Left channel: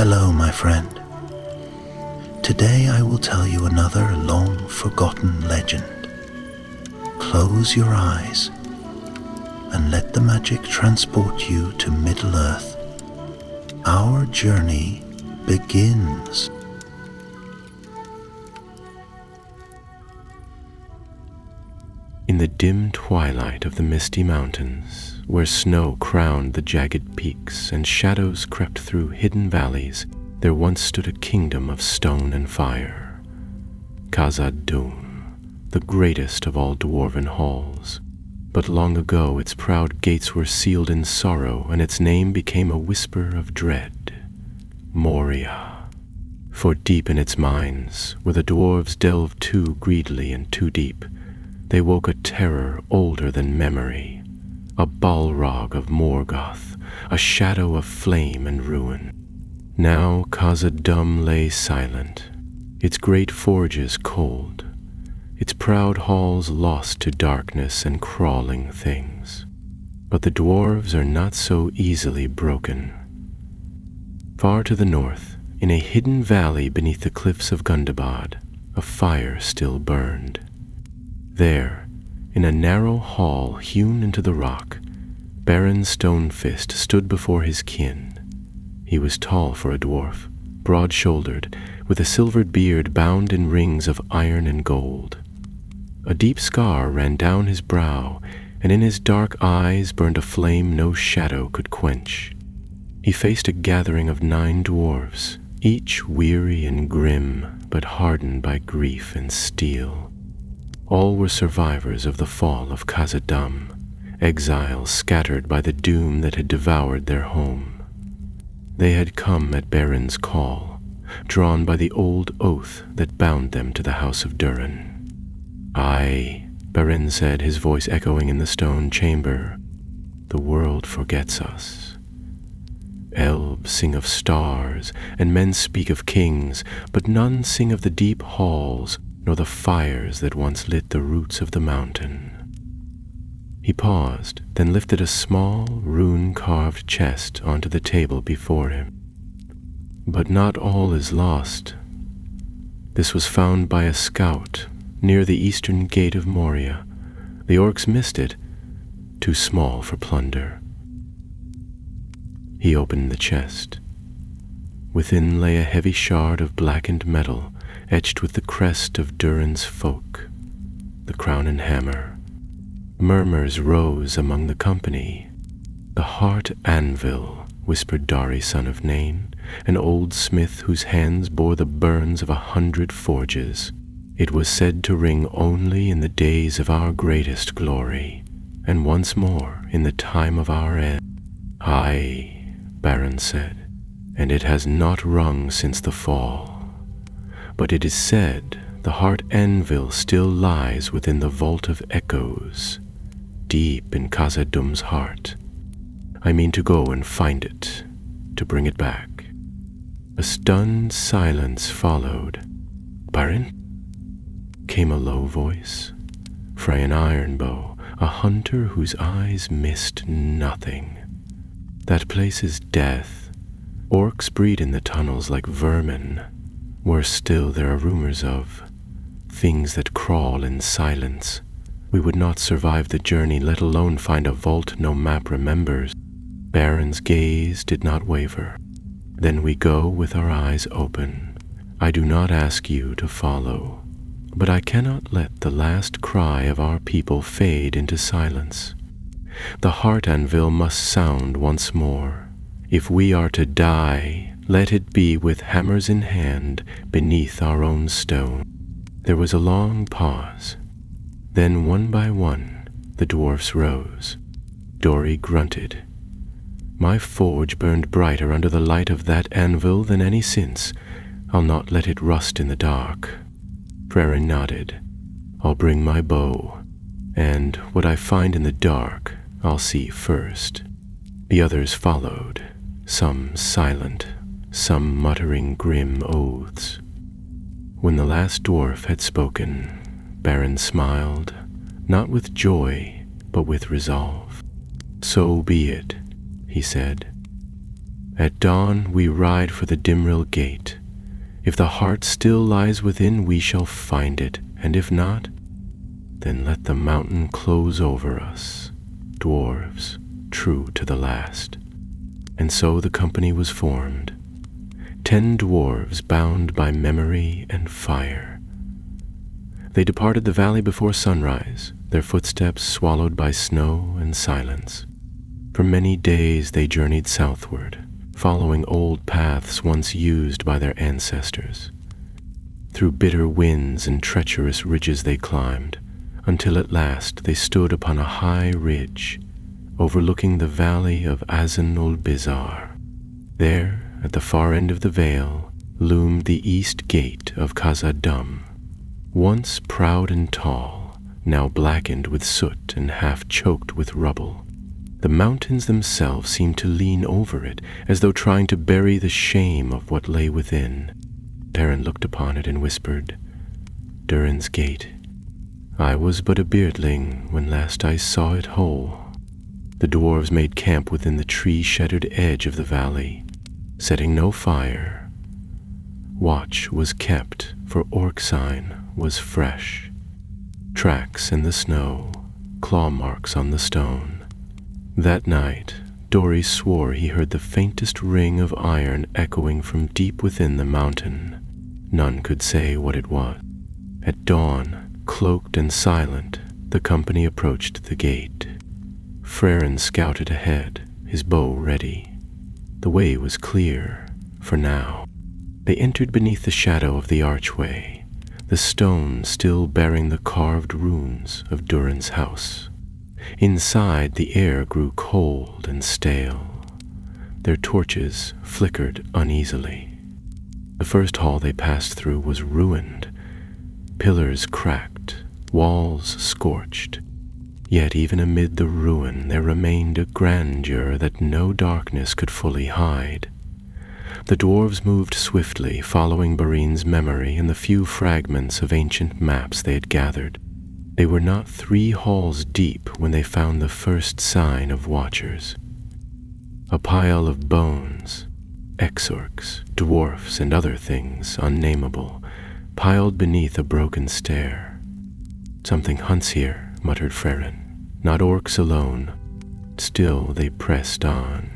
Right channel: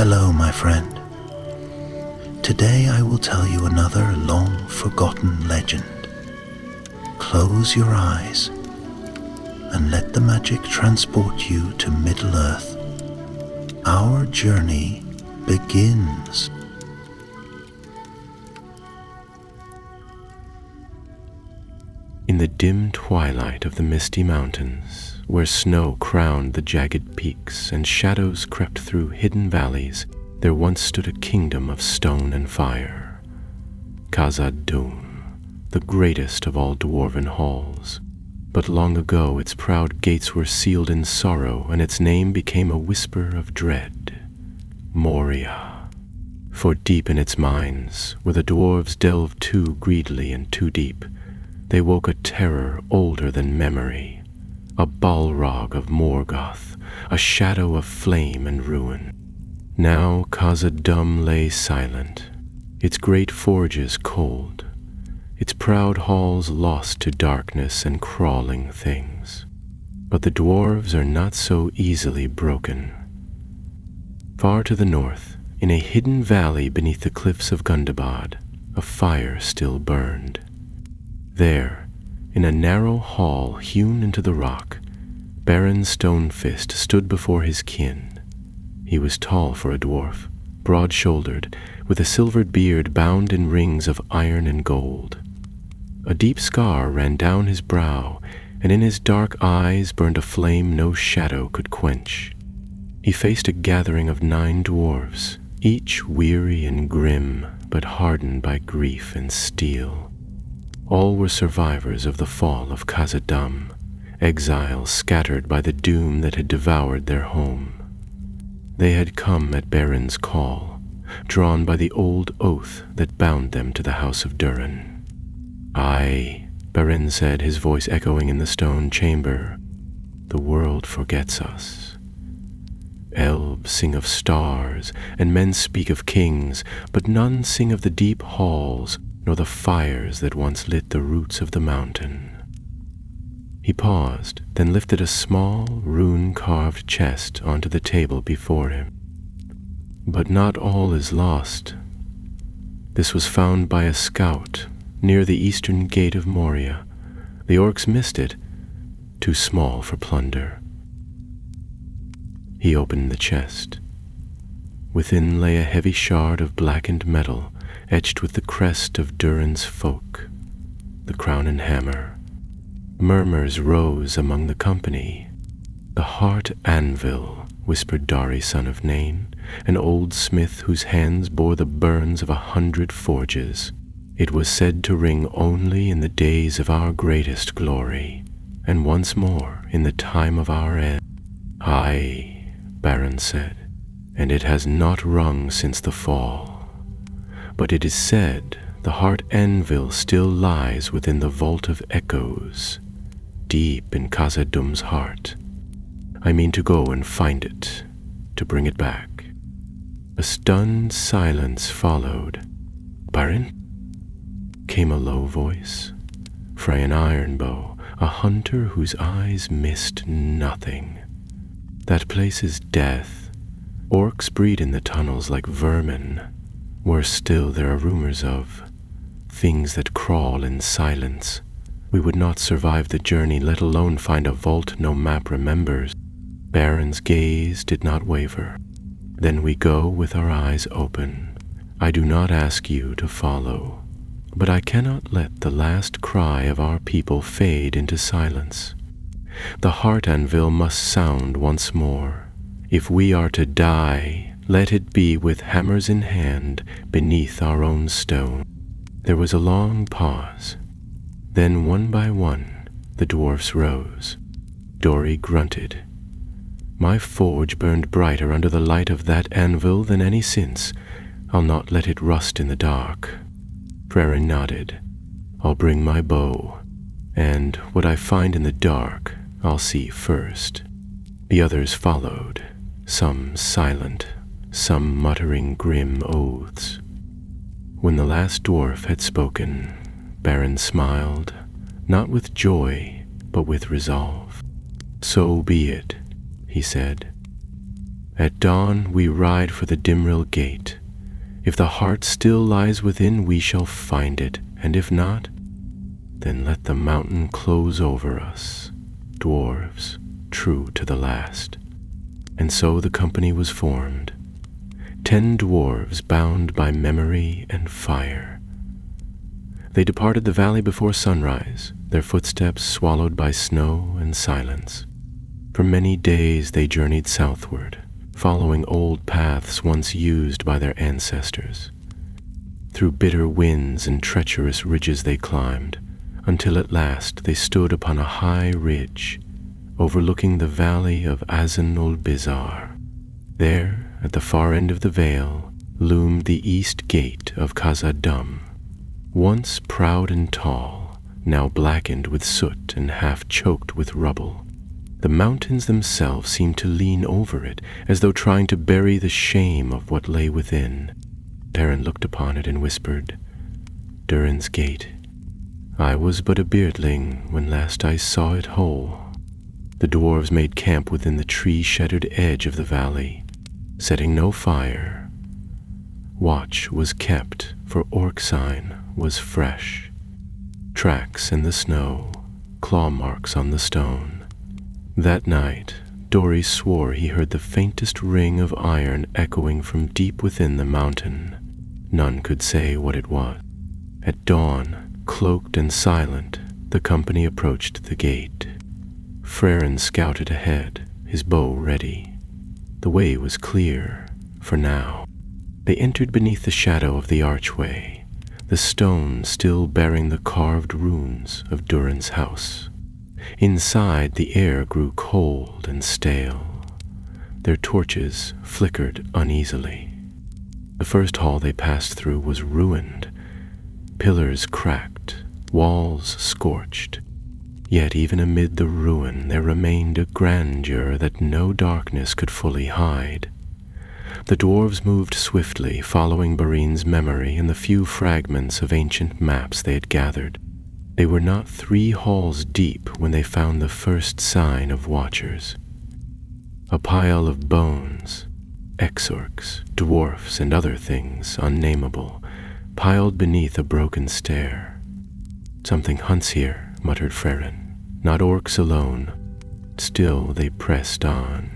Hello, my friend. Today I will tell you another long-forgotten legend. Close your eyes and let the magic transport you to Middle-earth. Our journey begins. In the dim twilight of the misty mountains, where snow crowned the jagged peaks and shadows crept through hidden valleys, there once stood a kingdom of stone and fire. Khazad-dûm, the greatest of all dwarven halls. But long ago its proud gates were sealed in sorrow, and its name became a whisper of dread. Moria. For deep in its mines, where the dwarves delved too greedily and too deep, they woke a terror older than memory, a Balrog of Morgoth, a shadow of flame and ruin. Now Khazad-dûm lay silent, its great forges cold, its proud halls lost to darkness and crawling things. But the dwarves are not so easily broken. Far to the north, in a hidden valley beneath the cliffs of Gundabad, a fire still burned. There, in a narrow hall hewn into the rock, Baron Stonefist stood before his kin. He was tall for a dwarf, broad-shouldered, with a silvered beard bound in rings of iron and gold. A deep scar ran down his brow, and in his dark eyes burned a flame no shadow could quench. He faced a gathering of 9 dwarves, each weary and grim, but hardened by grief and steel. All were survivors of the fall of Khazad-dûm, exiles scattered by the doom that had devoured their home. They had come at Baron's call, drawn by the old oath that bound them to the house of Durin. "Aye," Beren said, his voice echoing in the stone chamber, "the world forgets us. Elves sing of stars, and men speak of kings, but none sing of the deep halls, nor the fires that once lit the roots of the mountain." He paused, then lifted a small, rune-carved chest onto the table before him. "But not all is lost. This was found by a scout near the eastern gate of Moria. The orcs missed it, too small for plunder." He opened the chest. Within lay a heavy shard of blackened metal, etched with the crest of Durin's folk, the crown and hammer. Murmurs rose among the company. "The heart anvil," whispered Dari, son of Nain, an old smith whose hands bore the burns of 100 forges. "It was said to ring only in the days of our greatest glory, and once more in the time of our end." "Aye," Baron said, "and it has not rung since the fall. But it is said the heart anvil still lies within the vault of echoes, deep in Khazad-dûm's heart. I mean to go and find it, to bring it back." A stunned silence followed. "Baron?" came a low voice. Freyan Ironbow, a hunter whose eyes missed nothing. "That place is death. Orcs breed in the tunnels like vermin. Worse still, there are rumors of things that crawl in silence. We would not survive the journey, let alone find a vault no map remembers." Baron's gaze did not waver. "Then we go with our eyes open. I do not ask you to follow, but I cannot let the last cry of our people fade into silence. The heart anvil must sound once more. If we are to die, let it be with hammers in hand beneath our own stone." There was a long pause. Then one by one, the dwarfs rose. Dori grunted. "My forge burned brighter under the light of that anvil than any since. I'll not let it rust in the dark." Frerin nodded. "I'll bring my bow, and what I find in the dark, I'll see first." The others followed, some silent, some muttering grim oaths. When the last dwarf had spoken, Baron smiled, not with joy, but with resolve. "So be it," he said. At dawn we ride for the Dimrill gate. If the heart still lies within, we shall find it, and if not, then let the mountain close over us, dwarves, true to the last. And so the company was formed, 10 dwarves bound by memory and fire. They departed the valley before sunrise, their footsteps swallowed by snow and silence. For many days they journeyed southward, following old paths once used by their ancestors. Through bitter winds and treacherous ridges they climbed, until at last they stood upon a high ridge, overlooking the valley of Azan-ul-Bizar. There, at the far end of the vale, loomed the east gate of Khazad-dûm. Once proud and tall, now blackened with soot and half choked with rubble, the mountains themselves seemed to lean over it, as though trying to bury the shame of what lay within. Beren looked upon it and whispered, "Durin's Gate. I was but a beardling when last I saw it whole." The dwarves made camp within the tree-shadowed edge of the valley, setting no fire. Watch was kept, for orc sign was fresh. Tracks in the snow, claw marks on the stone. That night, Dori swore he heard the faintest ring of iron echoing from deep within the mountain. None could say what it was. At dawn, cloaked and silent, the company approached the gate. Frerin scouted ahead, his bow ready. The way was clear, for now. They entered beneath the shadow of the archway, the stone still bearing the carved runes of Durin's house. Inside, the air grew cold and stale. Their torches flickered uneasily. The first hall they passed through was ruined, pillars cracked, walls scorched. Yet even amid the ruin there remained a grandeur that no darkness could fully hide. The dwarves moved swiftly, following Berin's memory and the few fragments of ancient maps they had gathered. They were not 3 halls deep when they found the first sign of watchers. A pile of bones, exorcs, dwarfs, and other things unnameable, piled beneath a broken stair. "Something hunts here," muttered Frerin. "Not orcs alone." Still they pressed on.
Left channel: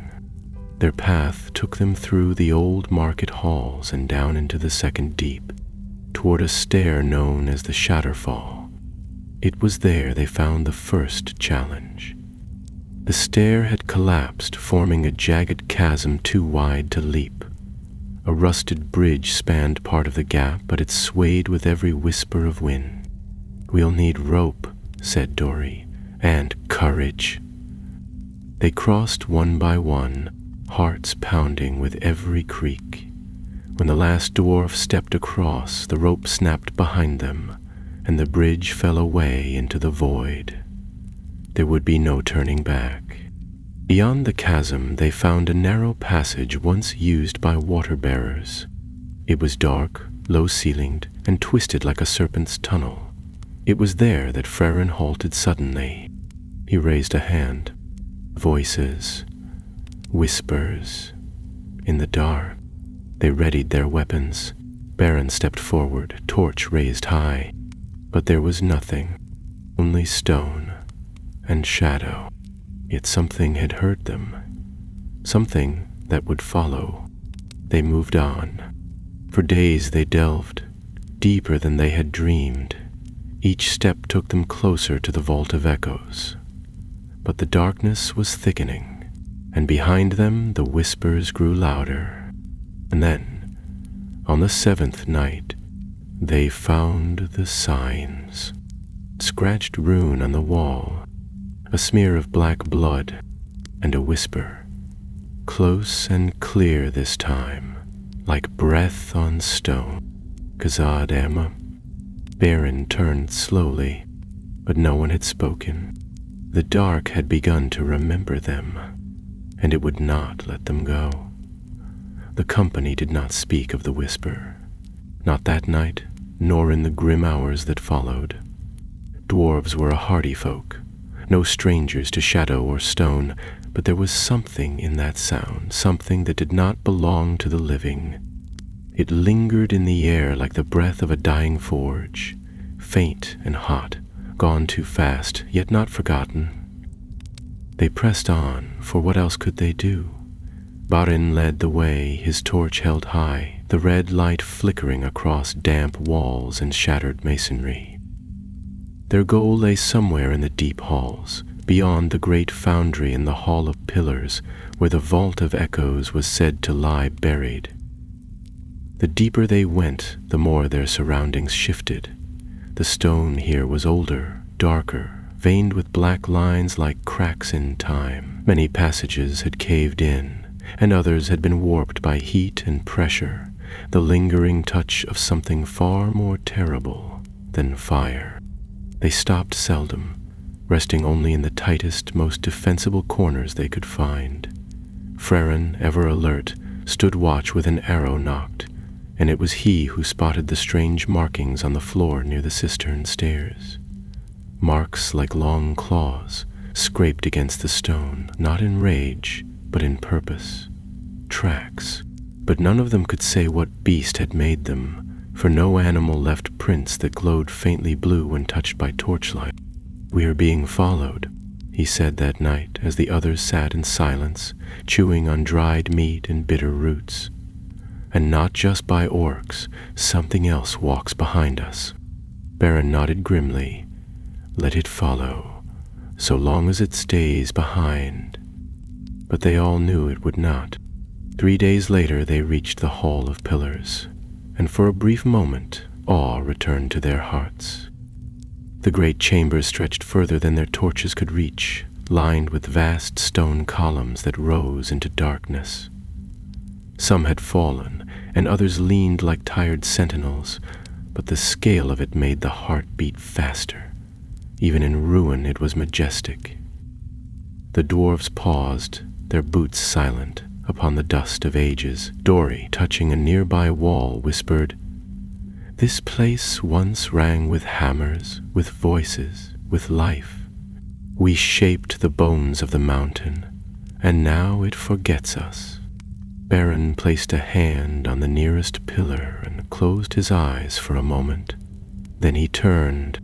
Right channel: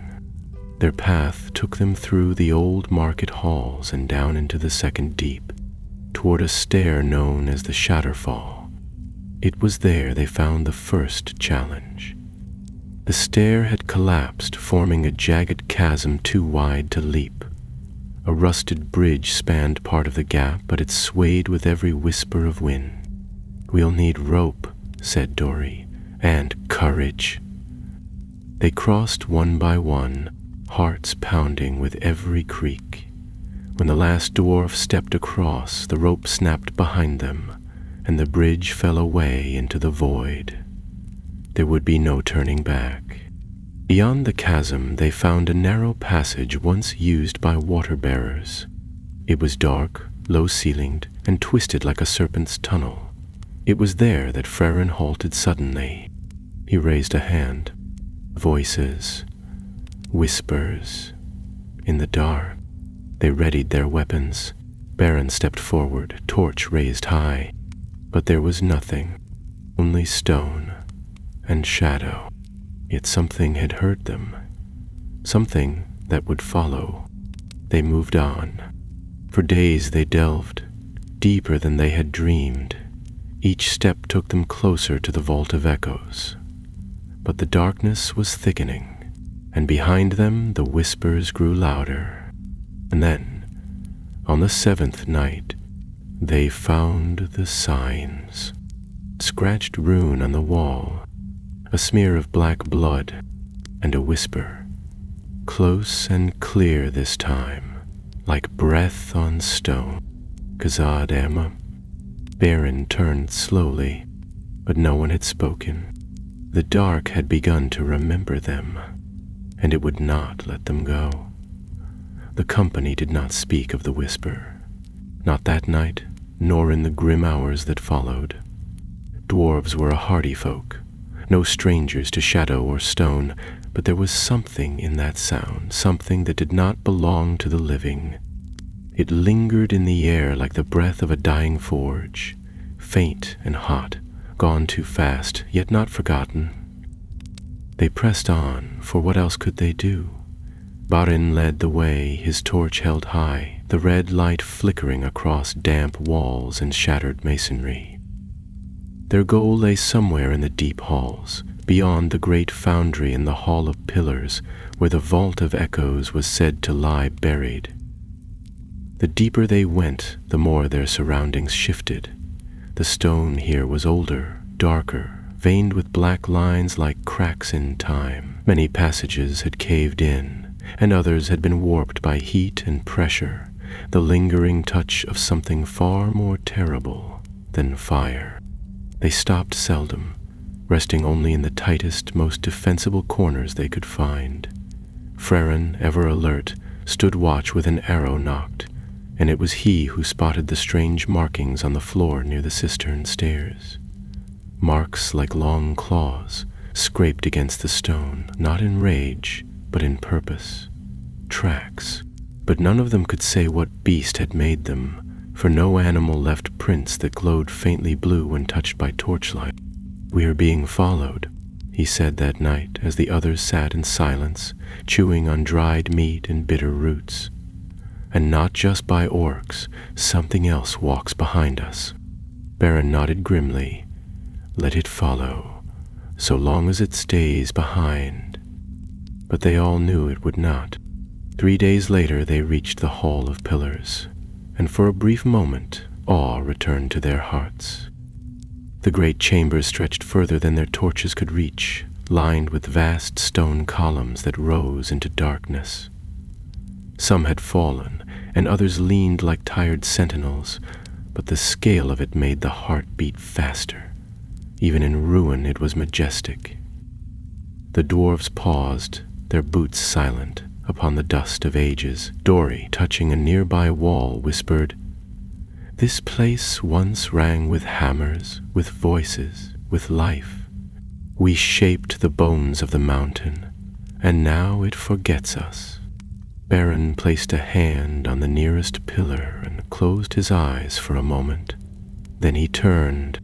Their path took them through the old market halls and down into the second deep, toward a stair known as the Shatterfall. It was there they found the first challenge. The stair had collapsed, forming a jagged chasm too wide to leap. A rusted bridge spanned part of the gap, but it swayed with every whisper of wind. "We'll need rope," said Dori, "and courage." They crossed one by one, hearts pounding with every creak. When the last dwarf stepped across, the rope snapped behind them, and the bridge fell away into the void. There would be no turning back. Beyond the chasm, they found a narrow passage once used by water-bearers. It was dark, low-ceilinged, and twisted like a serpent's tunnel. It was there that Frerin halted suddenly. He raised a hand. Voices, whispers. In the dark, they readied their weapons. Beren stepped forward, torch raised high. But there was nothing, only stone and shadow. Yet something had heard them, something that would follow. They moved on. For days they delved, deeper than they had dreamed. Each step took them closer to the Vault of Echoes. But the darkness was thickening, and behind them the whispers grew louder. And then, on the 7th night, they found the signs. Scratched rune on the wall, a smear of black blood, and a whisper. Close and clear this time, like breath on stone. Khazad-dûm. Beren turned slowly, but no one had spoken. The dark had begun to remember them, and it would not let them go. The company did not speak of the whisper, not that night, nor in the grim hours that followed. Dwarves were a hardy folk, no strangers to shadow or stone, but there was something in that sound, something that did not belong to the living. It lingered in the air like the breath of a dying forge, faint and hot, gone too fast, yet not forgotten. They pressed on, for what else could they do? Barin led the way, his torch held high, the red light flickering across damp walls and shattered masonry. Their goal lay somewhere in the deep halls, beyond the great foundry in the Hall of Pillars, where the Vault of Echoes was said to lie buried. The deeper they went, the more their surroundings shifted. The stone here was older, darker, veined with black lines like cracks in time. Many passages had caved in, and others had been warped by heat and pressure, the lingering touch of something far more terrible than fire. They stopped seldom, resting only in the tightest, most defensible corners they could find. Frerin, ever alert, stood watch with an arrow nocked, and it was he who spotted the strange markings on the floor near the cistern stairs. Marks like long claws, scraped against the stone, not in rage, but in purpose. Tracks, but none of them could say what beast had made them, for no animal left prints that glowed faintly blue when touched by torchlight. "We are being followed," he said that night as the others sat in silence, chewing on dried meat and bitter roots. "And not just by orcs, something else walks behind us." Barin nodded grimly. "Let it follow, so long as it stays behind." But they all knew it would not. 3 days later they reached the Hall of Pillars, and for a brief moment awe returned to their hearts. The great chamber stretched further than their torches could reach, lined with vast stone columns that rose into darkness. Some had fallen, and others leaned like tired sentinels, but the scale of it made the heart beat faster. Even in ruin it was majestic. The dwarves paused, their boots silent, upon the dust of ages. Dori, touching a nearby wall, whispered, "This place once rang with hammers, with voices, with life. We shaped the bones of the mountain, and now it forgets us." Barin placed a hand on the nearest pillar and closed his eyes for a moment. Then he turned.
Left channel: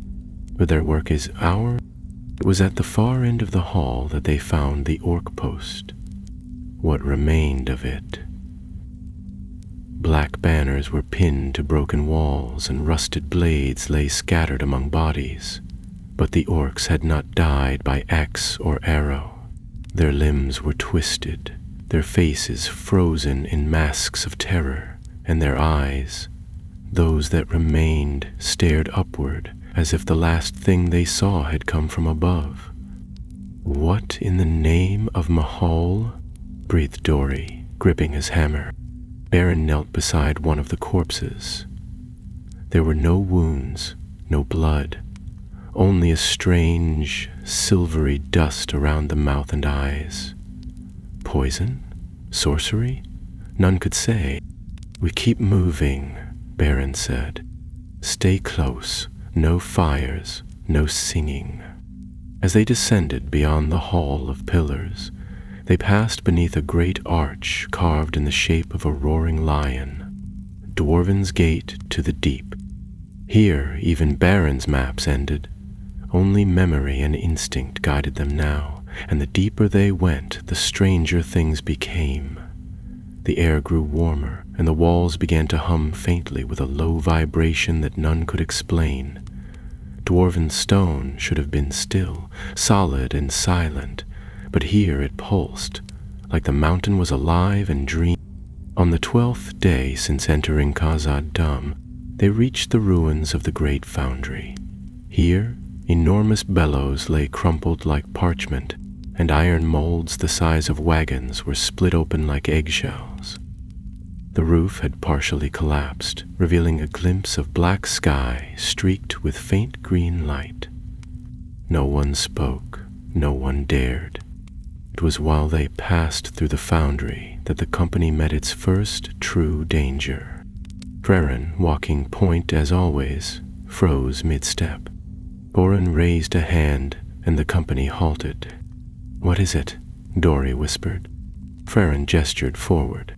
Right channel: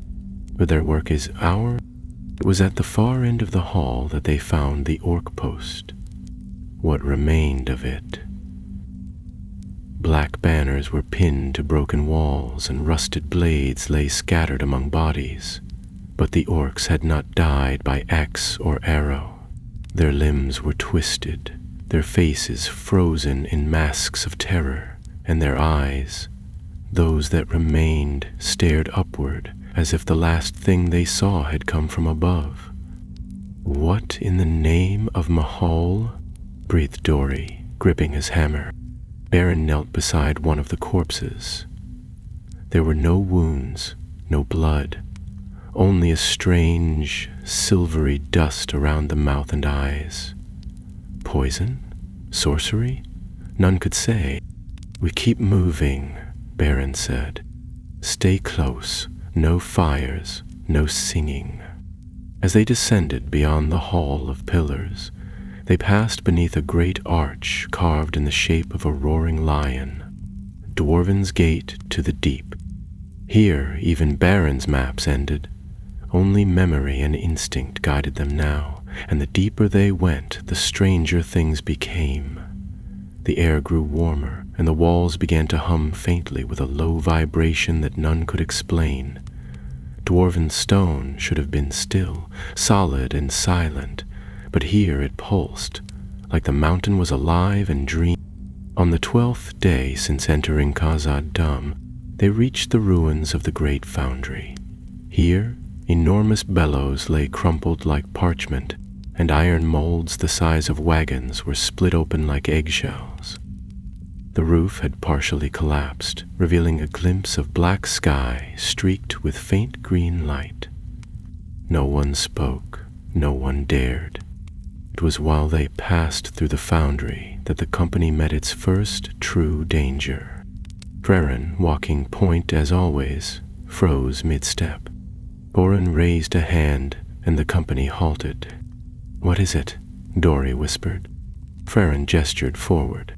"But their work is ours." It was at the far end of the hall that they found the orc post. What remained of it? Black banners were pinned to broken walls, and rusted blades lay scattered among bodies. But the orcs had not died by axe or arrow. Their limbs were twisted, their faces frozen in masks of terror, and their eyes, those that remained, stared upward, as if the last thing they saw had come from above. "What in the name of Mahal?" breathed Dori, gripping his hammer. Barin knelt beside one of the corpses. There were no wounds, no blood, only a strange, silvery dust around the mouth and eyes. Poison? Sorcery? None could say. "We keep moving," Barin said. "Stay close, no fires, no singing." As they descended beyond the Hall of Pillars, they passed beneath a great arch carved in the shape of a roaring lion. Dwarven's Gate to the Deep. Here even Barin's maps ended. Only memory and instinct guided them now, and the deeper they went, the stranger things became. The air grew warmer, and the walls began to hum faintly with a low vibration that none could explain. Dwarven stone should have been still, solid and silent, but here it pulsed, like the mountain was alive and dreaming. On the 12th day since entering Khazad-dûm, they reached the ruins of the great foundry. Here, enormous bellows lay crumpled like parchment, and iron molds the size of wagons were split open like eggshells. The roof had partially collapsed, revealing a glimpse of black sky streaked with faint green light. No one spoke, no one dared. It was while they passed through the foundry that the company met its first true danger. Frerin, walking point as always, froze mid-step. Borin raised a hand, and the company halted. "What is it?" Dory whispered. Farron gestured forward.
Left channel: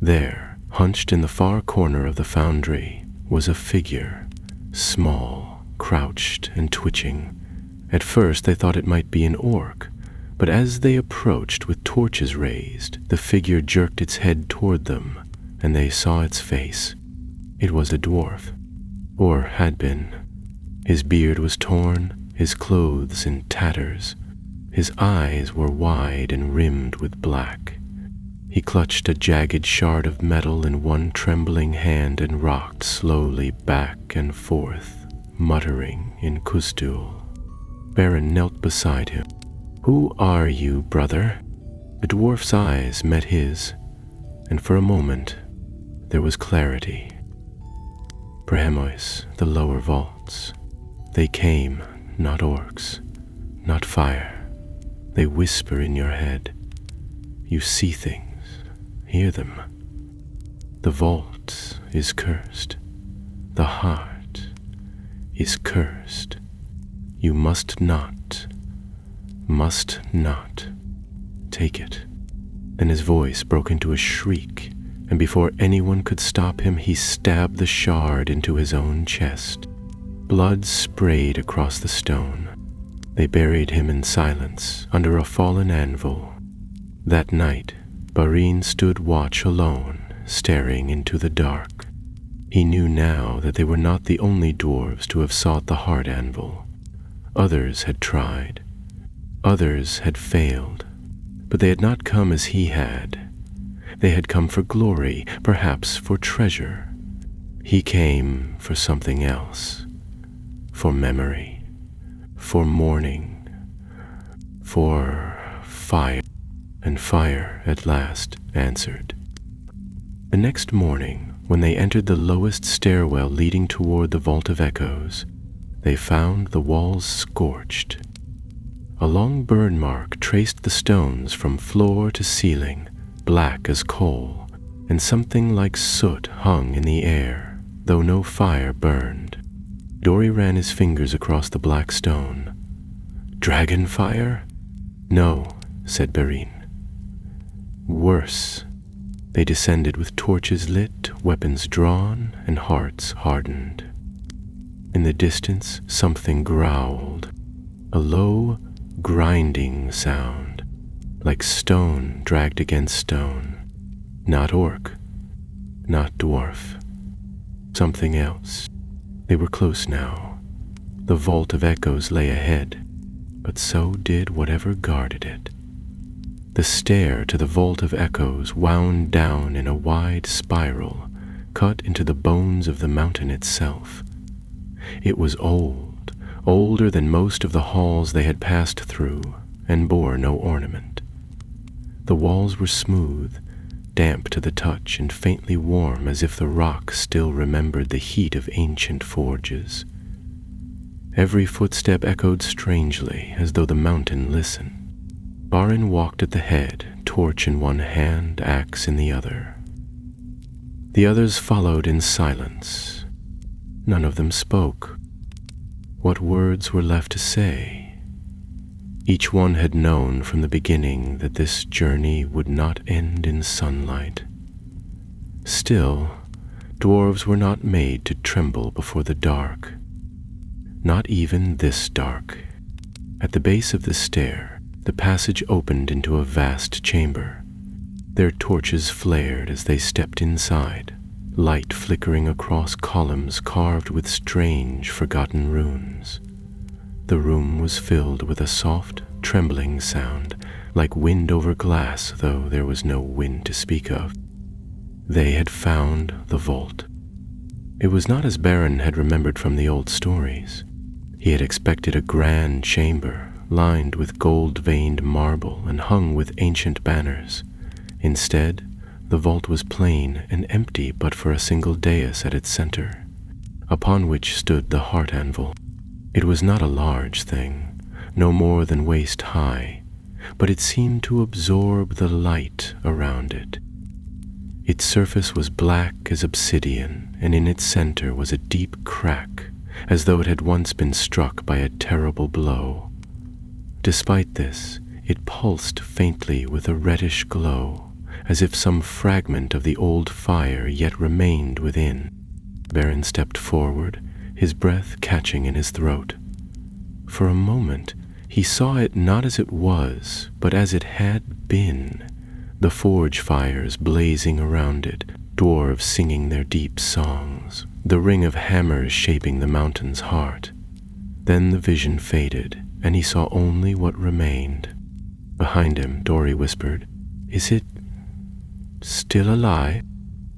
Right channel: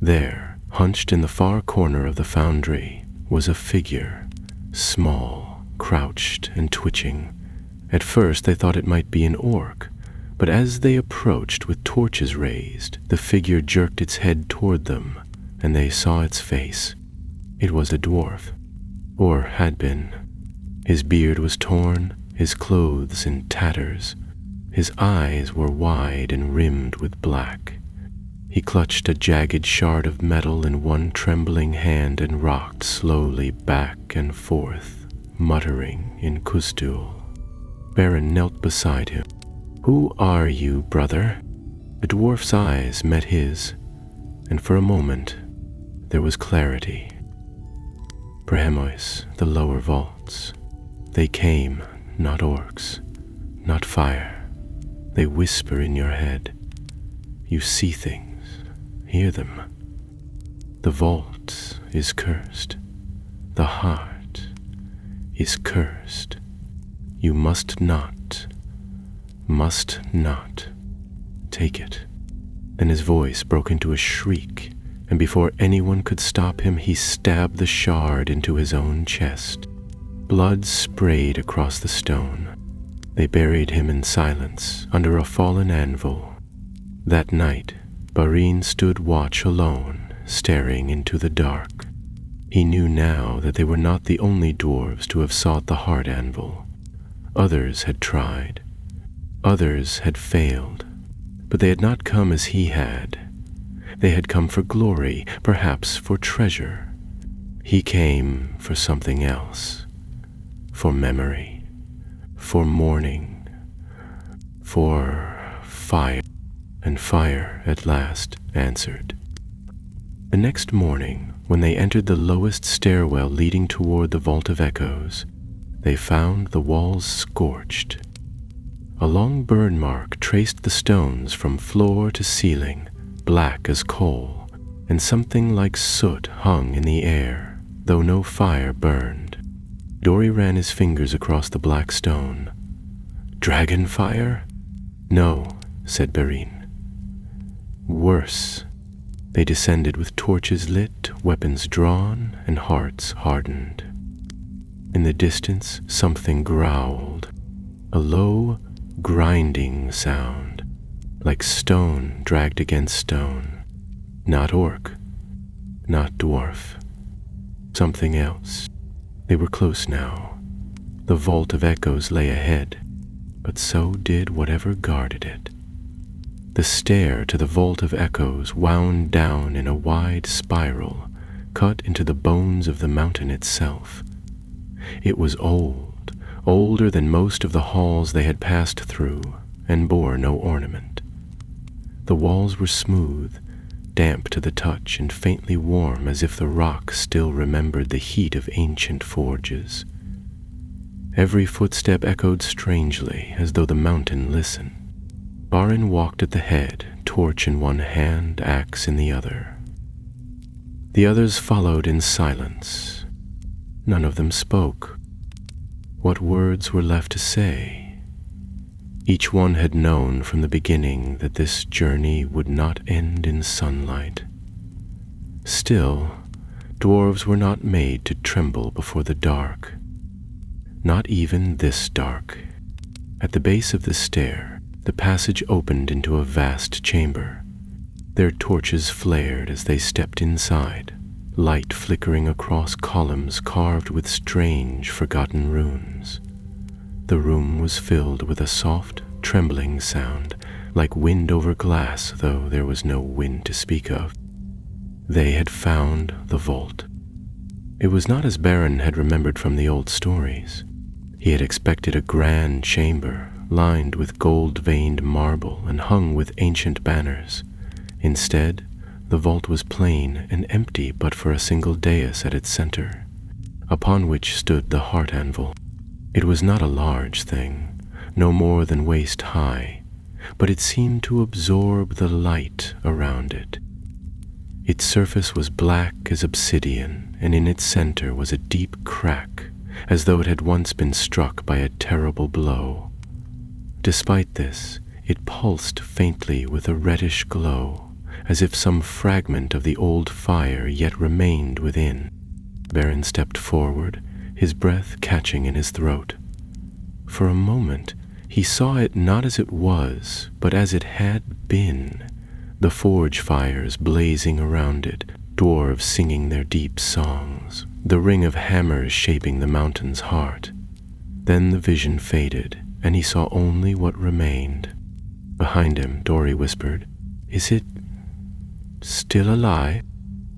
There, hunched in the far corner of the foundry, was a figure, small, crouched, and twitching. At first they thought it might be an orc, but as they approached with torches raised, the figure jerked its head toward them, and they saw its face. It was a dwarf, or had been. His beard was torn, his clothes in tatters. His eyes were wide and rimmed with black. He clutched a jagged shard of metal in one trembling hand and rocked slowly back and forth, muttering in Khazad-dûm. Baron knelt beside him. "Who are you, brother?" The dwarf's eyes met his, and for a moment there was clarity. Brehmois, the lower vaults. They came, not orcs, not fire. They whisper in your head. You see things, hear them. The vault is cursed. The heart is cursed. You must not take it. Then his voice broke into a shriek, and before anyone could stop him, he stabbed the shard into his own chest. Blood sprayed across the stone. They buried him in silence under a fallen anvil. That night, Barin stood watch alone, staring into the dark. He knew now that they were not the only dwarves to have sought the heart anvil. Others had tried. Others had failed. But they had not come as he had. They had come for glory, perhaps for treasure. He came for something else. For memory. For mourning. For fire. And fire at last answered. The next morning, when they entered the lowest stairwell leading toward the Vault of Echoes, they found the walls scorched. A long burn mark traced the stones from floor to ceiling, black as coal, and something like soot hung in the air, though no fire burned. Dory ran his fingers across the black stone. Dragon fire? No, said Barin. Worse. They descended with torches lit, weapons drawn, and hearts hardened. In the distance, something growled, a low, grinding sound, like stone dragged against stone. Not orc, not dwarf. Something else. They were close now. The Vault of Echoes lay ahead, but so did whatever guarded it. The stair to the Vault of Echoes wound down in a wide spiral, cut into the bones of the mountain itself. It was old, older than most of the halls they had passed through, and bore no ornament. The walls were smooth, damp to the touch and faintly warm as if the rock still remembered the heat of ancient forges. Every footstep echoed strangely, as though the mountain listened. Barin walked at the head, torch in one hand, axe in the other. The others followed in silence. None of them spoke. What words were left to say? Each one had known from the beginning that this journey would not end in sunlight. Still, dwarves were not made to tremble before the dark. Not even this dark. At the base of the stair, the passage opened into a vast chamber. Their torches flared as they stepped inside, light flickering across columns carved with strange, forgotten runes. The room was filled with a soft, trembling sound, like wind over glass, though there was no wind to speak of. They had found the vault. It was not as Barin had remembered from the old stories. He had expected a grand chamber, lined with gold-veined marble and hung with ancient banners. Instead, the vault was plain and empty but for a single dais at its center, upon which stood the heart anvil. It was not a large thing, no more than waist high, but it seemed to absorb the light around it. Its surface was black as obsidian, and in its center was a deep crack, as though it had once been struck by a terrible blow. Despite this, It pulsed faintly with a reddish glow, as if some fragment of the old fire yet remained within. Beren stepped forward, his breath catching in his throat. For a moment, he saw it not as it was, but as it had been. The forge fires blazing around it, dwarves singing their deep songs, the ring of hammers shaping the mountain's heart. Then the vision faded, and he saw only what remained. Behind him, Dory whispered, "Is it still alive?"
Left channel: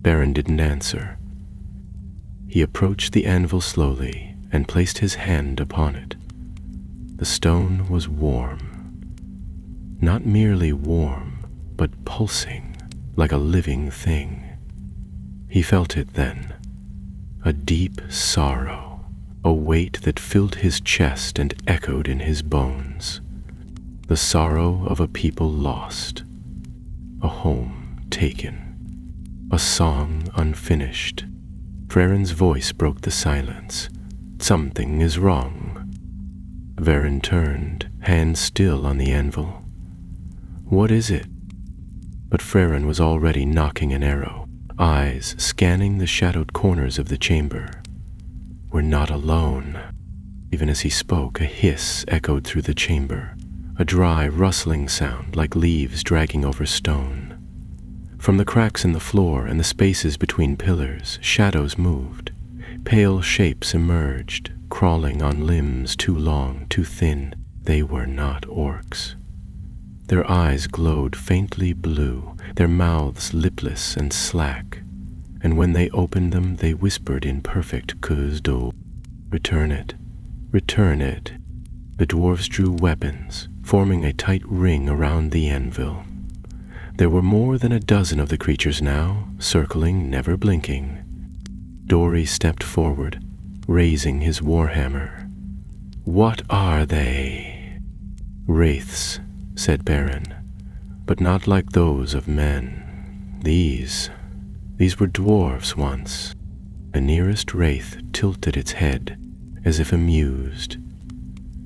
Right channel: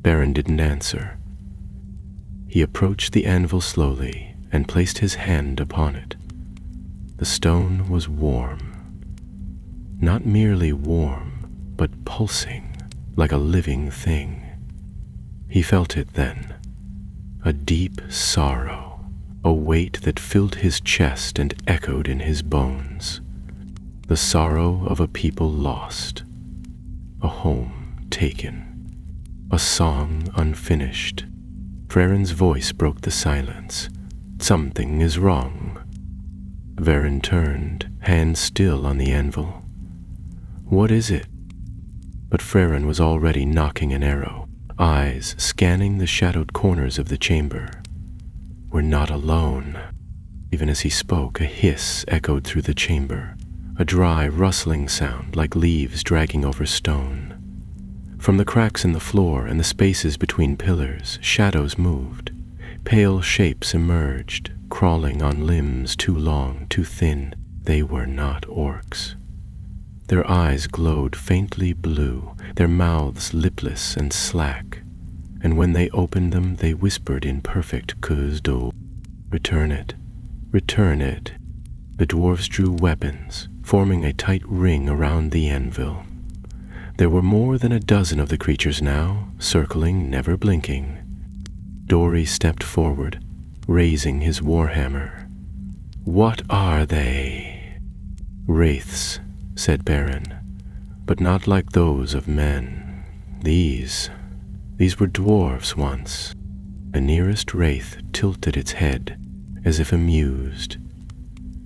Beren didn't answer. He approached the anvil slowly and placed his hand upon it. The stone was warm. Not merely warm, but pulsing, like a living thing. He felt it then, a deep sorrow, a weight that filled his chest and echoed in his bones. The sorrow of a people lost, a home taken, a song unfinished. Freren's voice broke the silence. "Something is wrong." Beren turned, hand still on the anvil. "What is it?" But Freren was already knocking an arrow, eyes scanning the shadowed corners of the chamber. "We're not alone." Even as he spoke, a hiss echoed through the chamber, a dry, rustling sound like leaves dragging over stone. From the cracks in the floor and the spaces between pillars, shadows moved. Pale shapes emerged, crawling on limbs too long, too thin. They were not orcs. Their eyes glowed faintly blue, their mouths lipless and slack, and when they opened them they whispered in perfect Khazad-dûm, "Return it, return it." The dwarves drew weapons, forming a tight ring around the anvil. There were more than a dozen of the creatures now, circling, never blinking. Dory stepped forward, raising his warhammer. "What are they?" "Wraiths," said Beren, "but not like those of men. These were dwarves once." The nearest wraith tilted its head, as if amused.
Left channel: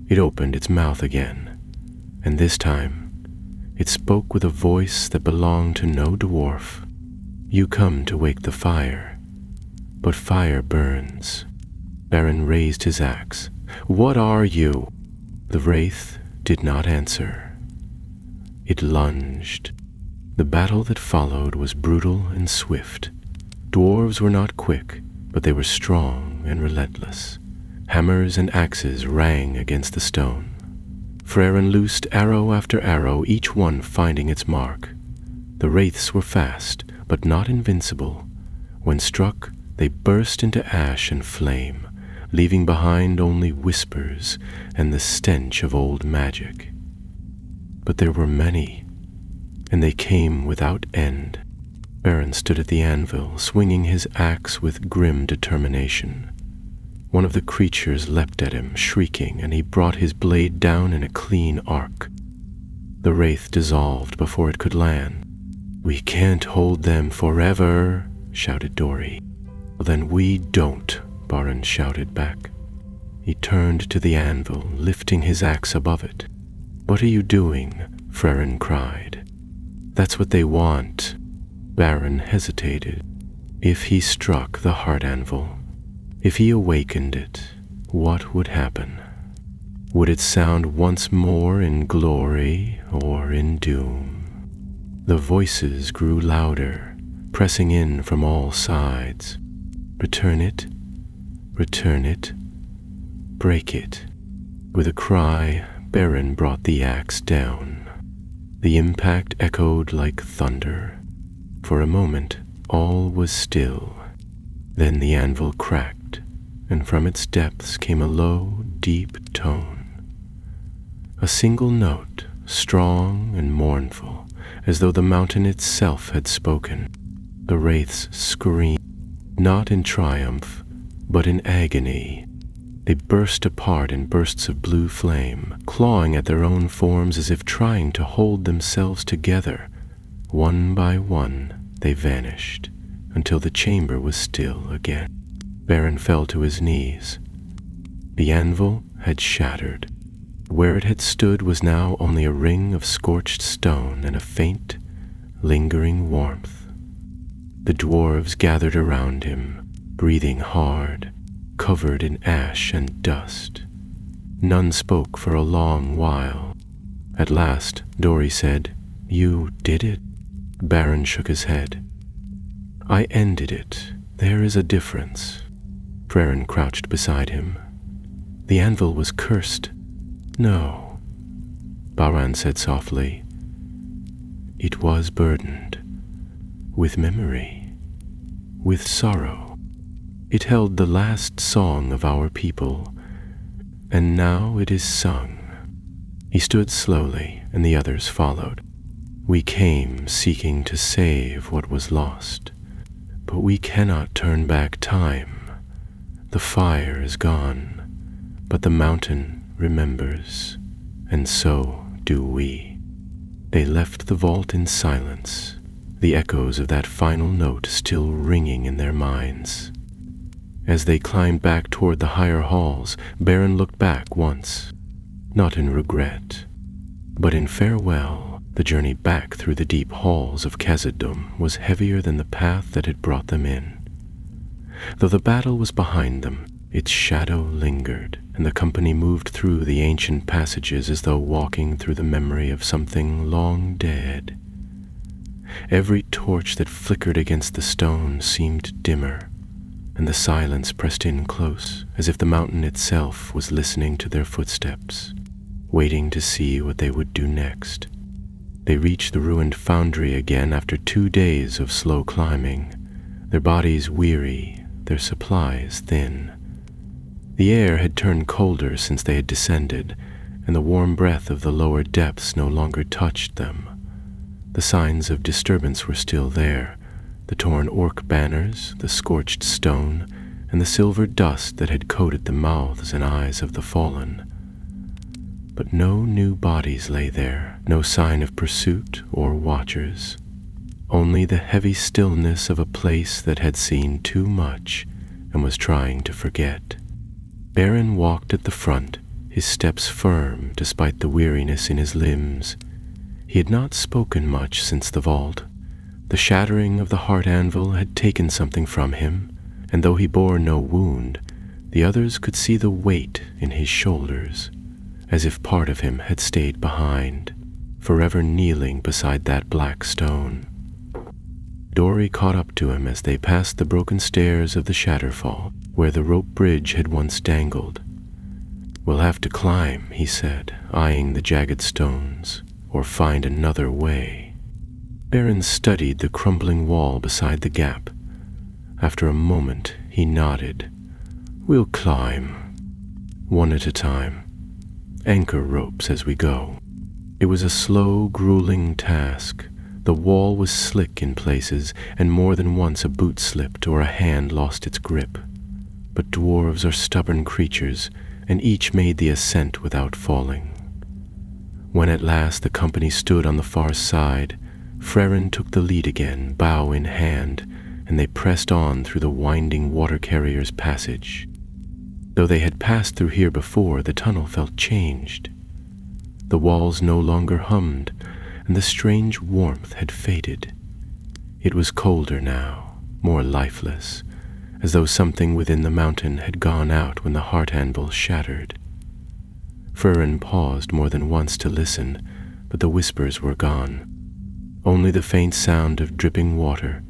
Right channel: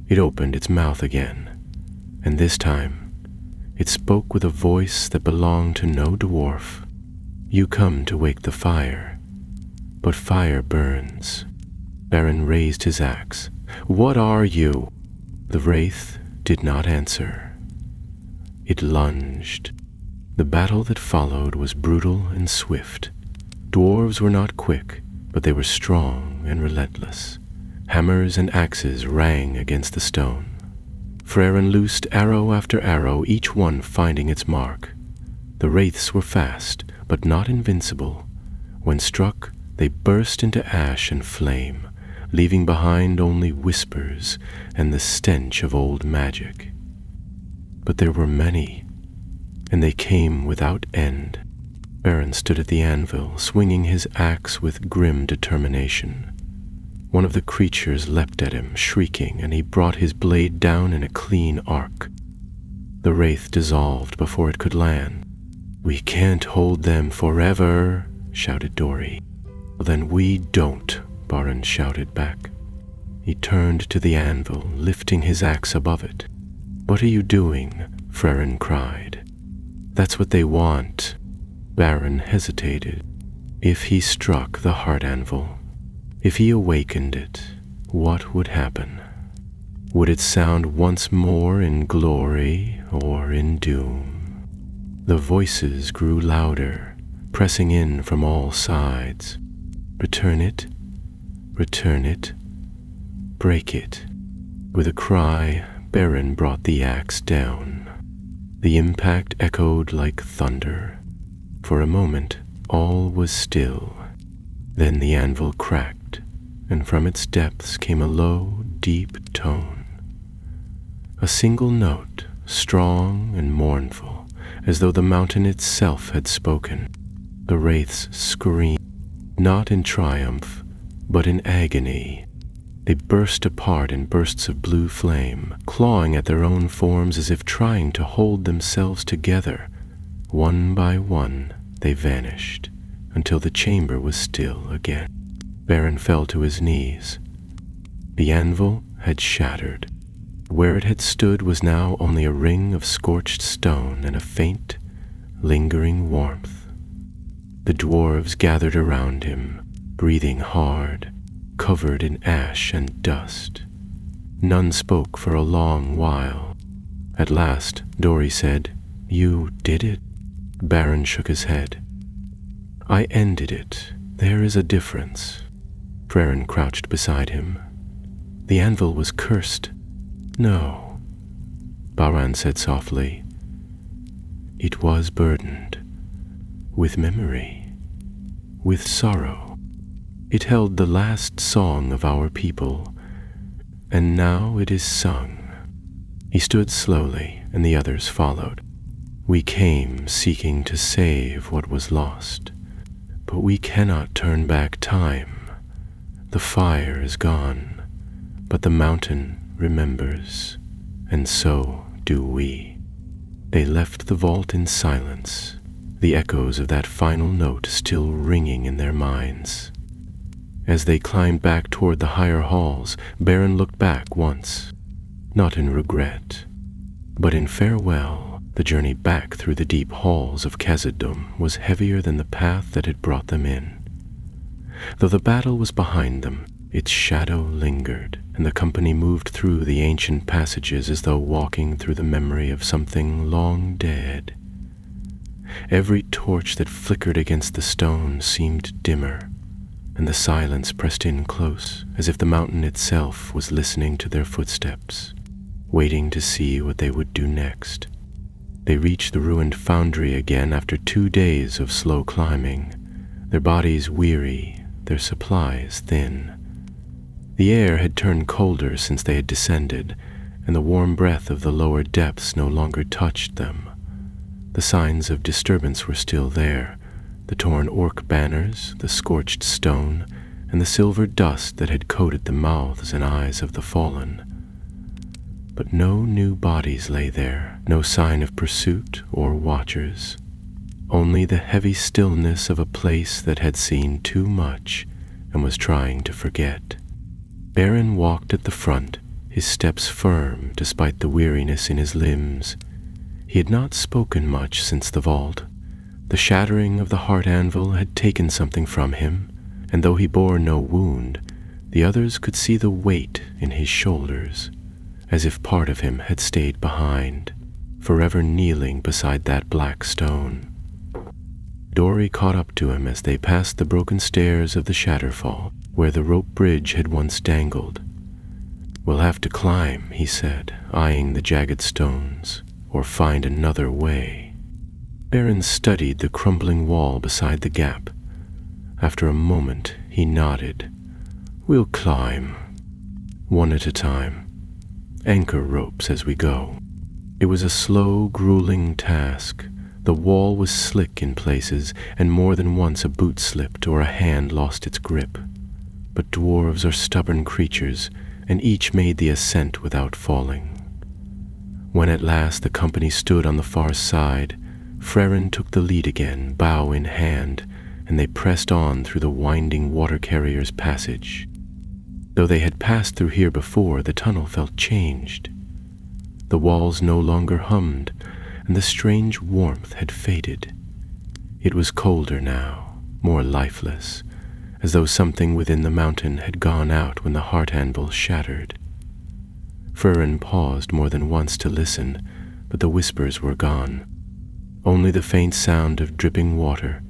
It opened its mouth again, and this time it spoke with a voice that belonged to no dwarf. "You come to wake the fire, but fire burns." Beren raised his axe. "What are you?" The wraith did not answer. It lunged. The battle that followed was brutal and swift. Dwarves were not quick, but they were strong and relentless. Hammers and axes rang against the stone. Freren loosed arrow after arrow, each one finding its mark. The wraiths were fast, but not invincible. When struck, they burst into ash and flame, leaving behind only whispers and the stench of old magic. But there were many, and they came without end. Beren stood at the anvil, swinging his axe with grim determination. One of the creatures leapt at him, shrieking, and he brought his blade down in a clean arc. The wraith dissolved before it could land. "We can't hold them forever," shouted Dory. "Then we don't," Beren shouted back. He turned to the anvil, lifting his axe above it. "What are you doing?" Freren cried. "That's what they want." Beren hesitated. If he struck the heart anvil, if he awakened it, what would happen? Would it sound once more in glory or in doom? The voices grew louder, pressing in from all sides. "Return it, return it, break it." With a cry, Beren brought the axe down. The impact echoed like thunder. For a moment, all was still. Then the anvil cracked, and from its depths came a low, deep tone. A single note, strong and mournful, as though the mountain itself had spoken. The wraiths screamed, not in triumph, but in agony. They burst apart in bursts of blue flame, clawing at their own forms as if trying to hold themselves together. One by one, they vanished, until the chamber was still again. Beren fell to his knees. The anvil had shattered. Where it had stood was now only a ring of scorched stone and a faint, lingering warmth. The dwarves gathered around him, breathing hard, covered in ash and dust. None spoke for a long while. At last, Dori said, "You did it?" Baron shook his head. "I ended it. There is a difference." Frerin crouched beside him. "The anvil was cursed." "No," Baran said softly. "It was burdened with memory, with sorrow. It held the last song of our people, and now it is sung." He stood slowly, and the others followed. "We came seeking to save what was lost, but we cannot turn back time. The fire is gone, but the mountain remembers, and so do we." They left the vault in silence, the echoes of that final note still ringing in their minds. As they climbed back toward the higher halls, Baron looked back once, not in regret, but in farewell. The journey back through the deep halls of Khazad-dûm was heavier than the path that had brought them in. Though the battle was behind them, its shadow lingered, and the company moved through the ancient passages as though walking through the memory of something long dead. Every torch that flickered against the stone seemed dimmer, and the silence pressed in close, as if the mountain itself was listening to their footsteps, waiting to see what they would do next. They reached the ruined foundry again after 2 days of slow climbing, their bodies weary, their supplies thin. The air had turned colder since they had descended, and the warm breath of the lower depths no longer touched them. The signs of disturbance were still there, the torn orc banners, the scorched stone, and the silver dust that had coated the mouths and eyes of the fallen. But no new bodies lay there, no sign of pursuit or watchers. Only the heavy stillness of a place that had seen too much and was trying to forget. Baron walked at the front, his steps firm despite the weariness in his limbs. He had not spoken much since the vault. The shattering of the heart anvil had taken something from him, and though he bore no wound, the others could see the weight in his shoulders, as if part of him had stayed behind, forever kneeling beside that black stone. Dori caught up to him as they passed the broken stairs of the Shatterfall, where the rope bridge had once dangled. "We'll have to climb," he said, eyeing the jagged stones, "or find another way." Baron studied the crumbling wall beside the gap. After a moment, he nodded. "We'll climb, one at a time. Anchor ropes as we go." It was a slow, grueling task. The wall was slick in places, and more than once a boot slipped or a hand lost its grip. But dwarves are stubborn creatures, and each made the ascent without falling. When at last the company stood on the far side, Frerin took the lead again, bow in hand, and they pressed on through the winding water carrier's passage. Though they had passed through here before, the tunnel felt changed. The walls no longer hummed, and the strange warmth had faded. It was colder now, more lifeless, as though something within the mountain had gone out when the heart anvil shattered. Frerin paused more than once to listen, but the whispers were gone. Only the faint sound of dripping water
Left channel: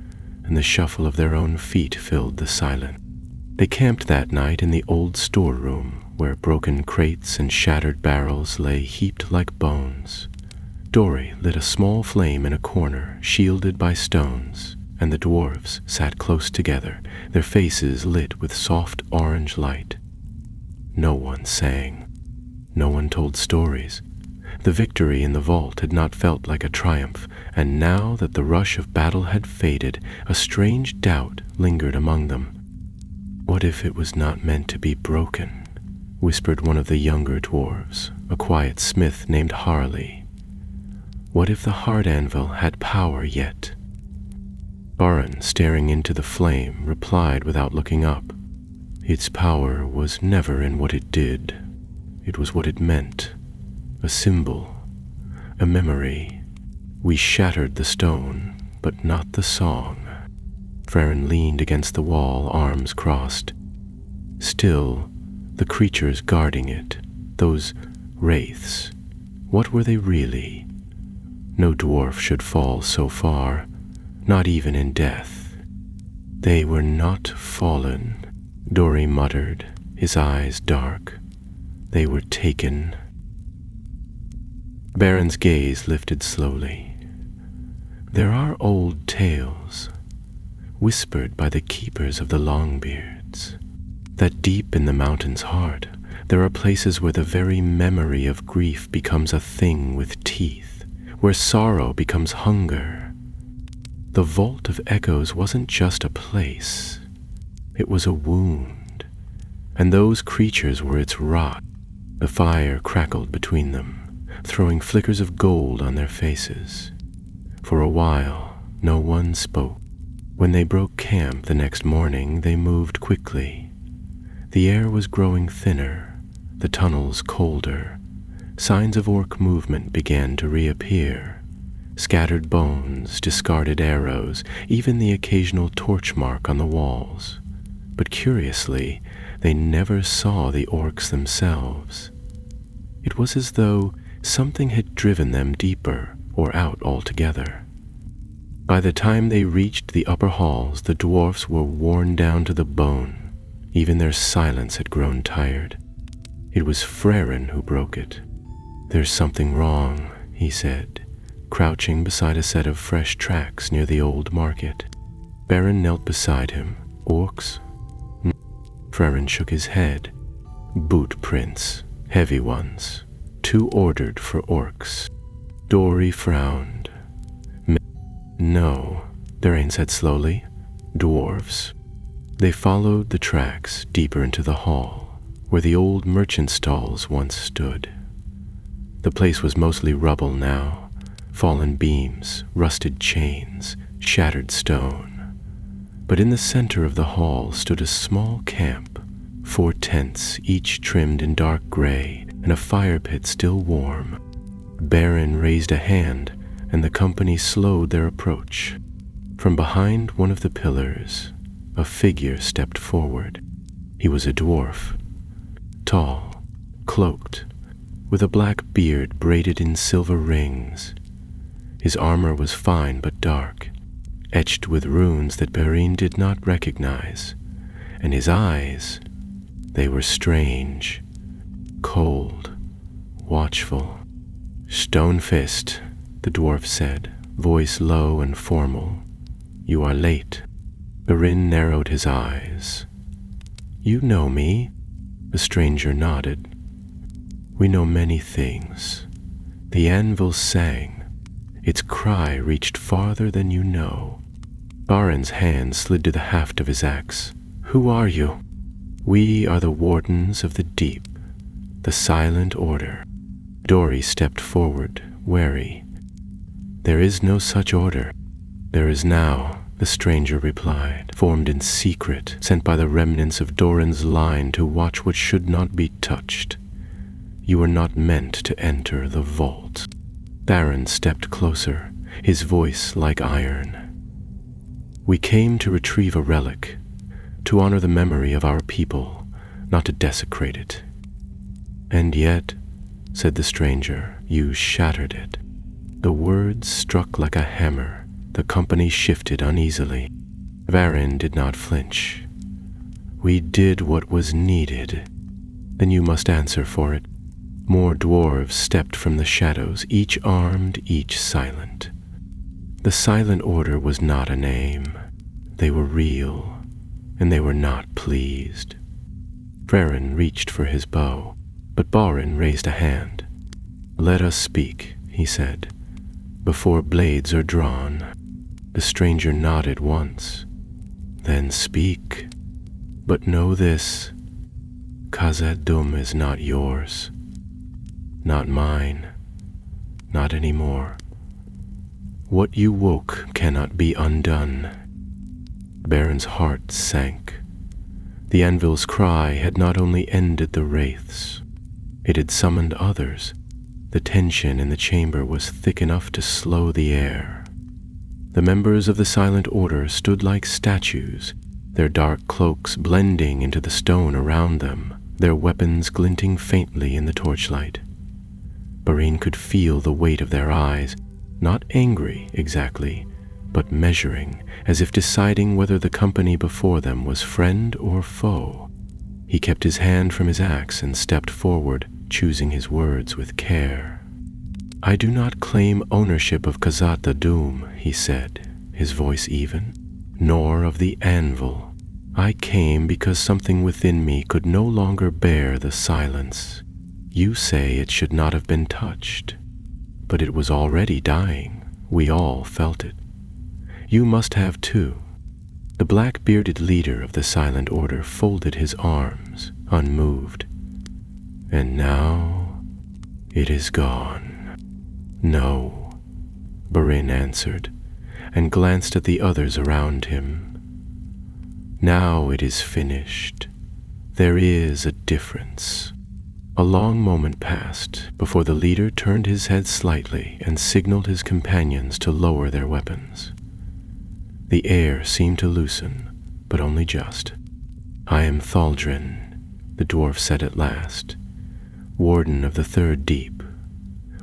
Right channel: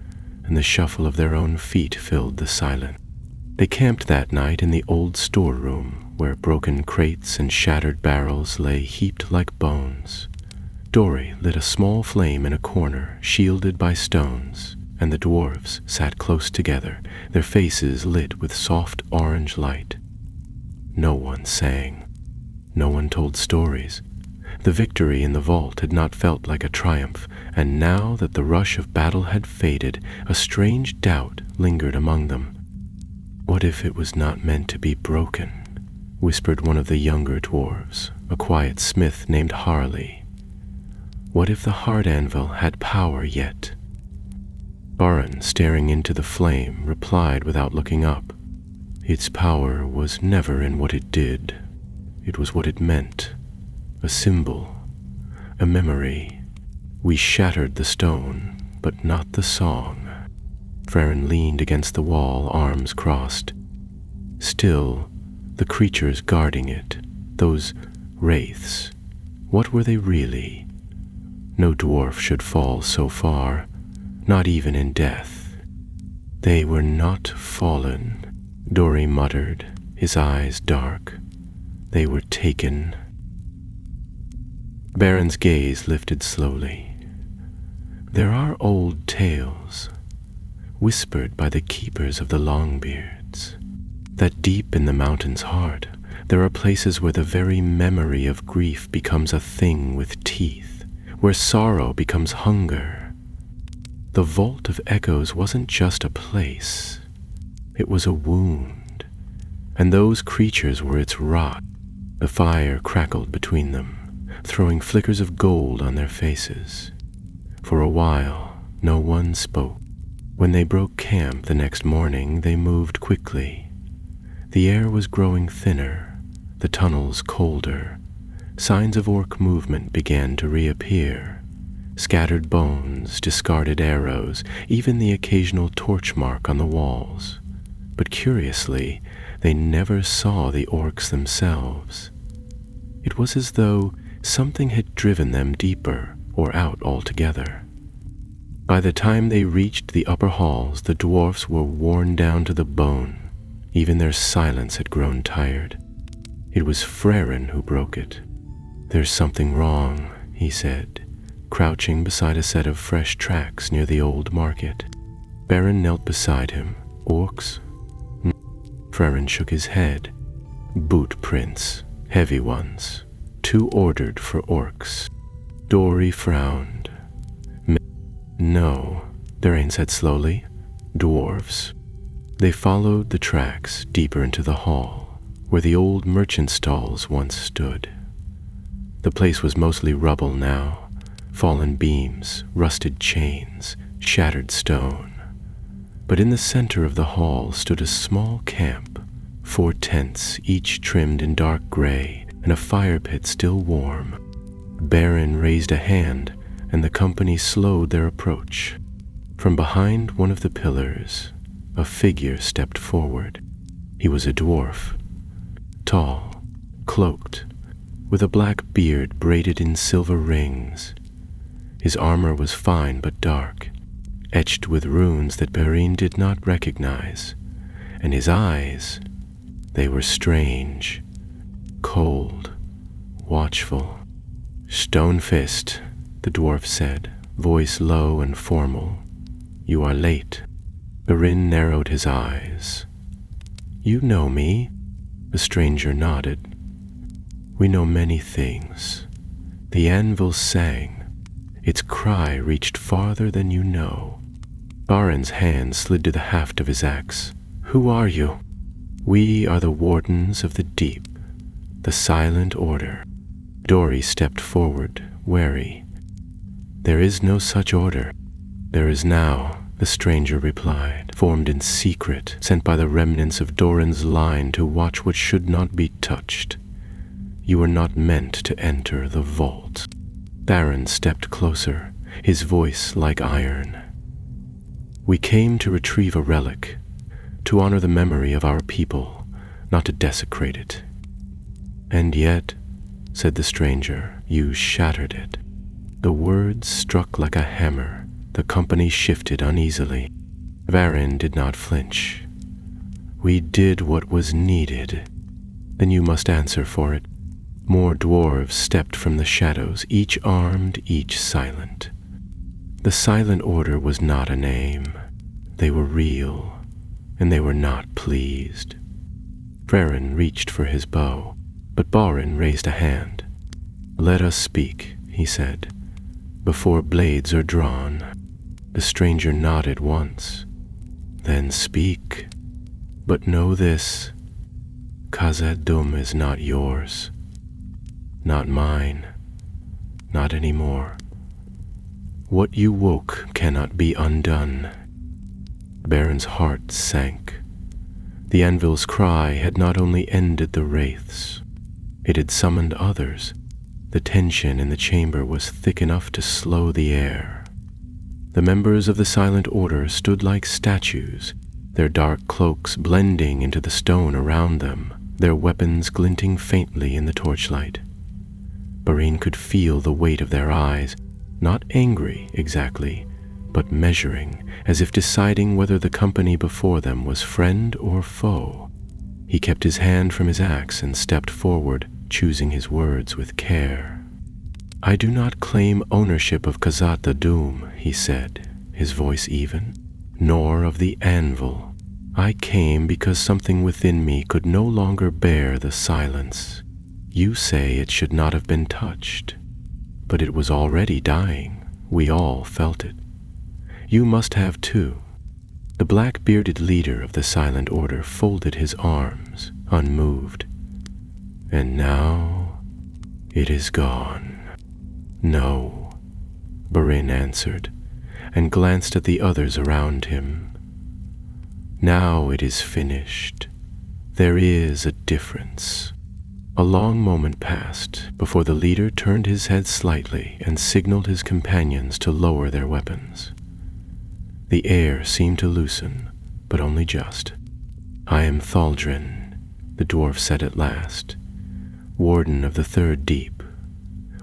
and the shuffle of their own feet filled the silence. They camped that night in the old storeroom, where broken crates and shattered barrels lay heaped like bones. Dori lit a small flame in a corner, shielded by stones, and the dwarves sat close together, their faces lit with soft orange light. No one sang. No one told stories. The victory in the vault had not felt like a triumph, and now that the rush of battle had faded, a strange doubt lingered among them. "What if it was not meant to be broken?" whispered one of the younger dwarves, a quiet smith named Harley. "What if the heart anvil had power yet?" Baran, staring into the flame, replied without looking up. "Its power was never in what it did. It was what it meant. a symbol, a memory. We shattered the stone, but not the song. Farron leaned against the wall, arms crossed. Still, the creatures guarding it, those wraiths, what were they really? No dwarf should fall so far, not even in death. They were not fallen, Dori muttered, his eyes dark. They were taken. Baron's gaze lifted slowly. There are old tales, whispered by the keepers of the Longbeards, that deep in the mountain's heart there are places where the very memory of grief becomes a thing with teeth, where sorrow becomes hunger. The Vault of Echoes wasn't just a place, it was a wound, and those creatures were its rot. The fire crackled between them, throwing flickers of gold on their faces. For a while, no one spoke. When they broke camp the next morning, they moved quickly. The air was growing thinner, the tunnels colder. Signs of orc movement began to reappear. Scattered bones, discarded arrows, even the occasional torch mark on the walls. But curiously, they never saw the orcs themselves. It was as though something had driven them deeper or out altogether. By the time they reached the upper halls, the dwarfs were worn down to the bone. Even their silence had grown tired. It was Farron who broke it. "There's something wrong," he said, crouching beside a set of fresh tracks near the old market. Baron knelt beside him. "Orcs?" Farron shook his head. "Boot prints, heavy ones, too ordered for orcs." Dori frowned. "No," Durain said slowly. "Dwarves." They followed the tracks deeper into the hall, where the old merchant stalls once stood. The place was mostly rubble now, fallen beams, rusted chains, shattered stone. But in the center of the hall stood a small camp, 4 tents, each trimmed in dark gray, and a fire pit still warm. Baron raised a hand, and the company slowed their approach. From behind one of the pillars, a figure stepped forward. He was a dwarf, tall, cloaked, with a black beard braided in silver rings. His armor was fine but dark, etched with runes that Perrine did not recognize, and his eyes, they were strange, cold, watchful. "Stonefist," the dwarf said, voice low and formal. "You are late." Perrine narrowed his eyes. "You know me?" The stranger nodded. "We know many things." The anvil sang. Its cry reached farther than you know. Baron's hand slid to the haft of his axe. "Who are you?" "We are the Wardens of the Deep, the Silent Order." Dori stepped forward, wary. "There is no such order." "There is now," the stranger replied, "formed in secret, sent by the remnants of Doran's line to watch what should not be touched. You are not meant to enter the vault." Baron stepped closer, his voice like iron. "We came to retrieve a relic, to honor the memory of our people, not to desecrate it." "And yet," said the stranger, "you shattered it." The words struck like a hammer. The company shifted uneasily. Varin did not flinch. "We did what was needed." "Then you must answer for it." More dwarves stepped from the shadows, each armed, each silent. The Silent Order was not a name. They were real, and they were not pleased. Farron reached for his bow, but Barin raised a hand. "Let us speak," he said, "before blades are drawn." The stranger nodded once. "Then speak. But know this, Khazad-dûm is not yours. Not mine. Not anymore. What you woke cannot be undone." Baron's heart sank. The anvil's cry had not only ended the wraiths, it had summoned others. The tension in the chamber was thick enough to slow the air. The members of the Silent Order stood like statues, their dark cloaks blending into the stone around them, their weapons glinting faintly in the torchlight. Barine could feel the weight of their eyes, not angry exactly, but measuring, as if deciding whether the company before them was friend or foe. He kept his hand from his axe and stepped forward, choosing his words with care. "I do not claim ownership of Khazad-dûm," he said, his voice even, "nor of the anvil. I came because something within me could no longer bear the silence. You say it should not have been touched, but it was already dying. We all felt it. You must have too." The black-bearded leader of the Silent Order folded his arms, unmoved. "And now it is gone." "No," Barine answered, and glanced at the others around him. "Now it is finished. There is a difference." A long moment passed before the leader turned his head slightly and signaled his companions to lower their weapons. The air seemed to loosen, but only just. "I am Thaldrin," the dwarf said at last, "warden of the Third Deep.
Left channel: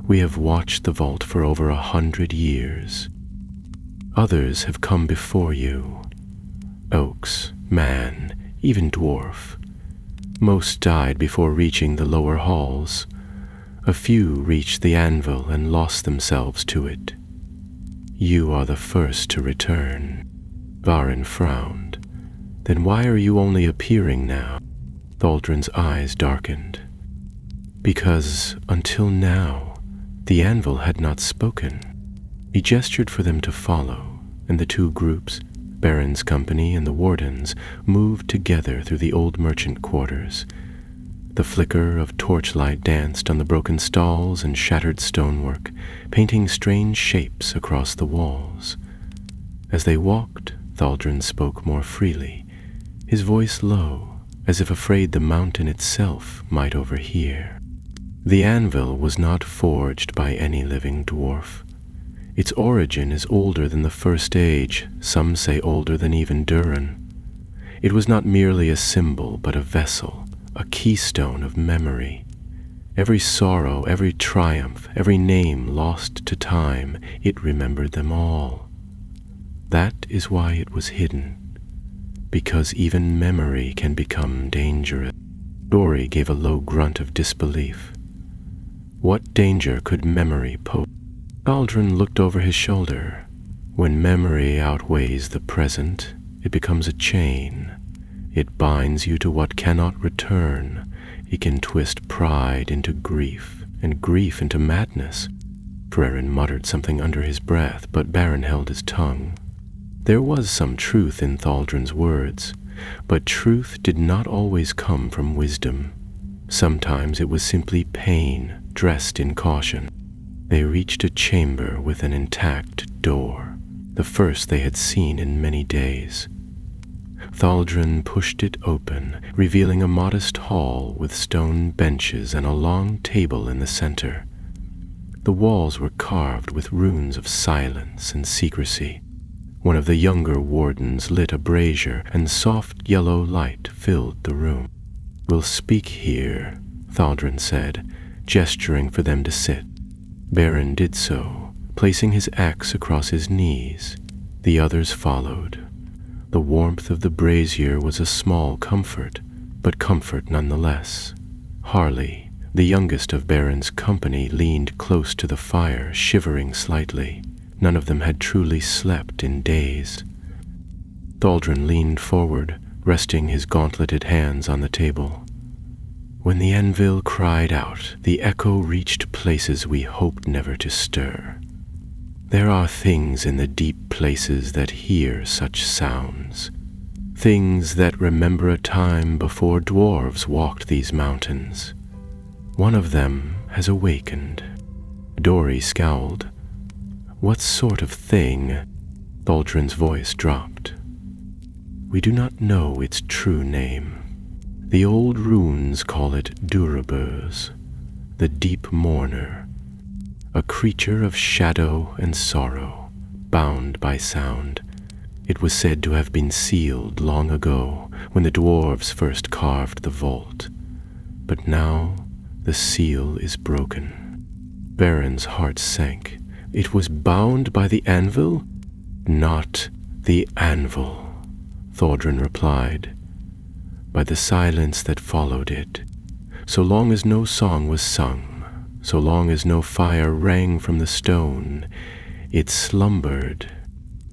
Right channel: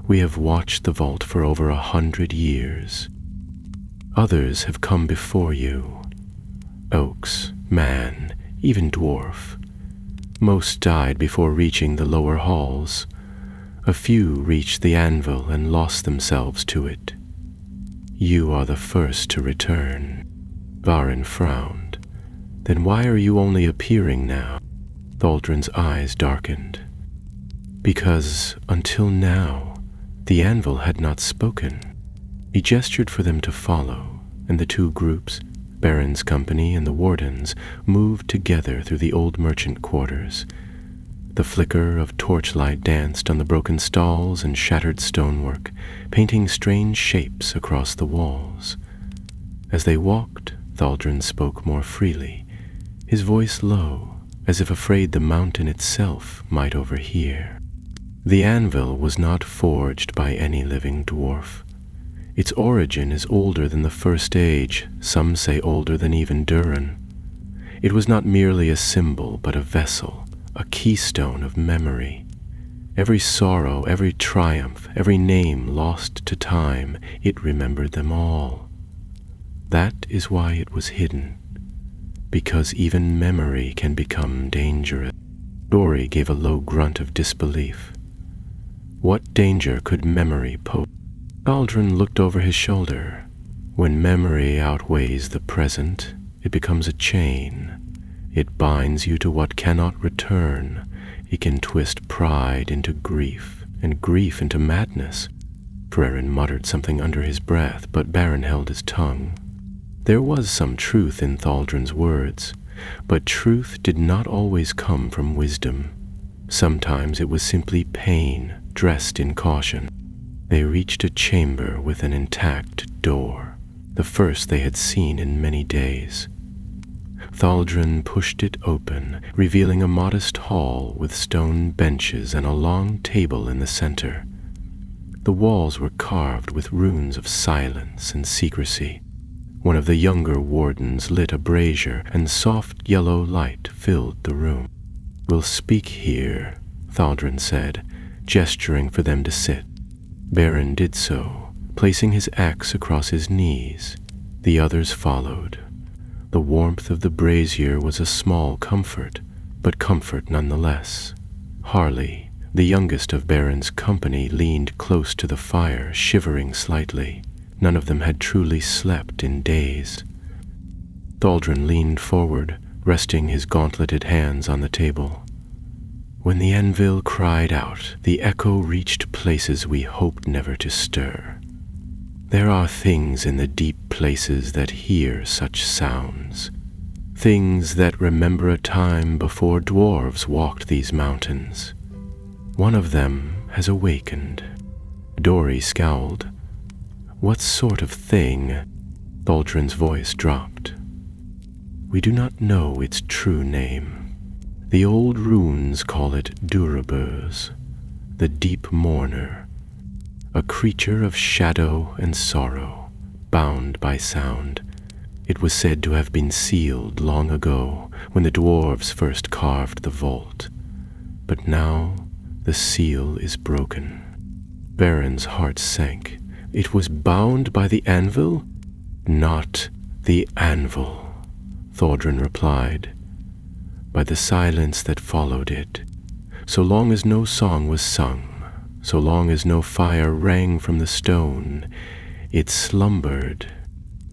We have watched the vault for over 100 years. Others have come before you. Oaks, man, even dwarf. Most died before reaching the lower halls. A few reached the anvil and lost themselves to it. You are the first to return." Varin frowned. "Then why are you only appearing now?" Thaldrin's eyes darkened. "Because, until now, the anvil had not spoken." He gestured for them to follow, and the two groups, Baron's company and the wardens, moved together through the old merchant quarters. The flicker of torchlight danced on the broken stalls and shattered stonework, painting strange shapes across the walls. As they walked, Thaldrin spoke more freely, his voice low, as if afraid the mountain itself might overhear. "The anvil was not forged by any living dwarf. Its origin is older than the First Age, some say older than even Durin. It was not merely a symbol, but a vessel, a keystone of memory. Every sorrow, every triumph, every name lost to time, it remembered them all. That is why it was hidden, because even memory can become dangerous." Dori gave a low grunt of disbelief. What danger could memory pose? Thaldrin looked over his shoulder. "When memory outweighs the present, it becomes a chain. It binds you to what cannot return. It can twist pride into grief, and grief into madness." Frerin muttered something under his breath, but Baron held his tongue. There was some truth in Thaldrin's words, but truth did not always come from wisdom. Sometimes it was simply pain dressed in caution. They reached a chamber with an intact door, the first they had seen in many days. Thaldrin pushed it open, revealing a modest hall with stone benches and a long table in the center. The walls were carved with runes of silence and secrecy. One of the younger wardens lit a brazier, and soft yellow light filled the room. "We'll speak here," Thaldrin said, gesturing for them to sit. Baron did so, placing his axe across his knees. The others followed. The warmth of the brazier was a small comfort, but comfort nonetheless. Harley, the youngest of Baron's company, leaned close to the fire, shivering slightly. None of them had truly slept in days. Thaldrin leaned forward, resting his gauntleted hands on the table. "When the anvil cried out, the echo reached places we hoped never to stir. There are things in the deep places that hear such sounds, things that remember a time before dwarves walked these mountains. One of them has awakened." Dori scowled. "What sort of thing?" Thaldrin's voice dropped. "We do not know its true name. The old runes call it Duraburs, the deep mourner, a creature of shadow and sorrow, bound by sound. It was said to have been sealed long ago, when the dwarves first carved the vault. But now the seal is broken. Baron's heart sank. It was bound by the anvil? Not the anvil, Thordrin replied. By the silence that followed it. So long as no song was sung, so long as no fire rang from the stone, it slumbered,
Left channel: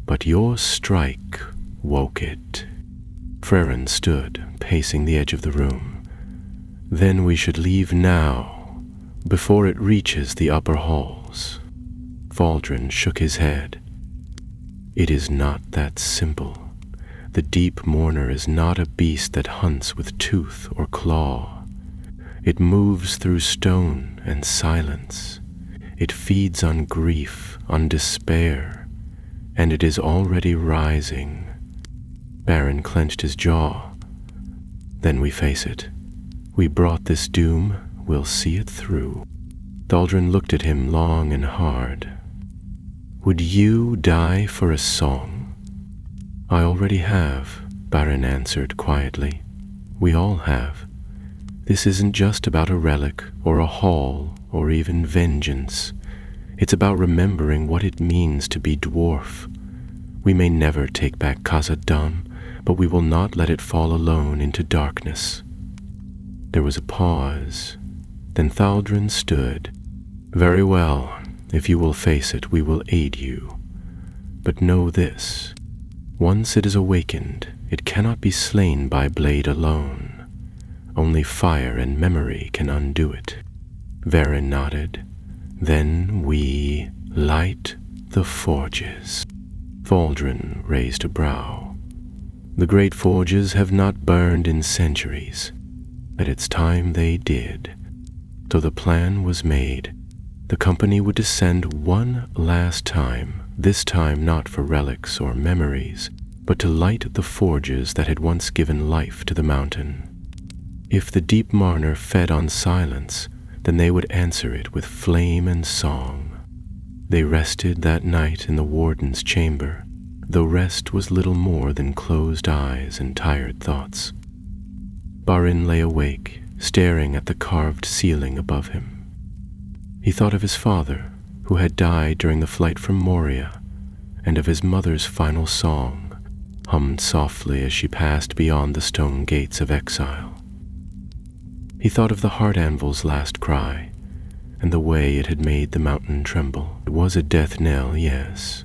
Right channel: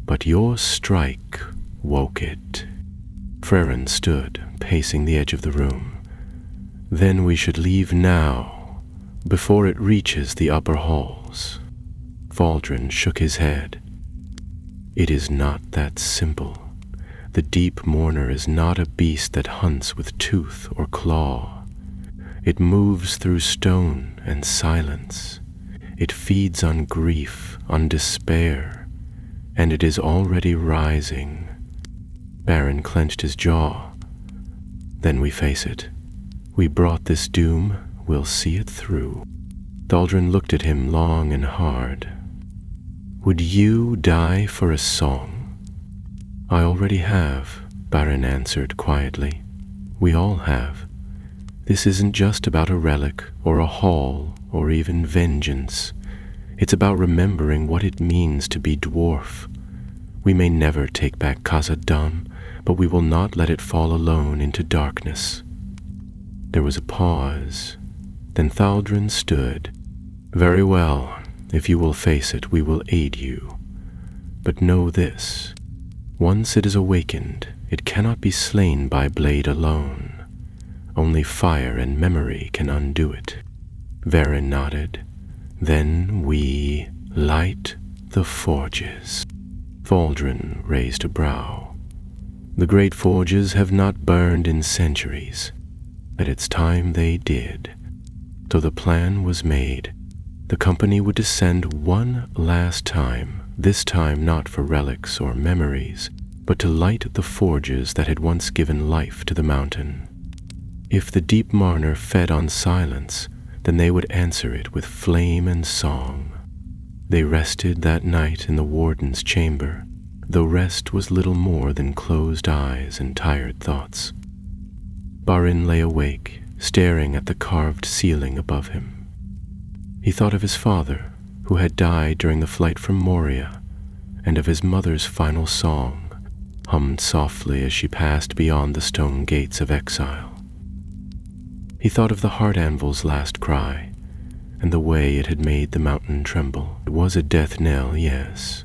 but your strike woke it. Frerin stood, pacing the edge of the room. Then we should leave now, before it reaches the upper halls. Thaldrin shook his head. It is not that simple. The deep mourner is not a beast that hunts with tooth or claw. It moves through stone and silence. It feeds on grief, on despair, and it is already rising. Baron clenched his jaw. Then we face it. We brought this doom, we'll see it through. Thaldrin looked at him long and hard. Would you die for a song? I already have, Baron answered quietly. We all have. This isn't just about a relic or a hall or even vengeance. It's about remembering what it means to be dwarf. We may never take back Khazad-dûm, but we will not let it fall alone into darkness. There was a pause. Then Thaldrin stood. Very well. If you will face it, we will aid you. But know this. Once it is awakened, it cannot be slain by blade alone. Only fire and memory can undo it. Verin nodded. Then we light the forges. Thaldrin raised a brow. The great forges have not burned in centuries. At its time they did. So the plan was made. The company would descend one last time, this time not for relics or memories, but to light the forges that had once given life to the mountain. If the deep Marner fed on silence, then they would answer it with flame and song. They rested that night in the warden's chamber, though rest was little more than closed eyes and tired thoughts. Barin lay awake, staring at the carved ceiling above him. He thought of his father, who had died during the flight from Moria, and of his mother's final song, hummed softly as she passed beyond the stone gates of exile. He thought of the heart anvil's last cry, and the way it had made the mountain tremble. It was a death knell, yes,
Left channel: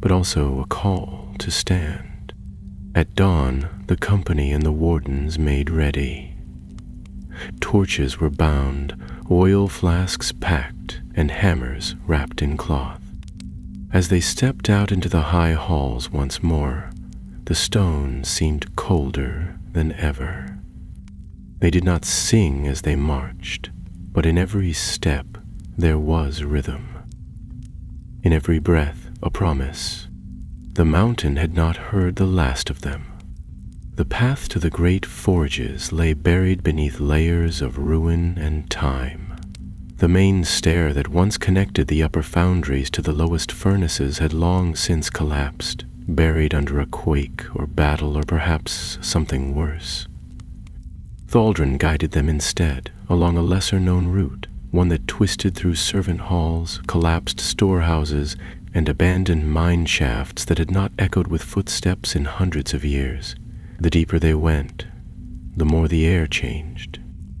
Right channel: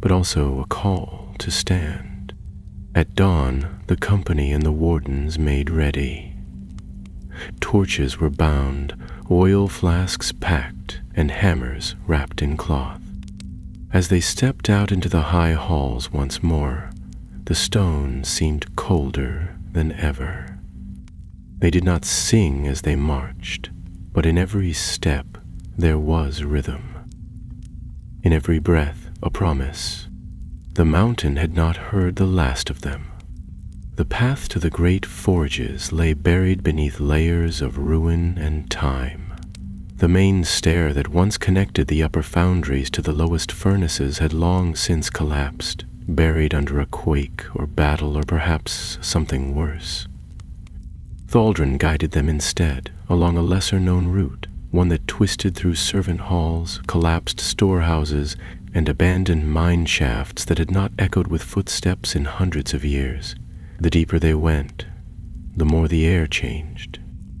but also a call to stand. At dawn, the company and the wardens made ready. Torches were bound, oil flasks packed, and hammers wrapped in cloth. As they stepped out into the high halls once more, the stone seemed colder than ever. They did not sing as they marched, but in every step there was rhythm. In every breath, a promise. The mountain had not heard the last of them. The path to the great forges lay buried beneath layers of ruin and time. The main stair that once connected the upper foundries to the lowest furnaces had long since collapsed, buried under a quake or battle or perhaps something worse. Thaldrin guided them instead along a lesser-known route, one that twisted through servant halls, collapsed storehouses, and abandoned mine shafts that had not echoed with footsteps in hundreds of years. The deeper they went, the more the air changed.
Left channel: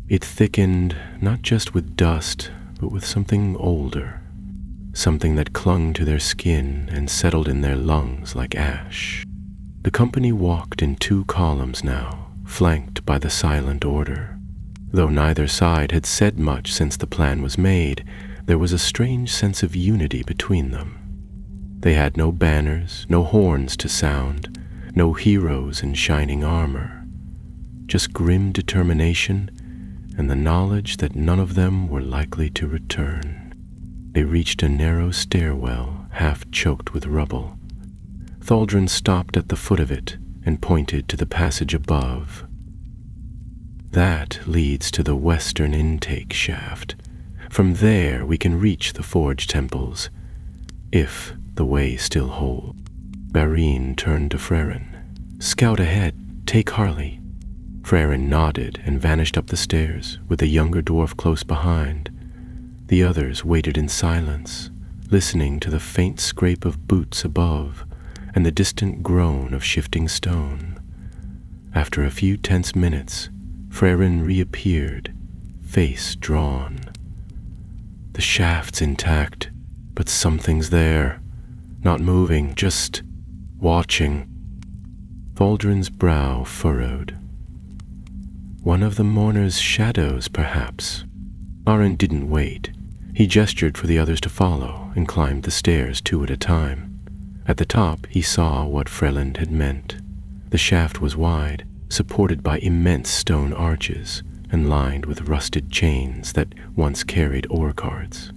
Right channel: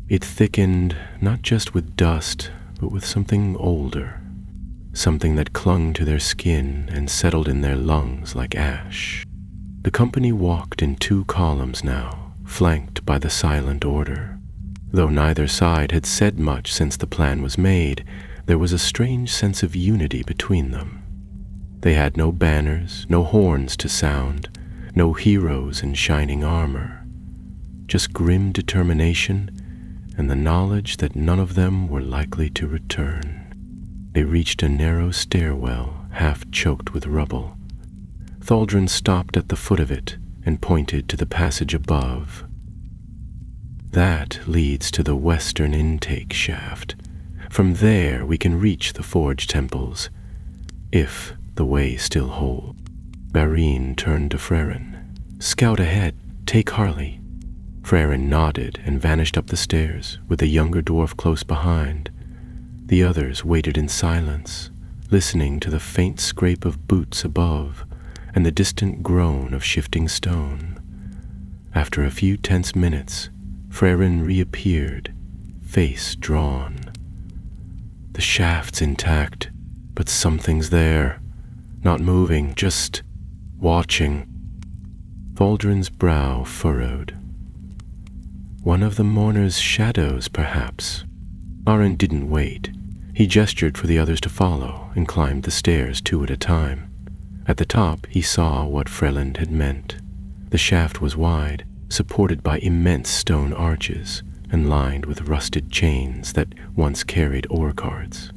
It thickened not just with dust, but with something older, something that clung to their skin and settled in their lungs like ash. The company walked in 2 columns now, flanked by the silent order. Though neither side had said much since the plan was made, there was a strange sense of unity between them. They had no banners, no horns to sound, no heroes in shining armor, just grim determination and the knowledge that none of them were likely to return. They reached a narrow stairwell, half choked with rubble. Thaldrin stopped at the foot of it and pointed to the passage above. That leads to the western intake shaft. From there we can reach the forge temples, if the way still holds. Barine turned to Frerin. "Scout ahead, take Harley." Frerin nodded and vanished up the stairs, with the younger dwarf close behind. The others waited in silence, listening to the faint scrape of boots above and the distant groan of shifting stone. After a few tense minutes, Frerin reappeared, face drawn. "The shaft's intact, but something's there. Not moving, just watching." Thaldrin's brow furrowed. "One of the mourners' shadows, perhaps." Arin didn't wait. He gestured for the others to follow and climbed the stairs 2 at a time. At the top, he saw what Freland had meant. The shaft was wide, supported by immense stone arches, and lined with rusted chains that once carried ore carts.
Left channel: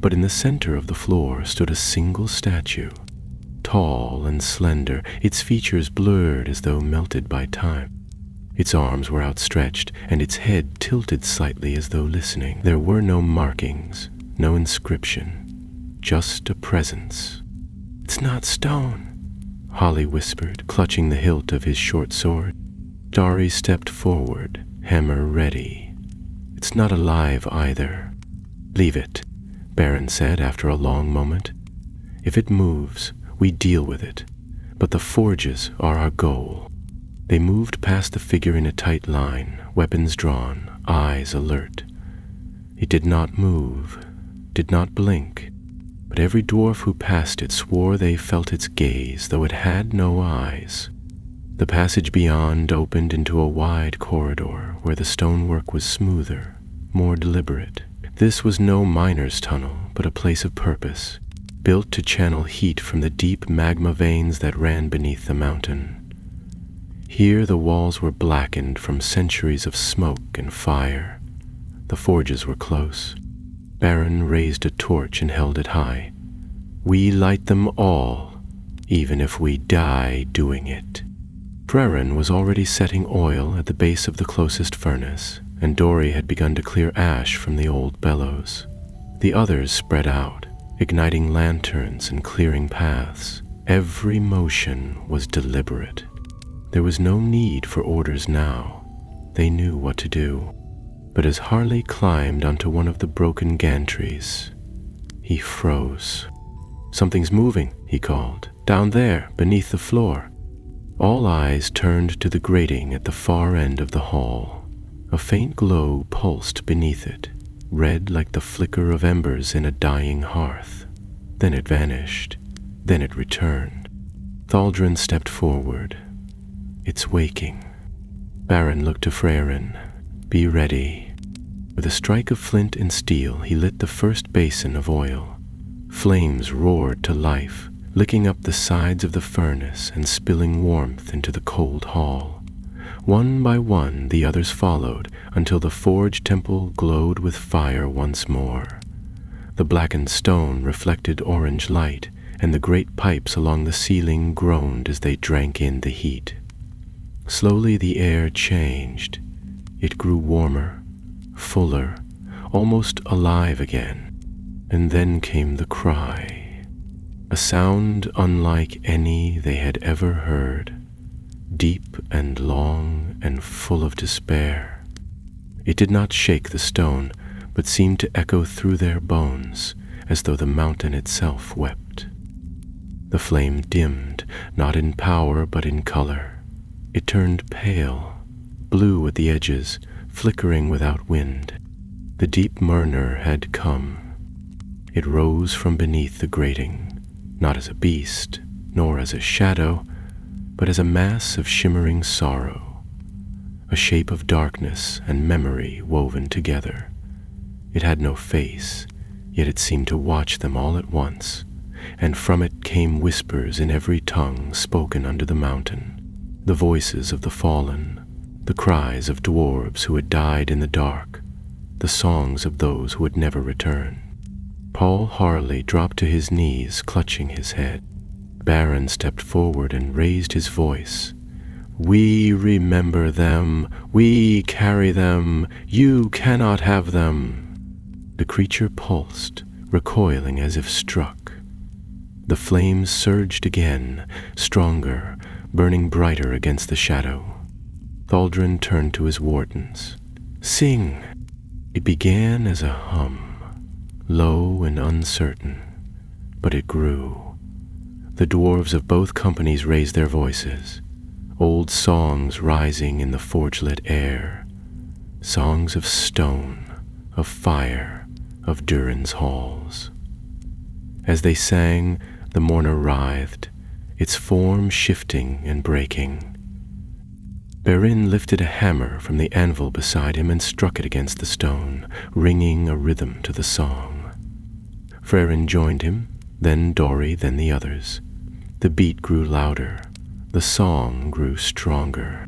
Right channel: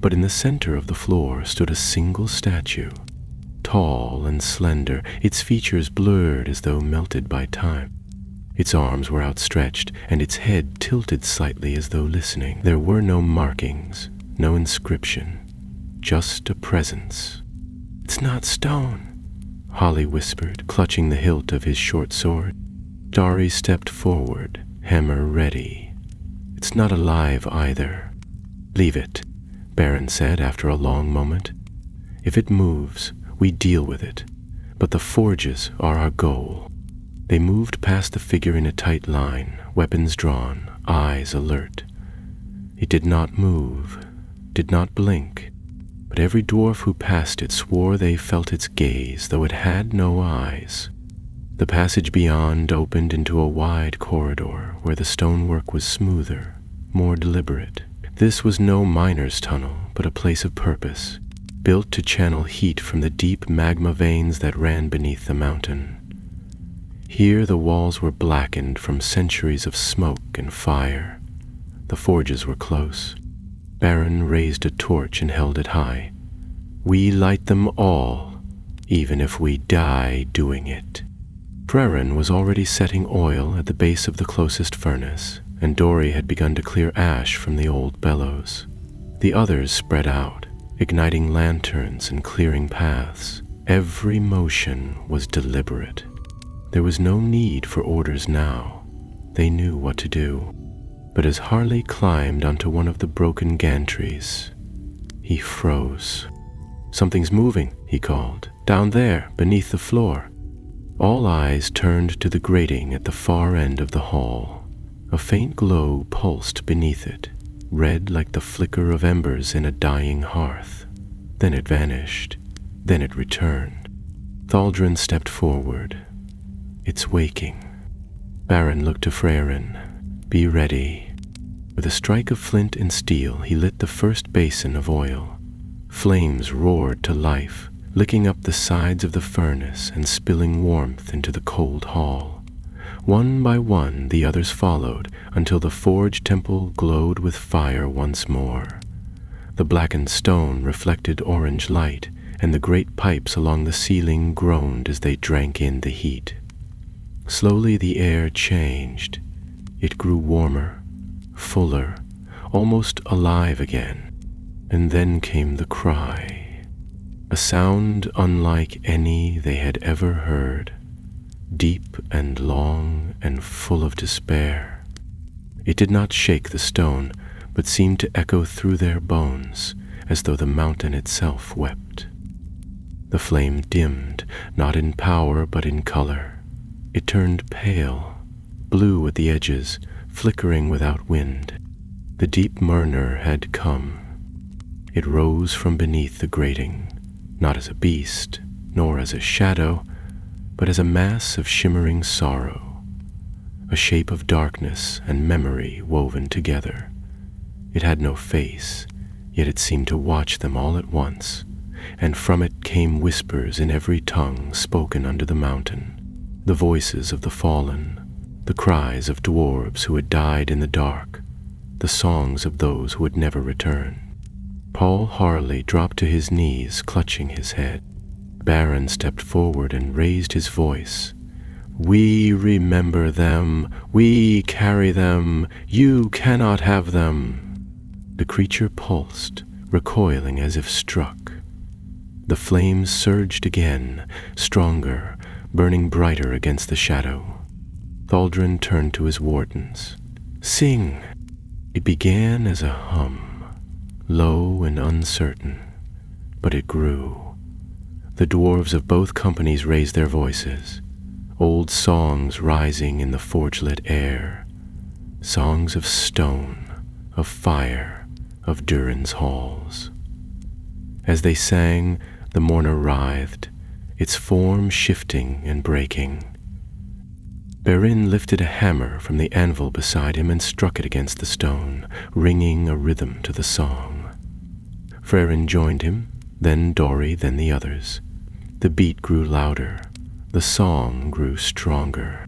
But in the center of the floor stood a single statue, tall and slender, its features blurred as though melted by time. Its arms were outstretched, and its head tilted slightly as though listening. There were no markings, no inscription, just a presence. "It's not stone," Holly whispered, clutching the hilt of his short sword. Dari stepped forward, hammer ready. "It's not alive either." "Leave it," Baron said after a long moment. "If it moves, we deal with it. But the forges are our goal." They moved past the figure in a tight line, weapons drawn, eyes alert. It did not move, did not blink, but every dwarf who passed it swore they felt its gaze, though it had no eyes. The passage beyond opened into a wide corridor where the stonework was smoother, more deliberate. This was no miner's tunnel, but a place of purpose, built to channel heat from the deep magma veins that ran beneath the mountain. Here the walls were blackened from centuries of smoke and fire. The forges were close. Baron raised a torch and held it high. "We light them all, even if we die doing it." Frerin was already setting oil at the base of the closest furnace, and Dori had begun to clear ash from the old bellows. The others spread out, igniting lanterns and clearing paths. Every motion was deliberate. There was no need for orders now. They knew what to do. But as Harley climbed onto one of the broken gantries, he froze. "Something's moving," he called. "Down there, beneath the floor." All eyes turned to the grating at the far end of the hall. A faint glow pulsed beneath it, red like the flicker of embers in a dying hearth. Then it vanished. Then it returned. Thaldrin stepped forward. "It's waking." Baron looked to Frerin. "Be ready." With a strike of flint and steel, he lit the first basin of oil. Flames roared to life, licking up the sides of the furnace and spilling warmth into the cold hall. One by one, the others followed until the forge temple glowed with fire once more. The blackened stone reflected orange light, and the great pipes along the ceiling groaned as they drank in the heat. Slowly the air changed. It grew warmer, fuller, almost alive again. And then came the cry, a sound unlike any they had ever heard, deep and long and full of despair. It did not shake the stone, but seemed to echo through their bones, as though the mountain itself wept. The flame dimmed, not in power but in color. It turned pale, blue at the edges, flickering without wind. The deep murmur had come. It rose from beneath the grating, not as a beast, nor as a shadow, but as a mass of shimmering sorrow, a shape of darkness and memory woven together. It had no face, yet it seemed to watch them all at once, and from it came whispers in every tongue spoken under the mountain, the voices of the fallen, the cries of dwarves who had died in the dark, the songs of those who would never return. Paul Harley dropped to his knees, clutching his head. Baron stepped forward and raised his voice. "We remember them. We carry them. You cannot have them." The creature pulsed, recoiling as if struck. The flames surged again, stronger, burning brighter against the shadow. Thaldrun turned to his wardens. "Sing!" It began as a hum, low and uncertain, but it grew. The dwarves of both companies raised their voices, old songs rising in the forge-lit air, songs of stone, of fire, of Durin's halls. As they sang, the mourner writhed, its form shifting and breaking. Beren lifted a hammer from the anvil beside him and struck it against the stone, ringing a rhythm to the song. Frerin joined him, then Dori, then the others. The beat grew louder. The song grew stronger.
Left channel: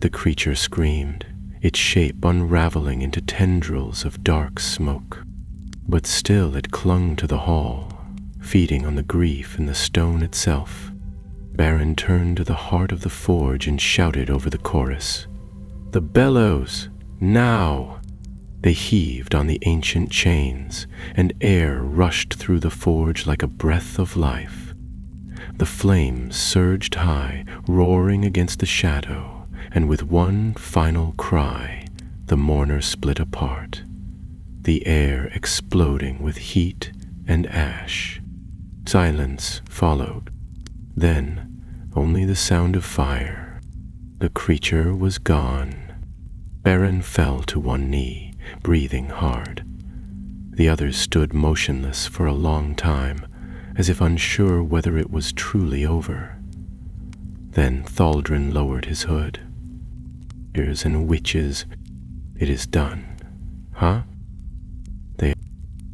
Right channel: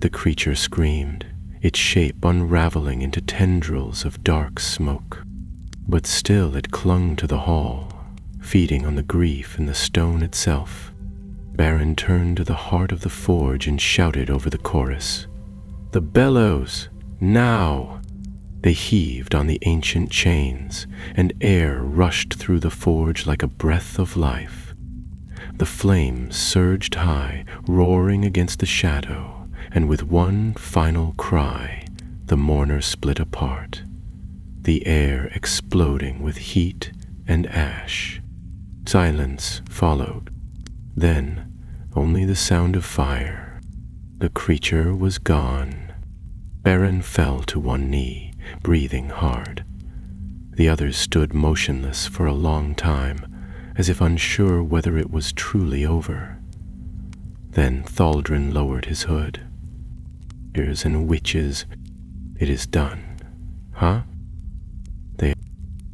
The creature screamed, its shape unraveling into tendrils of dark smoke. But still it clung to the hall, feeding on the grief in the stone itself. Beren turned to the heart of the forge and shouted over the chorus, "The bellows! Now!" They heaved on the ancient chains, and air rushed through the forge like a breath of life. The flames surged high, roaring against the shadow, and with one final cry, the mourner split apart, the air exploding with heat and ash. Silence followed. Then, only the sound of fire. The creature was gone. Beren fell to one knee, breathing hard. The others stood motionless for a long time, as if unsure whether it was truly over. Then Thaldrun lowered his hood. "Wizards and witches, it is done." Huh?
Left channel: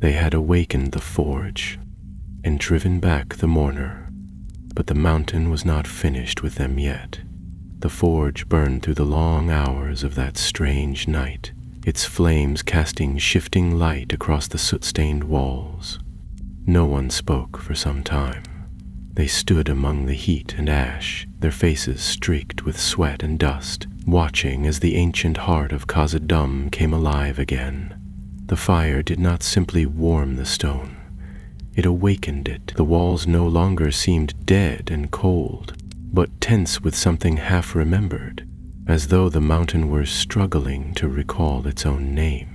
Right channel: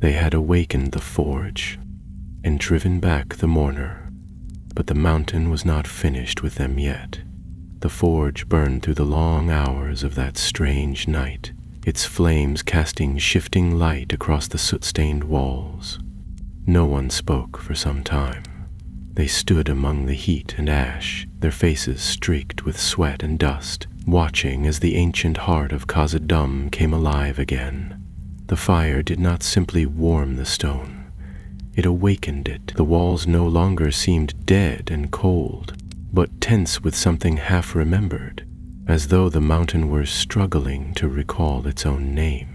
They had awakened the forge and driven back the mourner, but the mountain was not finished with them yet. The forge burned through the long hours of that strange night, its flames casting shifting light across the soot-stained walls. No one spoke for some time. They stood among the heat and ash, their faces streaked with sweat and dust, watching as the ancient heart of Khazad-dûm came alive again. The fire did not simply warm the stone. It awakened it. The walls no longer seemed dead and cold, but tense with something half-remembered, as though the mountain were struggling to recall its own name.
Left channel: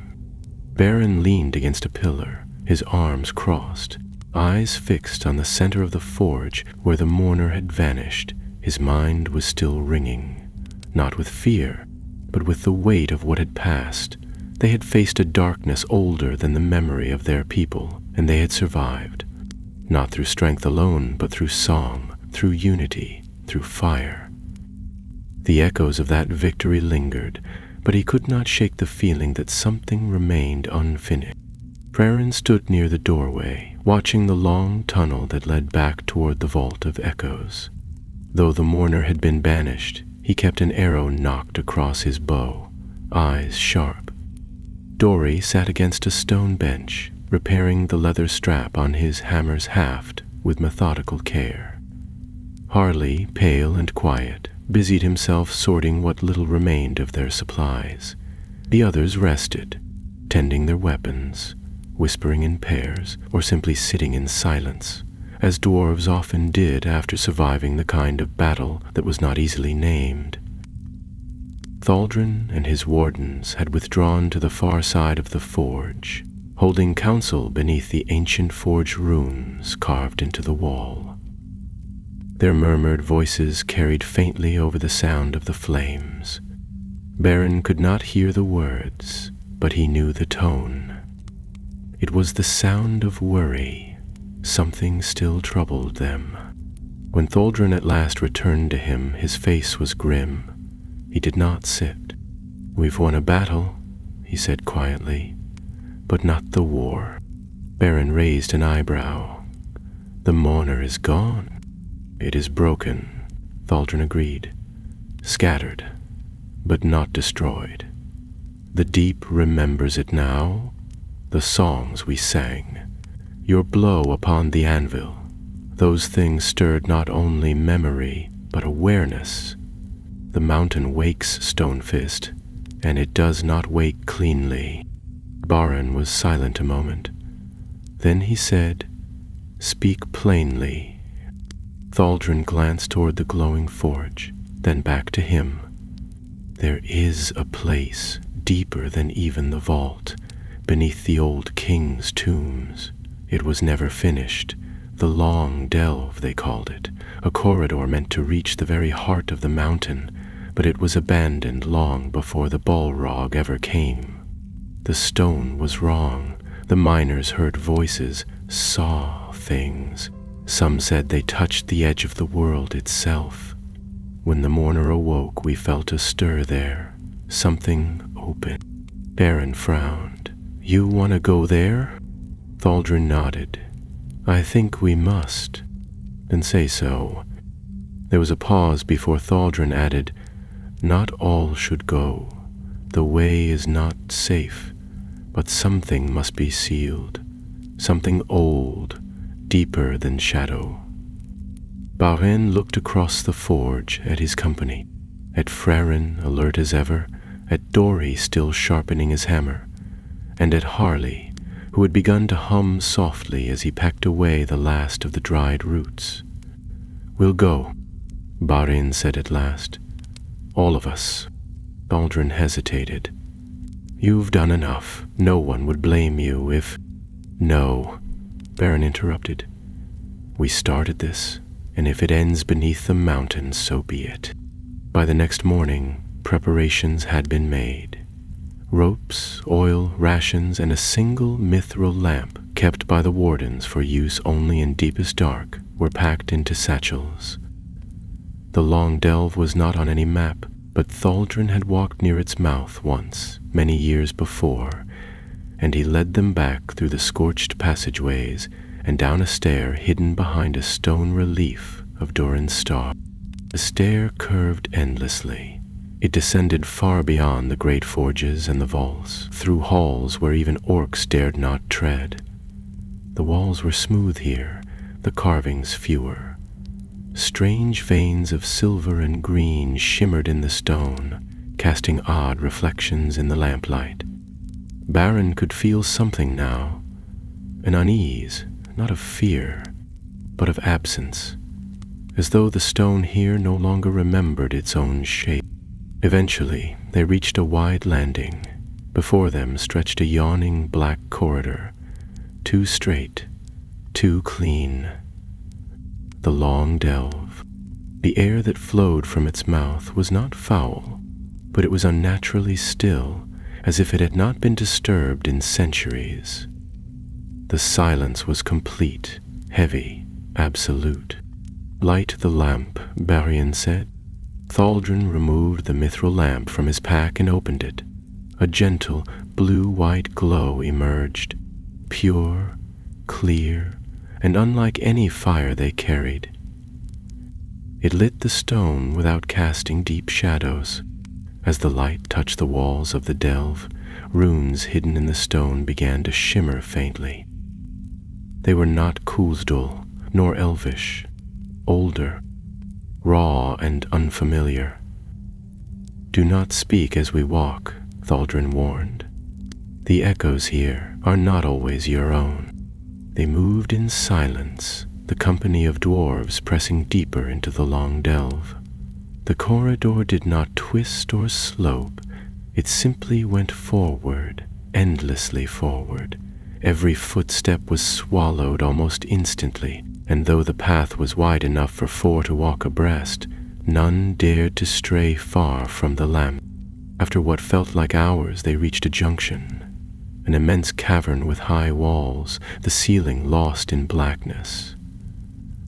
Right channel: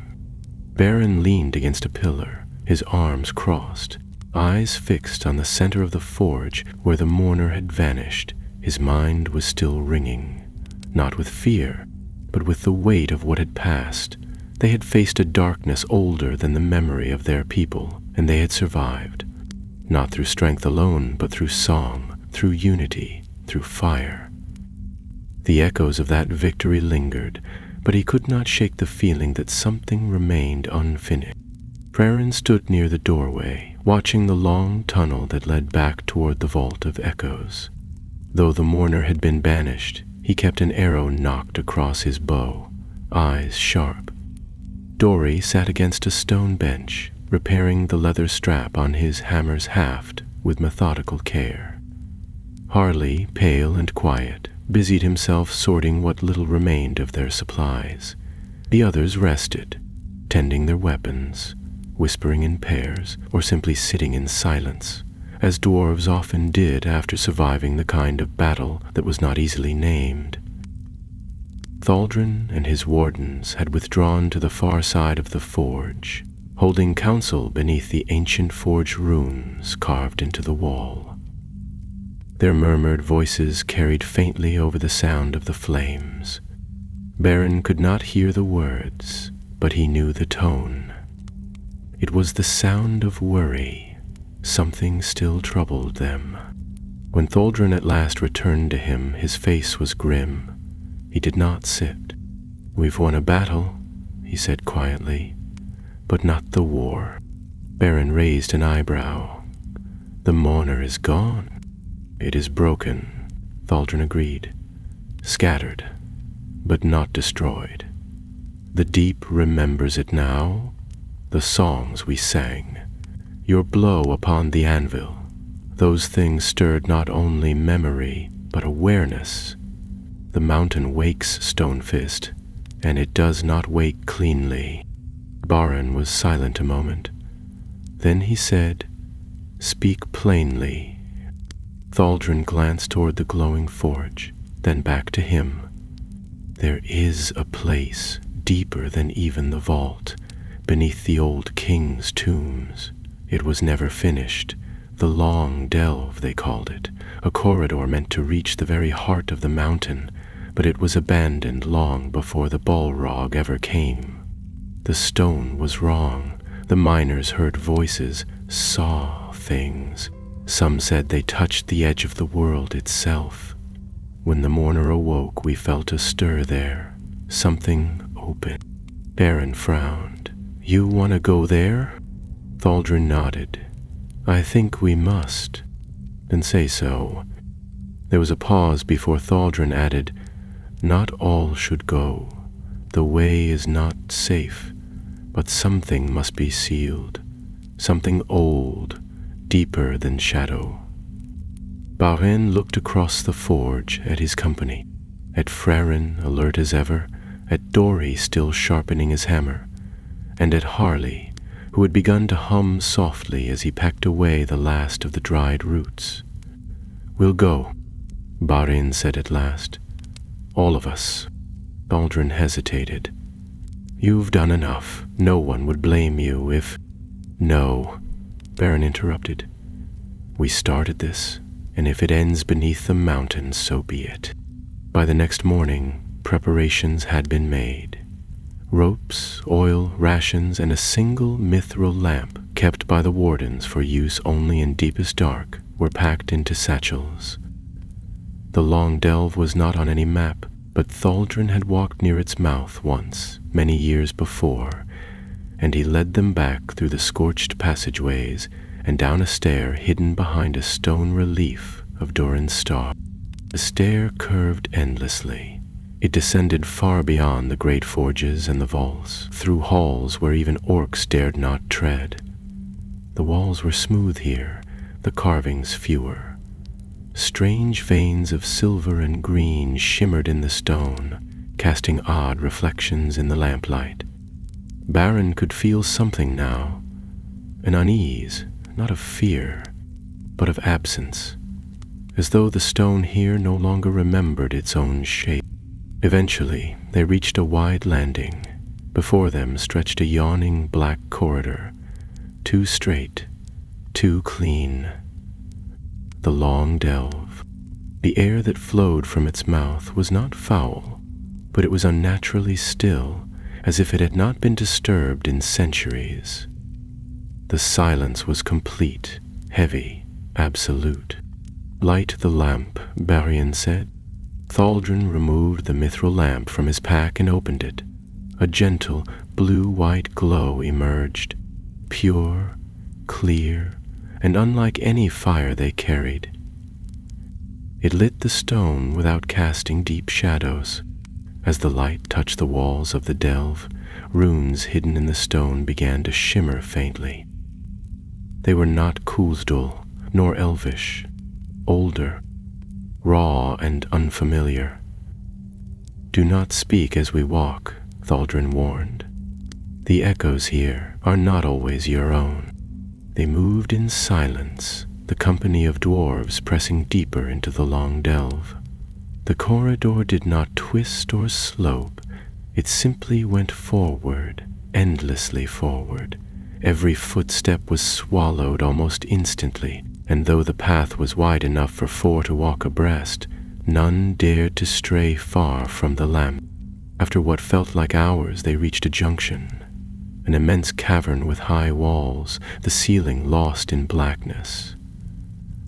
Beren leaned against a pillar, his arms crossed, eyes fixed on the center of the forge where the mourner had vanished. His mind was still ringing, not with fear, but with the weight of what had passed. They had faced a darkness older than the memory of their people, and they had survived, not through strength alone, but through song, through unity, through fire. The echoes of that victory lingered, but he could not shake the feeling that something remained unfinished. Frerin stood near the doorway, watching the long tunnel that led back toward the vault of echoes. Though the mourner had been banished, he kept an arrow nocked across his bow, eyes sharp. Dori sat against a stone bench, repairing the leather strap on his hammer's haft with methodical care. Harley, pale and quiet, busied himself sorting what little remained of their supplies. The others rested, tending their weapons, whispering in pairs, or simply sitting in silence, as dwarves often did after surviving the kind of battle that was not easily named. Thaldrun and his wardens had withdrawn to the far side of the forge, holding council beneath the ancient forge runes carved into the wall. Their murmured voices carried faintly over the sound of the flames. Beren could not hear the words, but he knew the tone. It was the sound of worry. Something still troubled them. When Thaldrun at last returned to him, his face was grim. He did not sit. "We've won a battle," he said quietly, "but not the war." Beren raised an eyebrow. "The mourner is gone." "It is broken," Thaldrun agreed. "Scattered, but not destroyed. The deep remembers it now, the songs we sang, your blow upon the anvil. Those things stirred not only memory, but awareness. The mountain wakes, Stonefist, and it does not wake cleanly." Baren was silent a moment. Then he said, "Speak plainly." Thaldrin glanced toward the glowing forge, then back to him. "There is a place deeper than even the vault, beneath the old king's tombs. It was never finished. The Long Delve, they called it, a corridor meant to reach the very heart of the mountain, but it was abandoned long before the Balrog ever came. The stone was wrong. The miners heard voices, saw things. Some said they touched the edge of the world itself. When the mourner awoke, we felt a stir there, something open." Beren frowned. "You want to go there?" Thaldrin nodded. "I think we must." "Then say so." There was a pause before Thaldrin added, "Not all should go. The way is not safe, but something must be sealed. Something old, deeper than shadow." Baren looked across the forge at his company, at Frerin alert as ever, at Dori still sharpening his hammer, and at Harley, who had begun to hum softly as he packed away the last of the dried roots. "We'll go," Baren said at last. "All of us." Thaldrin hesitated. "You've done enough. No one would blame you if—" "No," Baren interrupted. "We started this, and if it ends beneath the mountains, so be it." By the next morning, preparations had been made. Ropes, oil, rations, and a single mithril lamp kept by the wardens for use only in deepest dark were packed into satchels. The Long Delve was not on any map, but Thaldrin had walked near its mouth once, many years before, and he led them back through the scorched passageways and down a stair hidden behind a stone relief of Durin's star. The stair curved endlessly. It descended far beyond the great forges and the vaults, through halls where even orcs dared not tread. The walls were smooth here, the carvings fewer. Strange veins of silver and green shimmered in the stone, casting odd reflections in the lamplight. Baren could feel something now, an unease, not of fear, but of absence, as though the stone here no longer remembered its own shape. Eventually, they reached a wide landing. Before them stretched a yawning black corridor, too straight, too clean. The Long Delve. The air that flowed from its mouth was not foul, but it was unnaturally still, as if it had not been disturbed in centuries. The silence was complete, heavy, absolute. "Light the lamp," Barian said. Thaldrin removed the mithril lamp from his pack and opened it. A gentle, blue-white glow emerged, pure, clear, and unlike any fire they carried. It lit the stone without casting deep shadows. As the light touched the walls of the delve, runes hidden in the stone began to shimmer faintly. They were not Khazad-dûm, nor elvish, older, raw and unfamiliar. "Do not speak as we walk," Thaldrin warned. "The echoes here are not always your own." They moved in silence, the company of dwarves pressing deeper into the Long Delve. The corridor did not twist or slope. It simply went forward, endlessly forward. Every footstep was swallowed almost instantly, and though the path was wide enough for 4 to walk abreast, none dared to stray far from the lamp. After what felt like hours, they reached a junction, an immense cavern with high walls, the ceiling lost in blackness.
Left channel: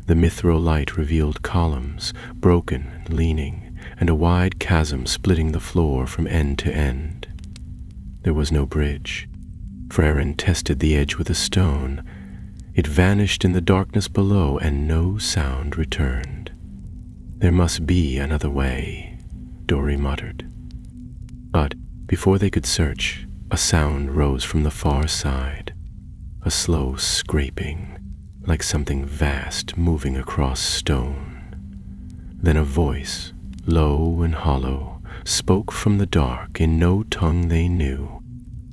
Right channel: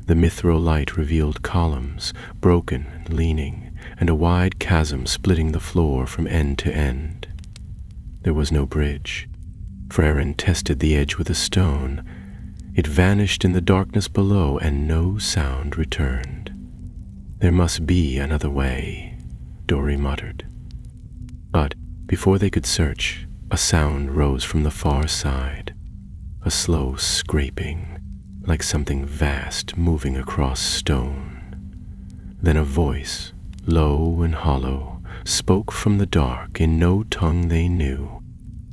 The mithril light revealed columns, broken and leaning, and a wide chasm splitting the floor from end to end. There was no bridge. Frerin tested the edge with a stone. It vanished in the darkness below, and no sound returned. "There must be another way," Dori muttered. But before they could search, a sound rose from the far side, a slow scraping, like something vast moving across stone. Then a voice, low and hollow, spoke from the dark in no tongue they knew.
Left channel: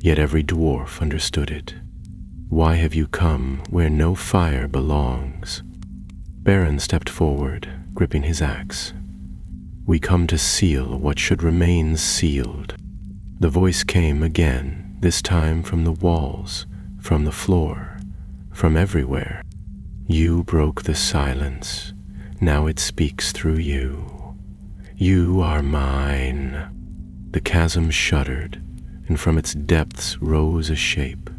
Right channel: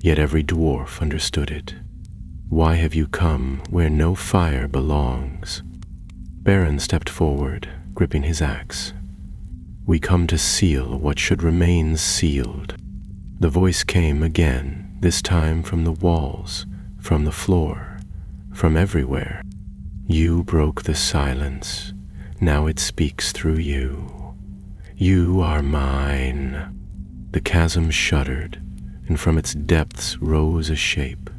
Yet every dwarf understood it. Why have you come where no fire belongs? Beren stepped forward, gripping his axe. We come to seal what should remain sealed. The voice came again, this time from the walls, from the floor, from everywhere. You broke the silence. Now it speaks through you. You are mine. The chasm shuddered, and from its depths rose a shape,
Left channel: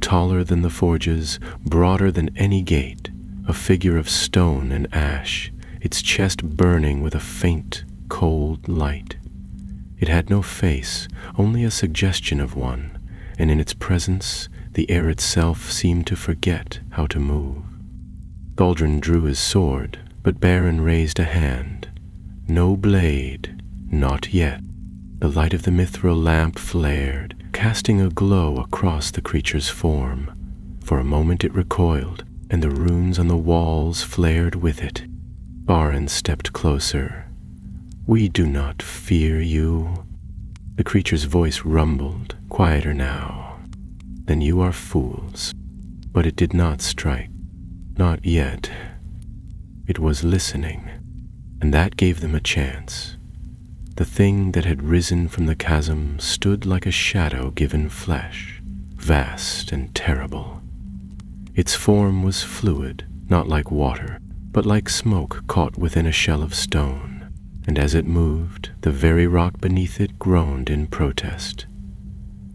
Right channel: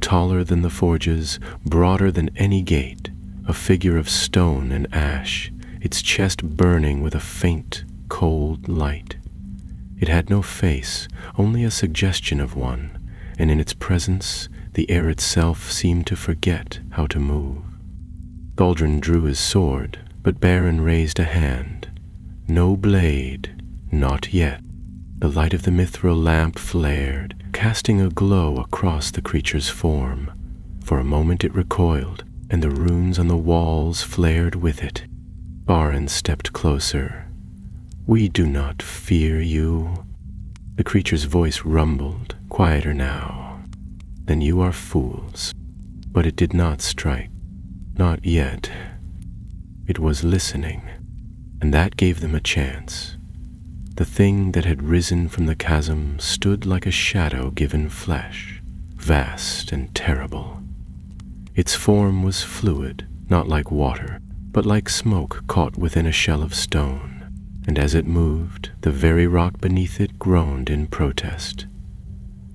taller than the forges, broader than any gate, a figure of stone and ash, its chest burning with a faint, cold light. It had no face, only a suggestion of one, and in its presence the air itself seemed to forget how to move. Thaldrun drew his sword, but Beren raised a hand. No blade, not yet. The light of the mithril lamp flared, casting a glow across the creature's form. For a moment it recoiled, and the runes on the walls flared with it. Beren stepped closer. We do not fear you. The creature's voice rumbled, quieter now. Then you are fools. But it did not strike. Not yet. It was listening, and that gave them a chance. The thing that had risen from the chasm stood like a shadow given flesh, vast and terrible. Its form was fluid, not like water, but like smoke caught within a shell of stone, and as it moved, the very rock beneath it groaned in protest.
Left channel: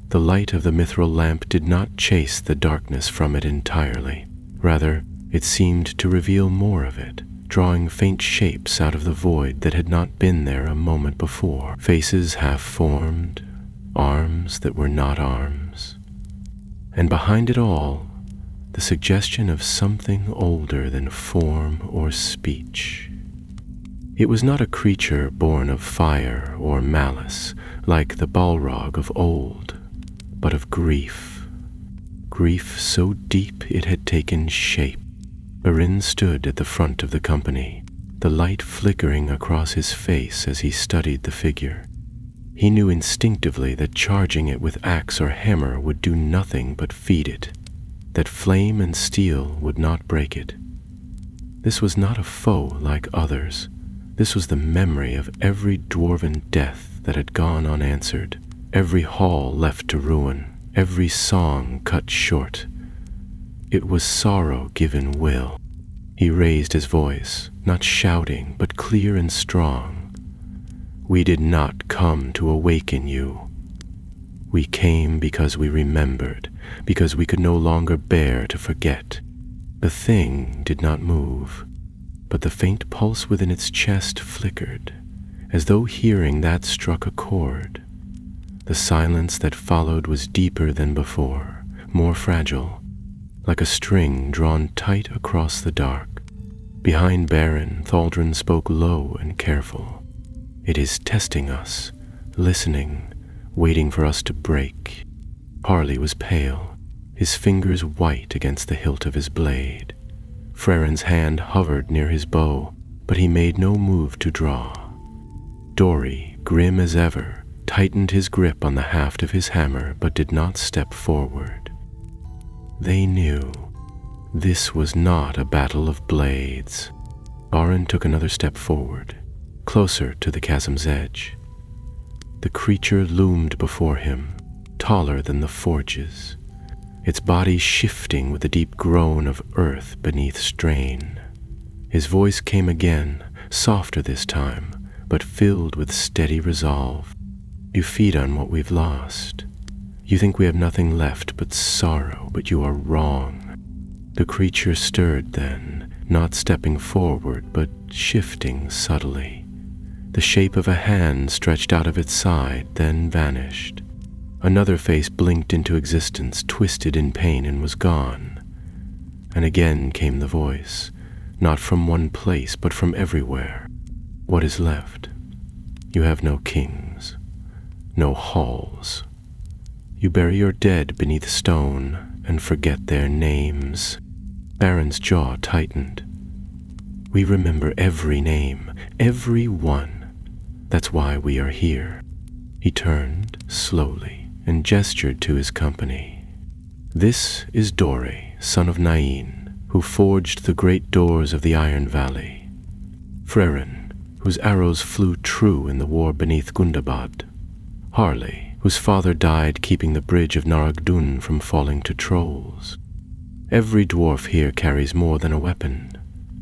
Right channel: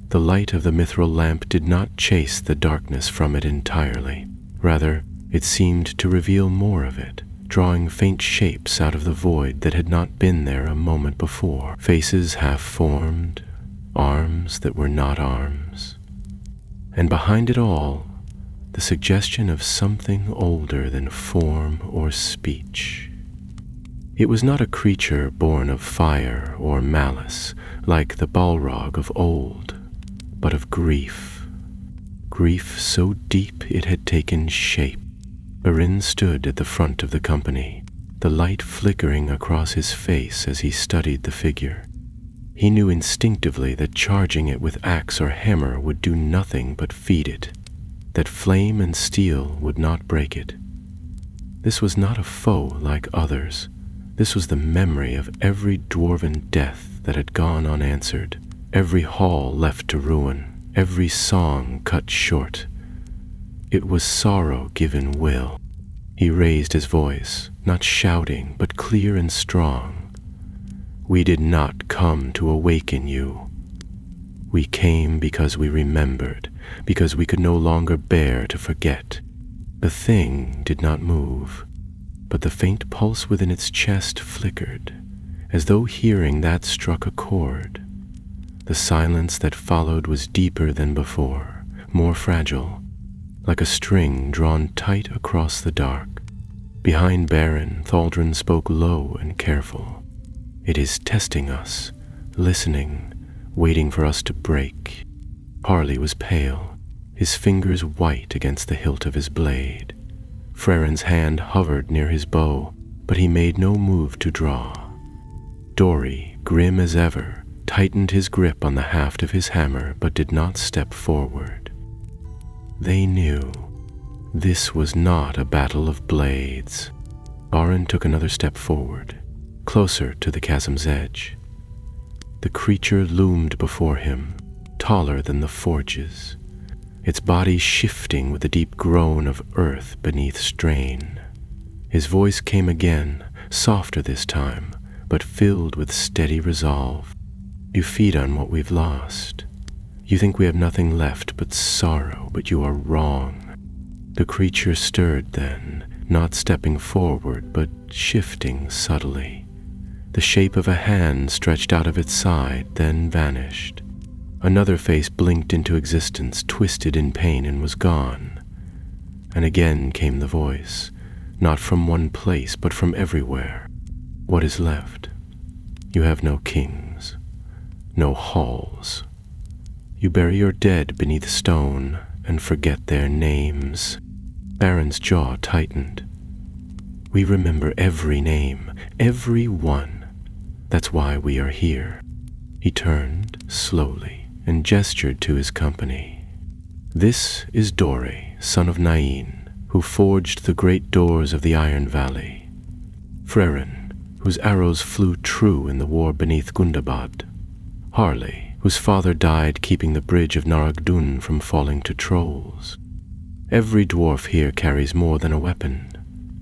The light of the mithril lamp did not chase the darkness from it entirely. Rather, it seemed to reveal more of it, drawing faint shapes out of the void that had not been there a moment before. Faces half-formed, arms that were not arms. And behind it all, the suggestion of something older than form or speech. It was not a creature born of fire or malice, like the Balrog of old, but of grief. Grief so deep it had taken shape. Beren stood at the front of the company, the light flickering across his face as he studied the figure. He knew instinctively that charging it with axe or hammer would do nothing but feed it, that flame and steel would not break it. This was not a foe like others. This was the memory of every dwarven death that had gone unanswered, every hall left to ruin, every song cut short. It was sorrow given will. He raised his voice, not shouting, but clear and strong. We did not come to awaken you. We came because we remembered, because we could no longer bear to forget. The thing did not move, but the faint pulse within its chest flickered, as though hearing that struck a chord. The silence that followed was deeper than before, more fragile, like a string drawn tight across the dark. Behind Beren, Thaldrun spoke low and careful. It is testing us, listening, waiting for us to break. Harley was pale, his fingers white against the hilt of his blade. Freren's hand hovered near his bow, but he made no move to draw. Dori, grim as ever, tightened his grip on the haft of his hammer, but did not step forward. They knew. This was not a battle of blades. Beren took another step forward, closer to the chasm's edge. The creature loomed before him, taller than the forges, its body shifting with the deep groan of earth beneath strain. His voice came again, softer this time, but filled with steady resolve. You feed on what we've lost. You think we have nothing left but sorrow, but you are wrong. The creature stirred then, not stepping forward, but shifting subtly. The shape of a hand stretched out of its side, then vanished. Another face blinked into existence, twisted in pain, and was gone. And again came the voice, not from one place, but from everywhere. What is left? You have no kings, no halls. You bury your dead beneath stone and forget their names. Beren's jaw tightened. We remember every name, every one. That's why we are here. He turned slowly and gestured to his company. "This is Dori, son of Nain, who forged the great doors of the Iron Valley. Frerin, whose arrows flew true in the war beneath Gundabad. Harley, whose father died keeping the bridge of Naragdun from falling to trolls. Every dwarf here carries more than a weapon.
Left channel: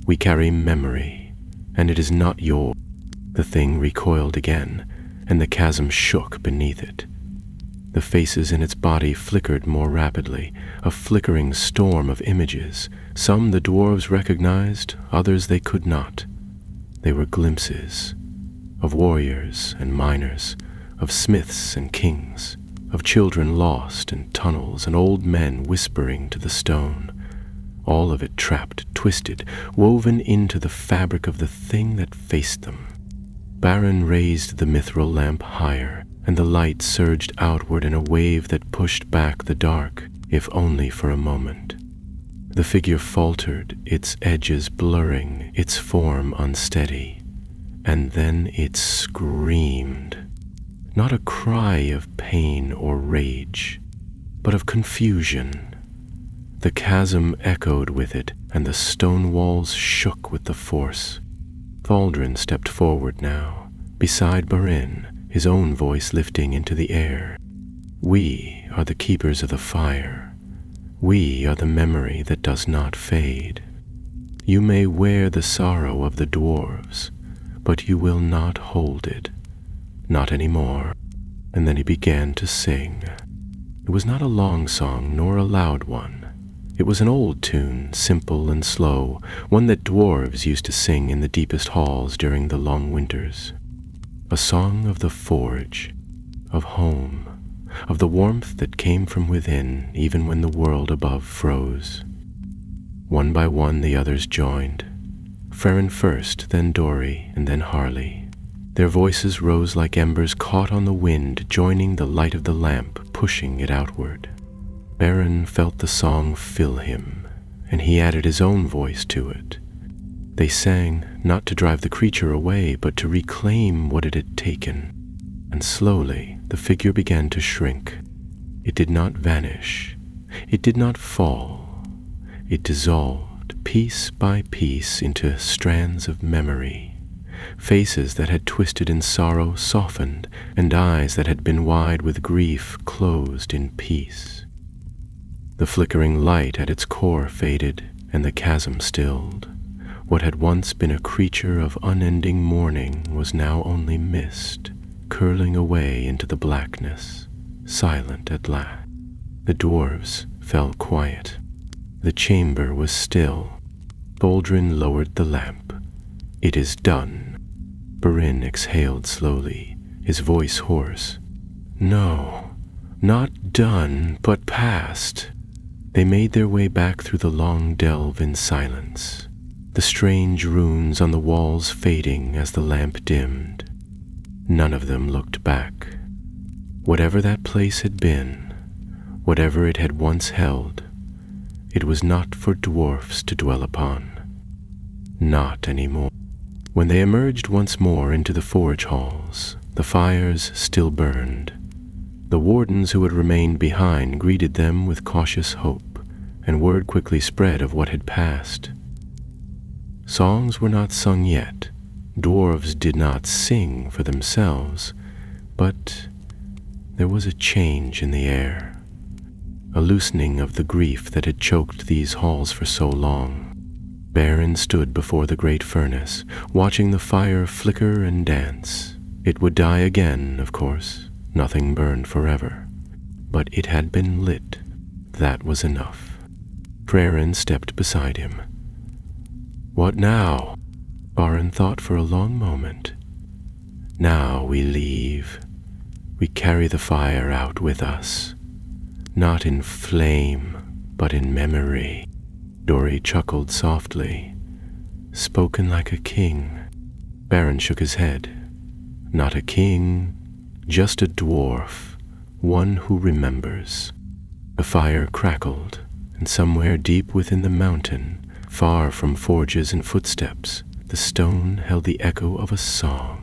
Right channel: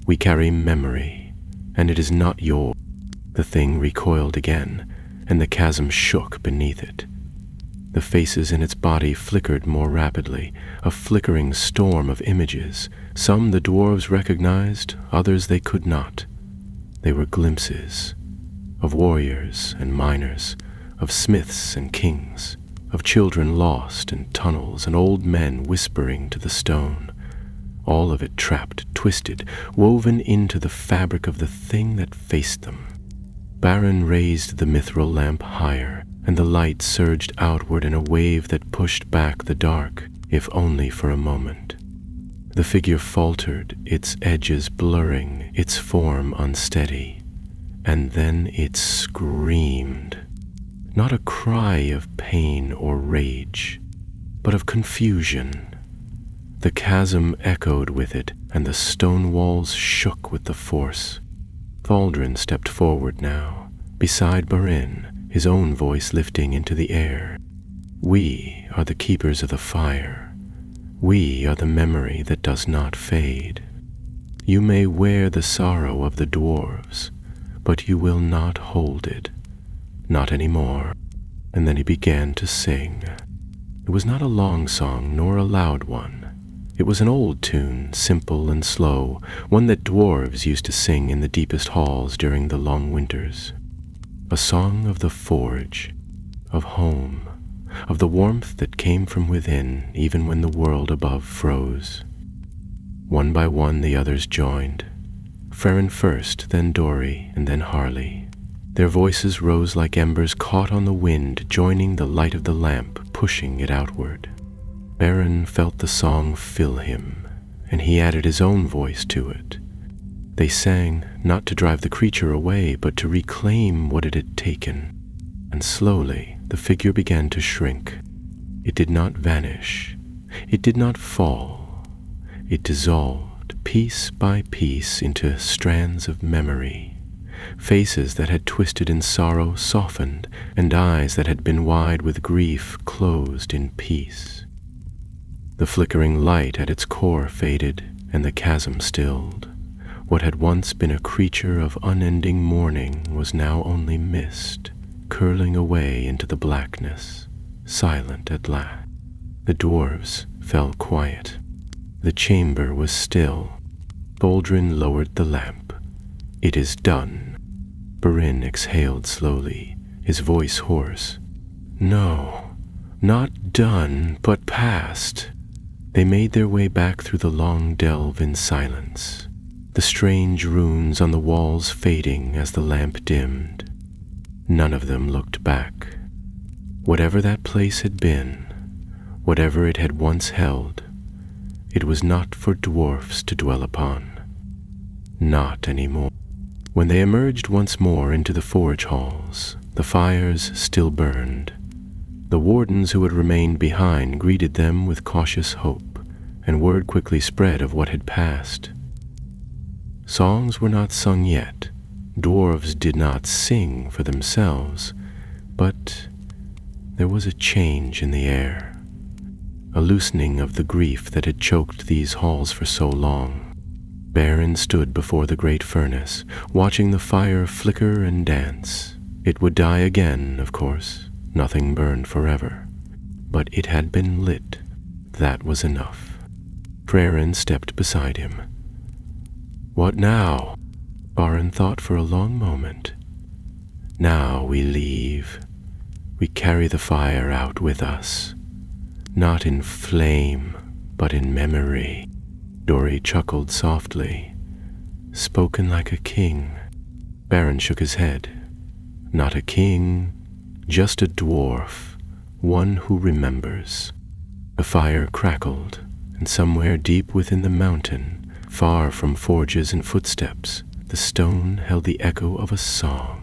We carry memory, and it is not yours." The thing recoiled again, and the chasm shook beneath it. The faces in its body flickered more rapidly, a flickering storm of images. Some the dwarves recognized, others they could not. They were glimpses of warriors and miners, of smiths and kings, of children lost in tunnels and old men whispering to the stone. All of it trapped, twisted, woven into the fabric of the thing that faced them. Baron raised the mithril lamp higher, and the light surged outward in a wave that pushed back the dark, if only for a moment. The figure faltered, its edges blurring, its form unsteady, and then it screamed. Not a cry of pain or rage, but of confusion. The chasm echoed with it, and the stone walls shook with the force. Thaldrin stepped forward now, beside Barin, his own voice lifting into the air. "We are the keepers of the fire. We are the memory that does not fade. You may wear the sorrow of the dwarves, but you will not hold it. Not anymore." And then he began to sing. It was not a long song, nor a loud one. It was an old tune, simple and slow, one that dwarves used to sing in the deepest halls during the long winters. A song of the forge, of home, of the warmth that came from within even when the world above froze. One by one the others joined. Frerin first, then Dori, and then Harley. Their voices rose like embers caught on the wind, joining the light of the lamp, pushing it outward. Baron felt the song fill him, and he added his own voice to it. They sang, not to drive the creature away, but to reclaim what it had taken. And slowly the figure began to shrink. It did not vanish. It did not fall. It dissolved, piece by piece, into strands of memory. Faces that had twisted in sorrow softened, and eyes that had been wide with grief closed in peace. The flickering light at its core faded, and the chasm stilled. What had once been a creature of unending mourning was now only mist, curling away into the blackness, silent at last. The dwarves fell quiet. The chamber was still. Thaldrin lowered the lamp. "It is done." Barin exhaled slowly, his voice hoarse. "No, not done, but past." They made their way back through the long delve in silence, the strange runes on the walls fading as the lamp dimmed. None of them looked back. Whatever that place had been, whatever it had once held, it was not for dwarfs to dwell upon. Not anymore. When they emerged once more into the forge halls, the fires still burned. The wardens who had remained behind greeted them with cautious hope, and word quickly spread of what had passed. Songs were not sung yet. Dwarves did not sing for themselves, but there was a change in the air, a loosening of the grief that had choked these halls for so long. Baron stood before the great furnace, watching the fire flicker and dance. It would die again, of course. Nothing burned forever. But it had been lit. That was enough. Frerin stepped beside him. "What now?" Baron thought for a long moment. "Now we leave. We carry the fire out with us. Not in flame, but in memory." Dori chuckled softly. "Spoken like a king." Baron shook his head. "Not a king, just a dwarf, one who remembers." The fire crackled, and somewhere deep within the mountain, far from forges and footsteps, the stone held the echo of a song.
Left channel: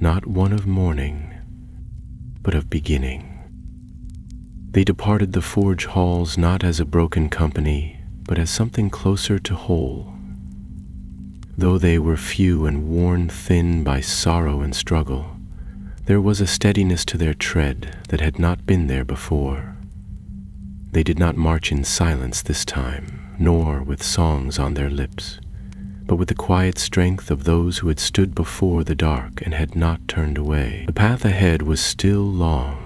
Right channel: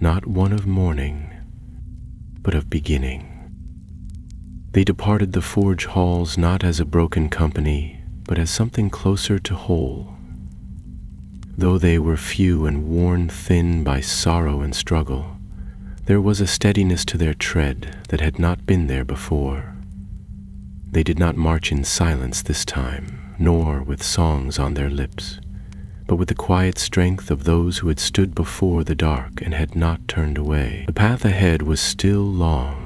Not one of mourning, but of beginning. They departed the forge halls not as a broken company, but as something closer to whole. Though they were few and worn thin by sorrow and struggle, there was a steadiness to their tread that had not been there before. They did not march in silence this time, nor with songs on their lips, but with the quiet strength of those who had stood before the dark and had not turned away. The path ahead was still long,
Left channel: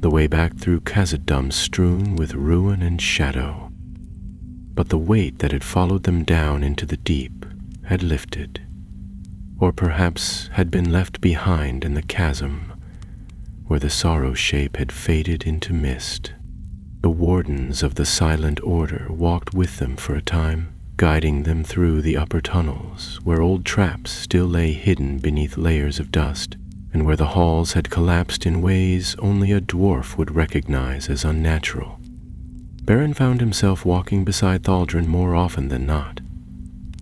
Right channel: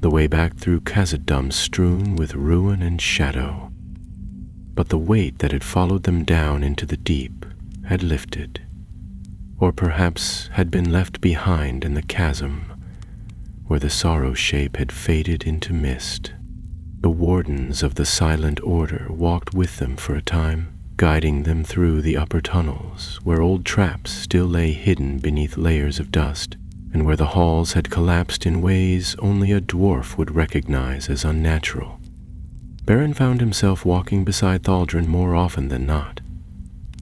the way back through Khazad-dûm strewn with ruin and shadow. But the weight that had followed them down into the deep had lifted, or perhaps had been left behind in the chasm, where the sorrow shape had faded into mist. The wardens of the silent order walked with them for a time, guiding them through the upper tunnels, where old traps still lay hidden beneath layers of dust, and where the halls had collapsed in ways only a dwarf would recognize as unnatural. Beren found himself walking beside Thaldrun more often than not.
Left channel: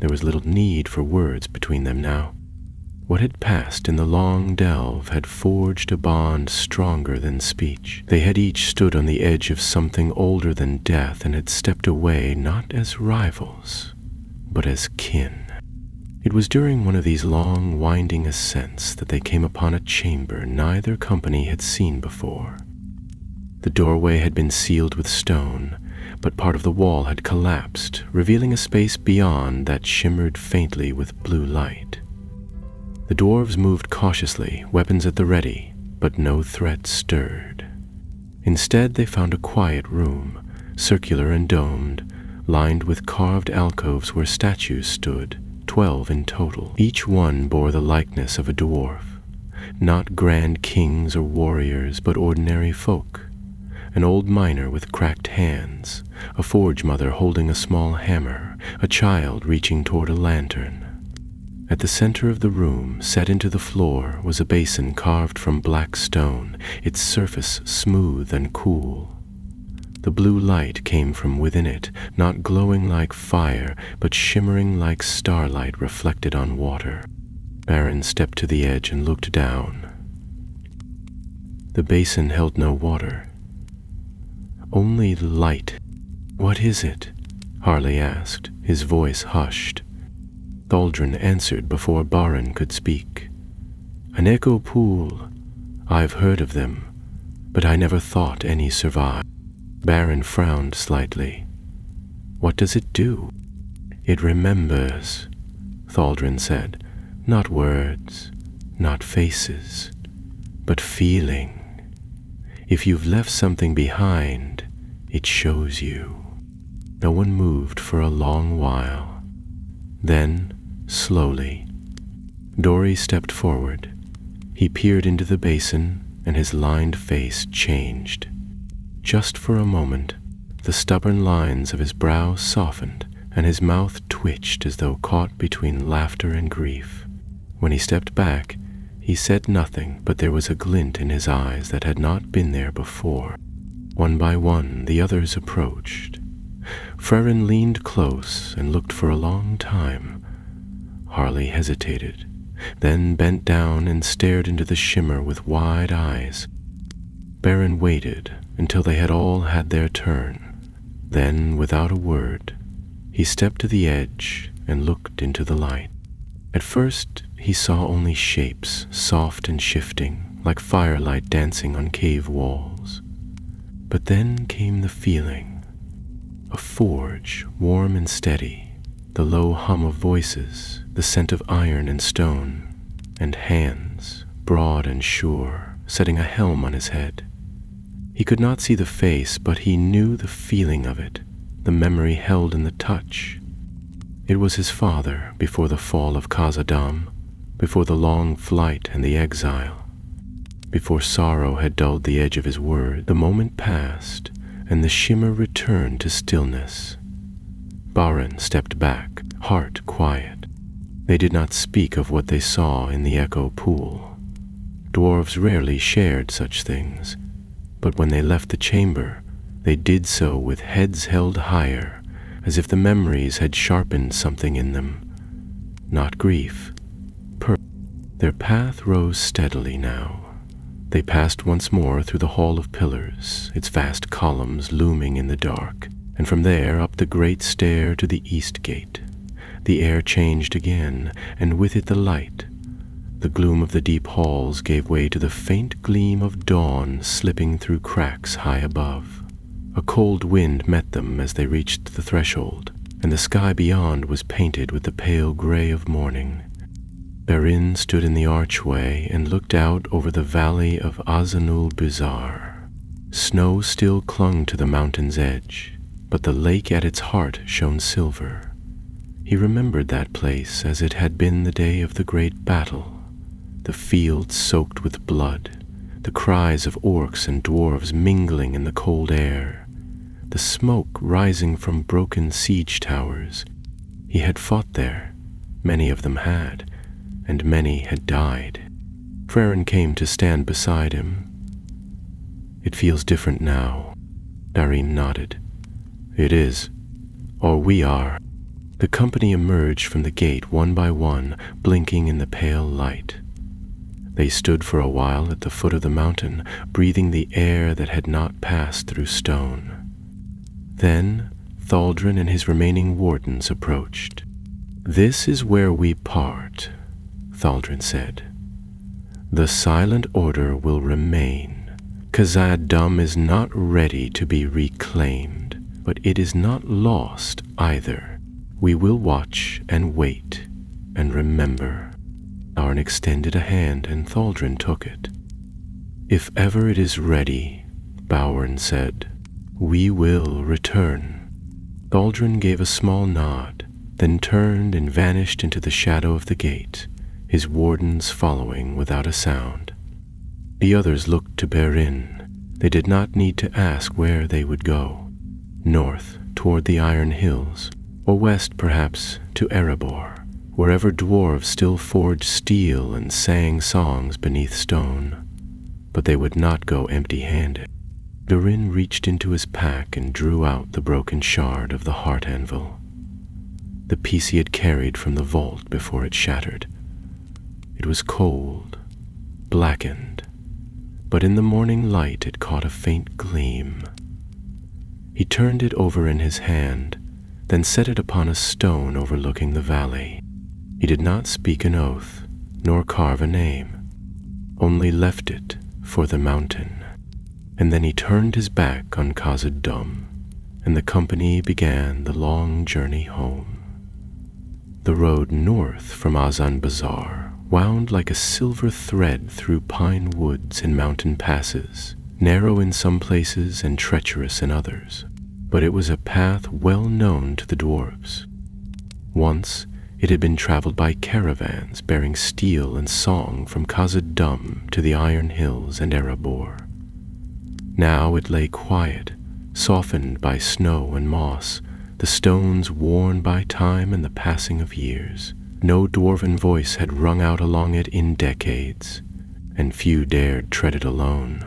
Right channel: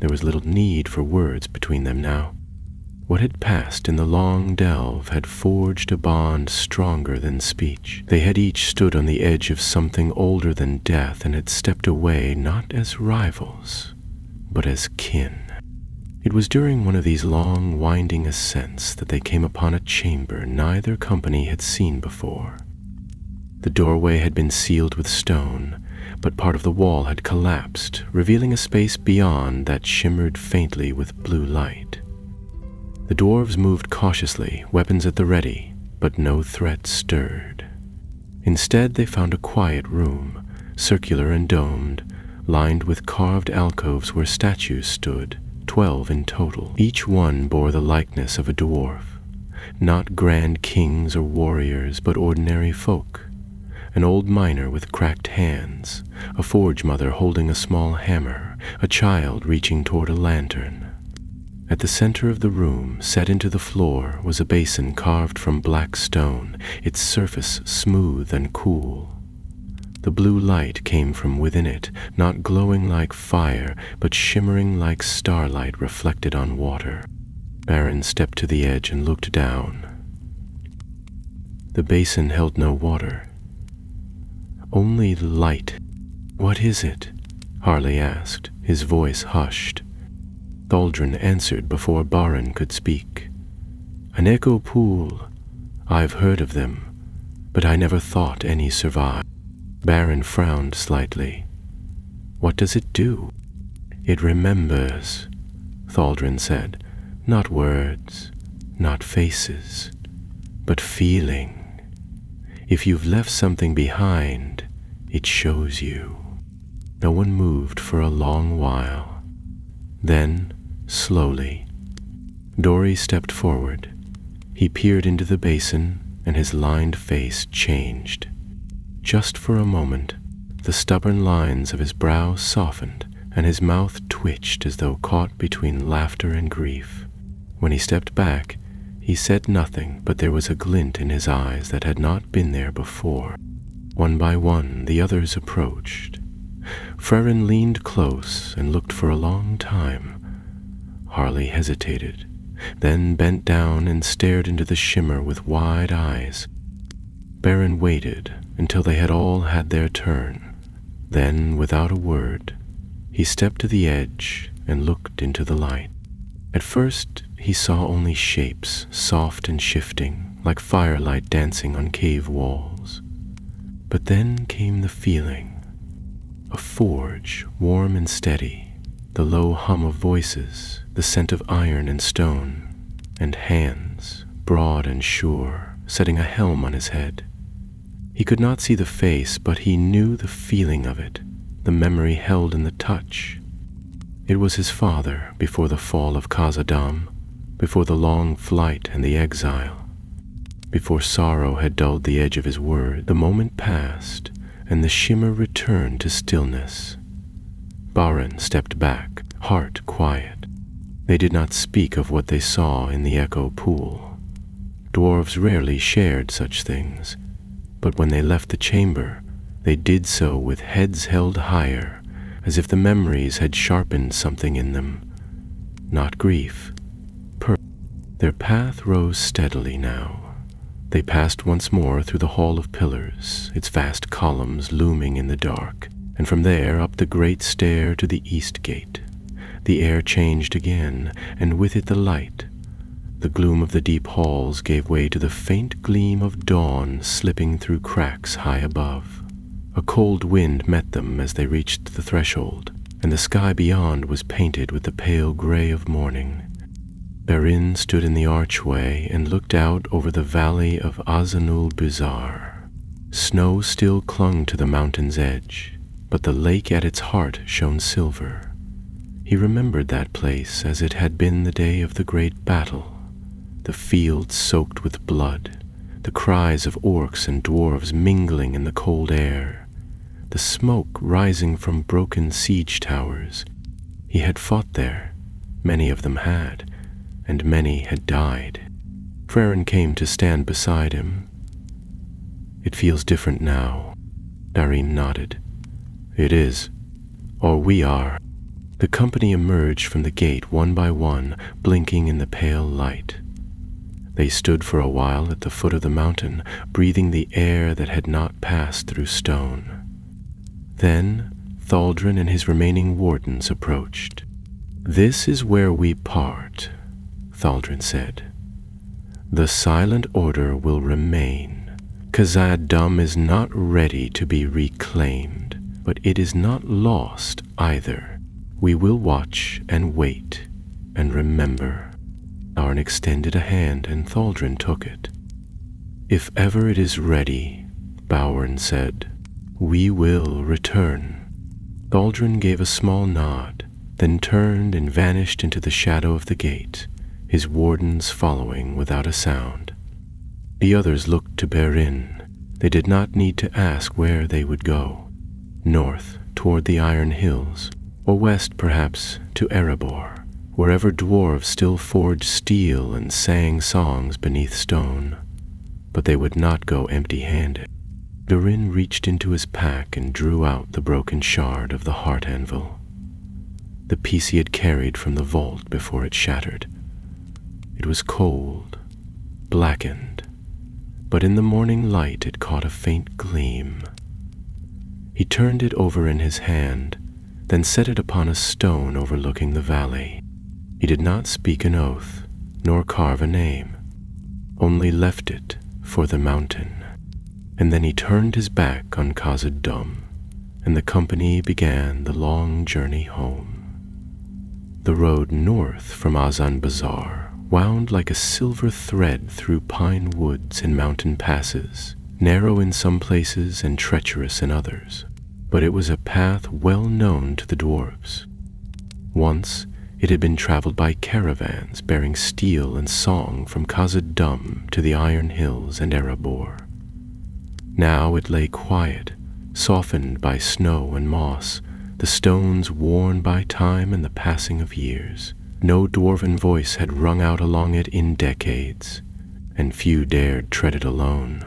There was little need for words between them now. What had passed in the long delve had forged a bond stronger than speech. They had each stood on the edge of something older than death and had stepped away not as rivals, but as kin. It was during one of these long, winding ascents that they came upon a chamber neither company had seen before. The doorway had been sealed with stone, but part of the wall had collapsed, revealing a space beyond that shimmered faintly with blue light. The dwarves moved cautiously, weapons at the ready, but no threat stirred. Instead, they found a quiet room, circular and domed, lined with carved alcoves where statues stood, 12 in total. Each one bore the likeness of a dwarf, not grand kings or warriors, but ordinary folk. An old miner with cracked hands, a forge mother holding a small hammer, a child reaching toward a lantern. At the center of the room, set into the floor, was a basin carved from black stone, its surface smooth and cool. The blue light came from within it, not glowing like fire, but shimmering like starlight reflected on water. Beren stepped to the edge and looked down. The basin held no water, only light. "What is it?" Harley asked, his voice hushed. Thaldrun answered before Beren could speak. "An echo pool. I've heard of them, but I never thought any survived." Beren frowned slightly. "What does it do?" "It remembers," Thaldrun said. "Not words, not faces, but feeling. If you've left something behind, it shows you." No one moved for a long while. Then, slowly, Dori stepped forward. He peered into the basin, and his lined face changed. Just for a moment, the stubborn lines of his brow softened, and his mouth twitched as though caught between laughter and grief. When he stepped back, he said nothing, but there was a glint in his eyes that had not been there before. One by one, the others approached. Frerin leaned close and looked for a long time. Harley hesitated, then bent down and stared into the shimmer with wide eyes. Beren waited until they had all had their turn. Then, without a word, he stepped to the edge and looked into the light. At first, he saw only shapes, soft and shifting, like firelight dancing on cave walls. But then came the feeling. A forge, warm and steady, the low hum of voices, the scent of iron and stone, and hands, broad and sure, setting a helm on his head. He could not see the face, but he knew the feeling of it, the memory held in the touch. It was his father before the fall of Khazad-dûm, before the long flight and the exile. Before sorrow had dulled the edge of his word, the moment passed, and the shimmer returned to stillness. Beren stepped back, heart quiet. They did not speak of what they saw in the echo pool. Dwarves rarely shared such things, but when they left the chamber, they did so with heads held higher, as if the memories had sharpened something in them. Not grief. Their path rose steadily now. They passed once more through the Hall of Pillars, its vast columns looming in the dark, and from there up the great stair to the east gate. The air changed again, and with it the light. The gloom of the deep halls gave way to the faint gleam of dawn slipping through cracks high above. A cold wind met them as they reached the threshold, and the sky beyond was painted with the pale gray of morning. Berin stood in the archway and looked out over the valley of Azanul-Bizar. Snow still clung to the mountain's edge, but the lake at its heart shone silver. He remembered that place as it had been the day of the great battle. The fields soaked with blood, the cries of orcs and dwarves mingling in the cold air, the smoke rising from broken siege towers. He had fought there, many of them had, and many had died. Frerin came to stand beside him. "It feels different now." Darim nodded. "It is. Or we are." The company emerged from the gate one by one, blinking in the pale light. They stood for a while at the foot of the mountain, breathing the air that had not passed through stone. Then Thaldrin and his remaining wardens approached. "This is where we part," Thaldrin said. "The Silent Order will remain. Khazad-dûm is not ready to be reclaimed, but it is not lost either. We will watch and wait and remember." Arn extended a hand, and Thaldrin took it. "If ever it is ready," Bowern said, "we will return." Thaldrin gave a small nod, then turned and vanished into the shadow of the gate, his wardens following without a sound. The others looked to Berin. They did not need to ask where they would go. North, toward the Iron Hills, or west, perhaps, to Erebor, wherever dwarves still forged steel and sang songs beneath stone. But they would not go empty-handed. Durin reached into his pack and drew out the broken shard of the heart anvil, the piece he had carried from the vault before it shattered. It was cold, blackened, but in the morning light it caught a faint gleam. He turned it over in his hand, then set it upon a stone overlooking the valley. He did not speak an oath, nor carve a name, only left it for the mountain. And then he turned his back on Khazad-dûm, and the company began the long journey home. The road north from Azan-Bazar wound like a silver thread through pine woods and mountain passes, narrow in some places and treacherous in others, but it was a path well known to the dwarves. Once it had been traveled by caravans bearing steel and song from Khazad-dûm to the Iron Hills and Erebor. Now it lay quiet, softened by snow and moss, the stones worn by time and the passing of years. No dwarven voice had rung out along it in decades, and few dared tread it alone.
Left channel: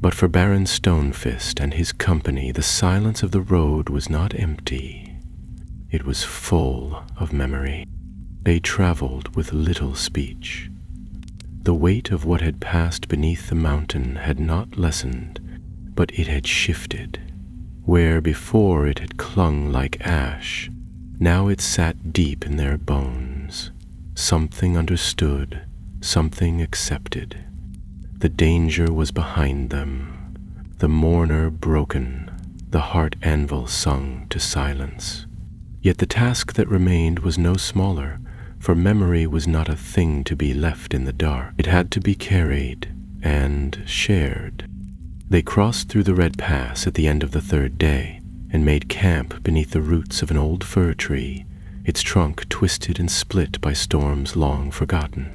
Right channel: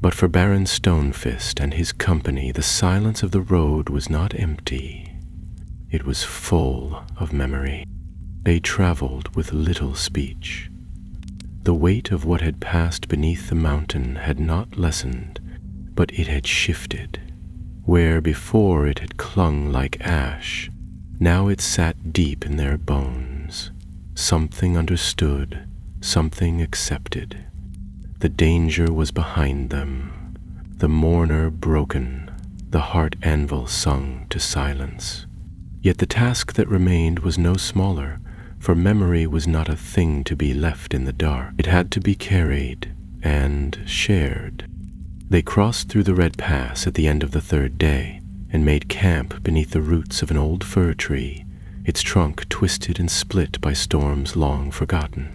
But for Baron Stonefist and his company, the silence of the road was not empty. It was full of memory. They traveled with little speech. The weight of what had passed beneath the mountain had not lessened, but it had shifted. Where before it had clung like ash, now it sat deep in their bones. Something understood, something accepted. The danger was behind them, the mourner broken, the heart anvil sung to silence. Yet the task that remained was no smaller, for memory was not a thing to be left in the dark. It had to be carried and shared. They crossed through the Red Pass at the end of the third day, and made camp beneath the roots of an old fir tree, its trunk twisted and split by storms long forgotten.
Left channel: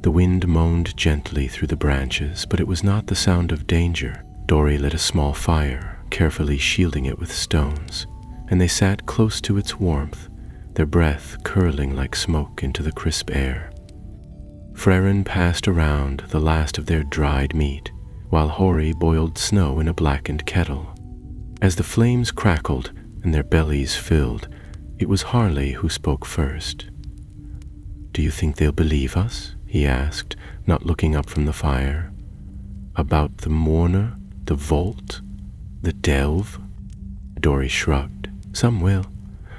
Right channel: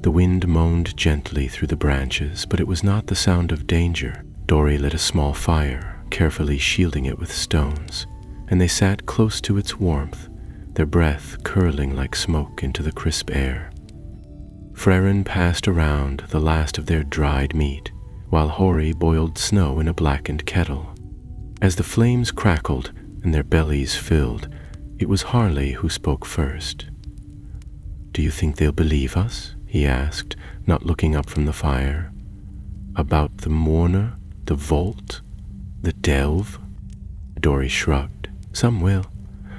The wind moaned gently through the branches, but it was not the sound of danger. Dori lit a small fire, carefully shielding it with stones, and they sat close to its warmth, their breath curling like smoke into the crisp air. Frerin passed around the last of their dried meat, while Hori boiled snow in a blackened kettle. As the flames crackled and their bellies filled, it was Harley who spoke first. "Do you think they'll believe us?" he asked, not looking up from the fire. About the mourner, the vault, the delve? Dory shrugged. Some will.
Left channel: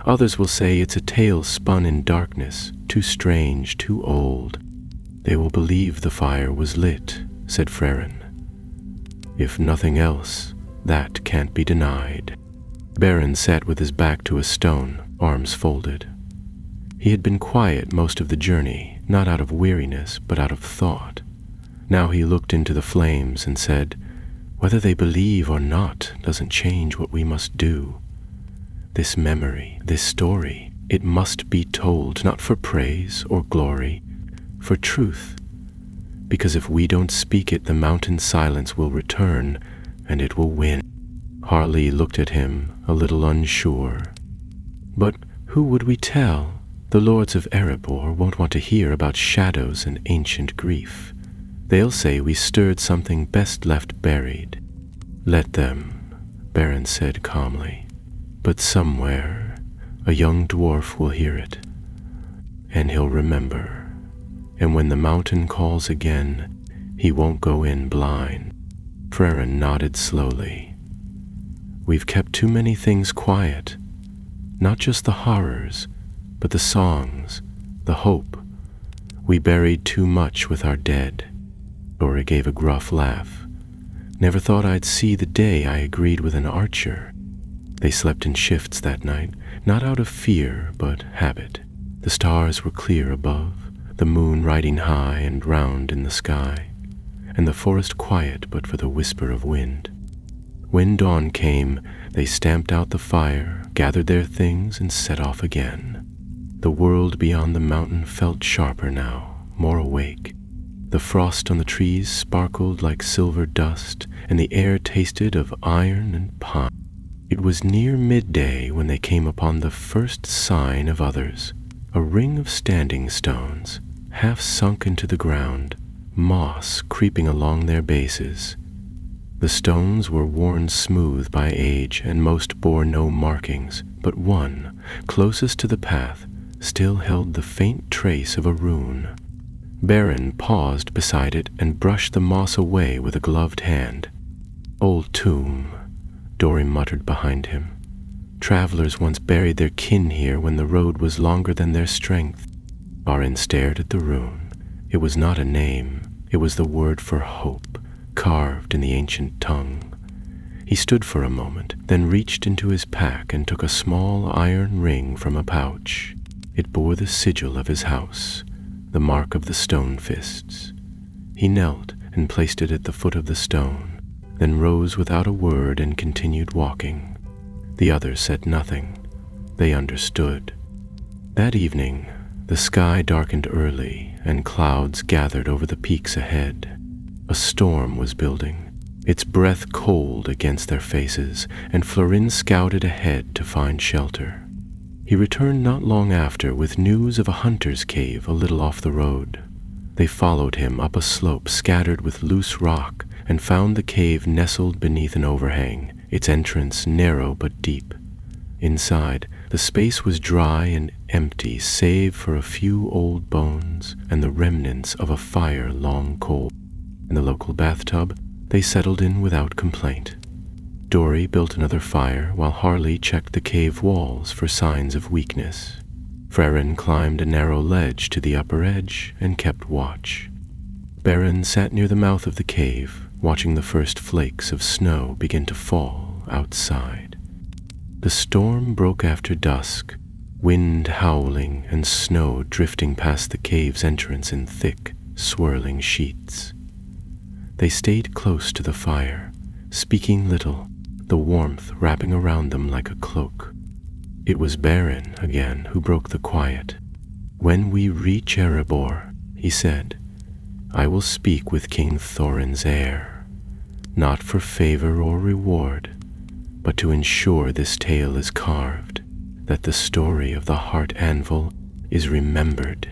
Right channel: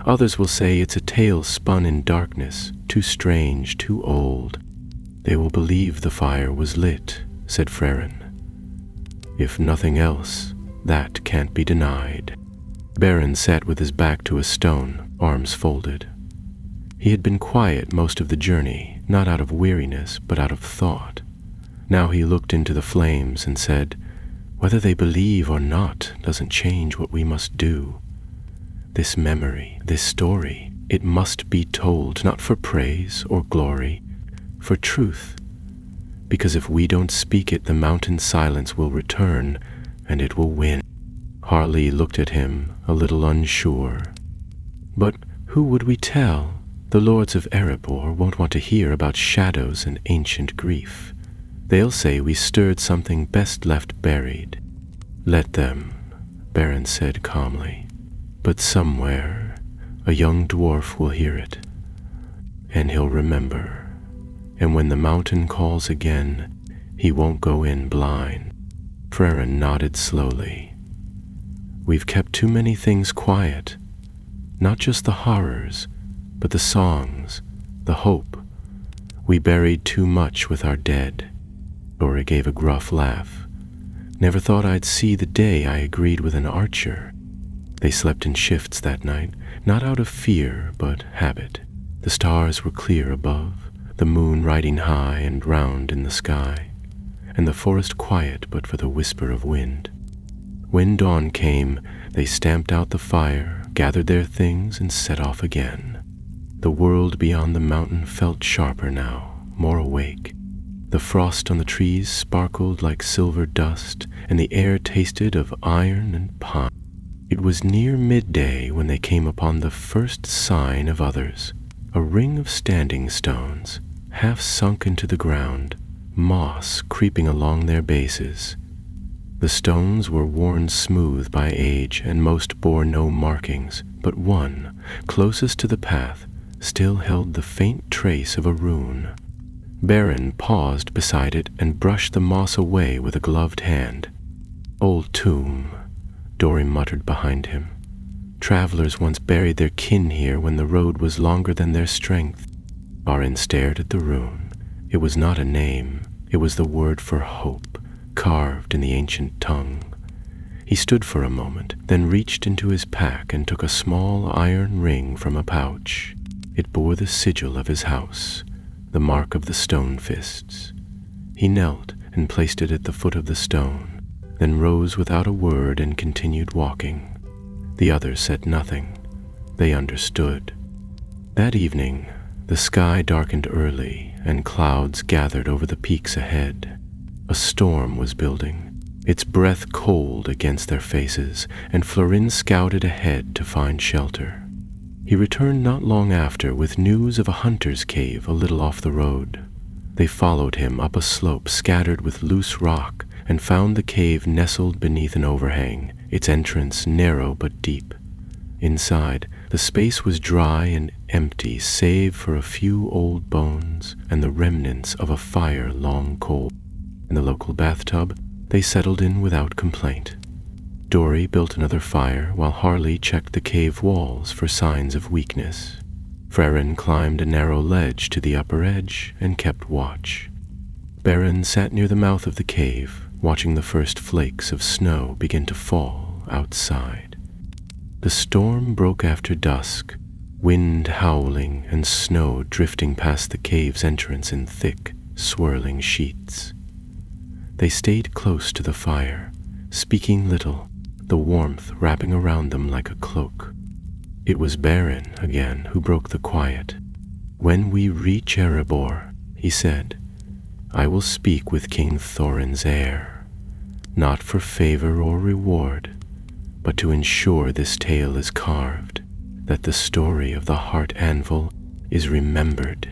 Others will say it's a tale spun in darkness, too strange, too old. They will believe the fire was lit, said Frerin. If nothing else, that can't be denied. Beren sat with his back to a stone, arms folded. He had been quiet most of the journey, not out of weariness, but out of thought. Now he looked into the flames and said, "Whether they believe or not doesn't change what we must do. This memory, this story, it must be told, not for praise or glory, for truth. Because if we don't speak it, the mountain silence will return, and it will win." Harley looked at him, a little unsure. "But who would we tell? The lords of Erebor won't want to hear about shadows and ancient grief. They'll say we stirred something best left buried." "Let them," Beren said calmly. "But somewhere, a young dwarf will hear it, and he'll remember. And when the mountain calls again, he won't go in blind." Frerin nodded slowly. "We've kept too many things quiet, not just the horrors, but the songs, the hope. We buried too much with our dead." Dory gave a gruff laugh. "Never thought I'd see the day I agreed with an archer." They slept in shifts that night, not out of fear, but habit. The stars were clear above, the moon riding high and round in the sky, and the forest quiet but for the whisper of wind. When dawn came, they stamped out the fire, gathered their things, and set off again. The world beyond the mountain felt sharper now, more awake. The frost on the trees sparkled like silver dust, and the air tasted of iron and pine. It was near midday when they came upon the first sign of others, a ring of standing stones, half sunk into the ground, moss creeping along their bases. The stones were worn smooth by age, and most bore no markings, but one, closest to the path, still held the faint trace of a rune. Beren paused beside it and brushed the moss away with a gloved hand. "Old tomb," Dory muttered behind him. "Travelers once buried their kin here when the road was longer than their strength." Arin stared at the rune. It was not a name. It was the word for hope, carved in the ancient tongue. He stood for a moment, then reached into his pack and took a small iron ring from a pouch. It bore the sigil of his house, the mark of the stone fists. He knelt and placed it at the foot of the stone, then rose without a word and continued walking. The others said nothing. They understood. That evening, the sky darkened early, and clouds gathered over the peaks ahead. A storm was building, its breath cold against their faces, and Florin scouted ahead to find shelter. He returned not long after with news of a hunter's cave a little off the road. They followed him up a slope scattered with loose rock and found the cave nestled beneath an overhang, its entrance narrow but deep. Inside, the space was dry and empty save for a few old bones and the remnants of a fire long cold. In the local bathtub, they settled in without complaint. Dory built another fire while Harley checked the cave walls for signs of weakness. Frerin climbed a narrow ledge to the upper edge and kept watch. Beren sat near the mouth of the cave, watching the first flakes of snow begin to fall outside. The storm broke after dusk, wind howling and snow drifting past the cave's entrance in thick, swirling sheets. They stayed close to the fire, speaking little, the warmth wrapping around them like a cloak. It was Beren again who broke the quiet. "When we reach Erebor," he said, "I will speak with King Thorin's heir, not for favor or reward, but to ensure this tale is carved, that the story of the heart anvil is remembered."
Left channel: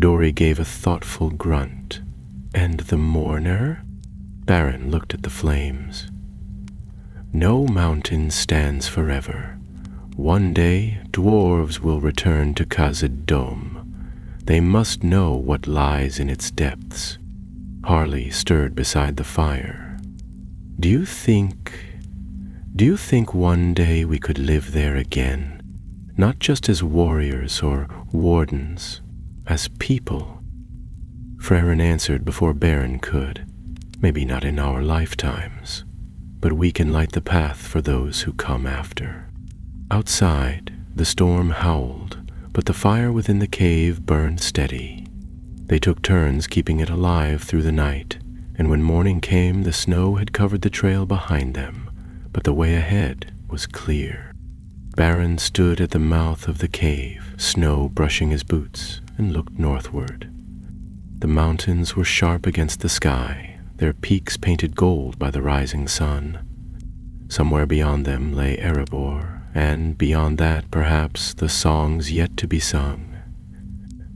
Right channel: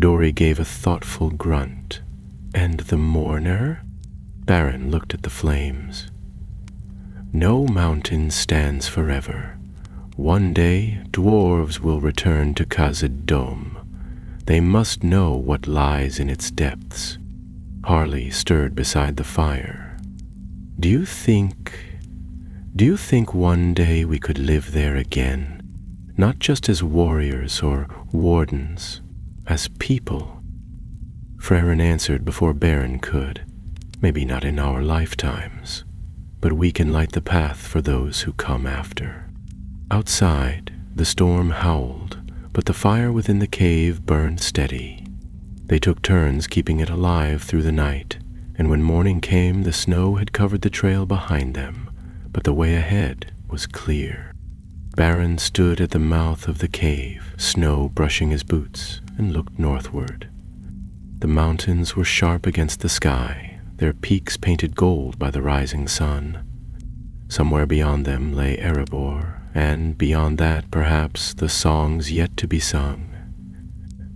Dory gave a thoughtful grunt. "And the mourner?" Beren looked at the flames. "No mountain stands forever. One day, dwarves will return to Khazad-dûm. They must know what lies in its depths. Harley stirred beside the fire. Do you think one day we could live there again? Not just as warriors or wardens, as people?" Freyrin answered before Beren could. "Maybe not in our lifetimes, but we can light the path for those who come after." Outside, the storm howled, but the fire within the cave burned steady. They took turns keeping it alive through the night, and when morning came, the snow had covered the trail behind them, but the way ahead was clear. Beren stood at the mouth of the cave, snow brushing his boots, and looked northward. The mountains were sharp against the sky, their peaks painted gold by the rising sun. Somewhere beyond them lay Erebor, and beyond that, perhaps, the songs yet to be sung.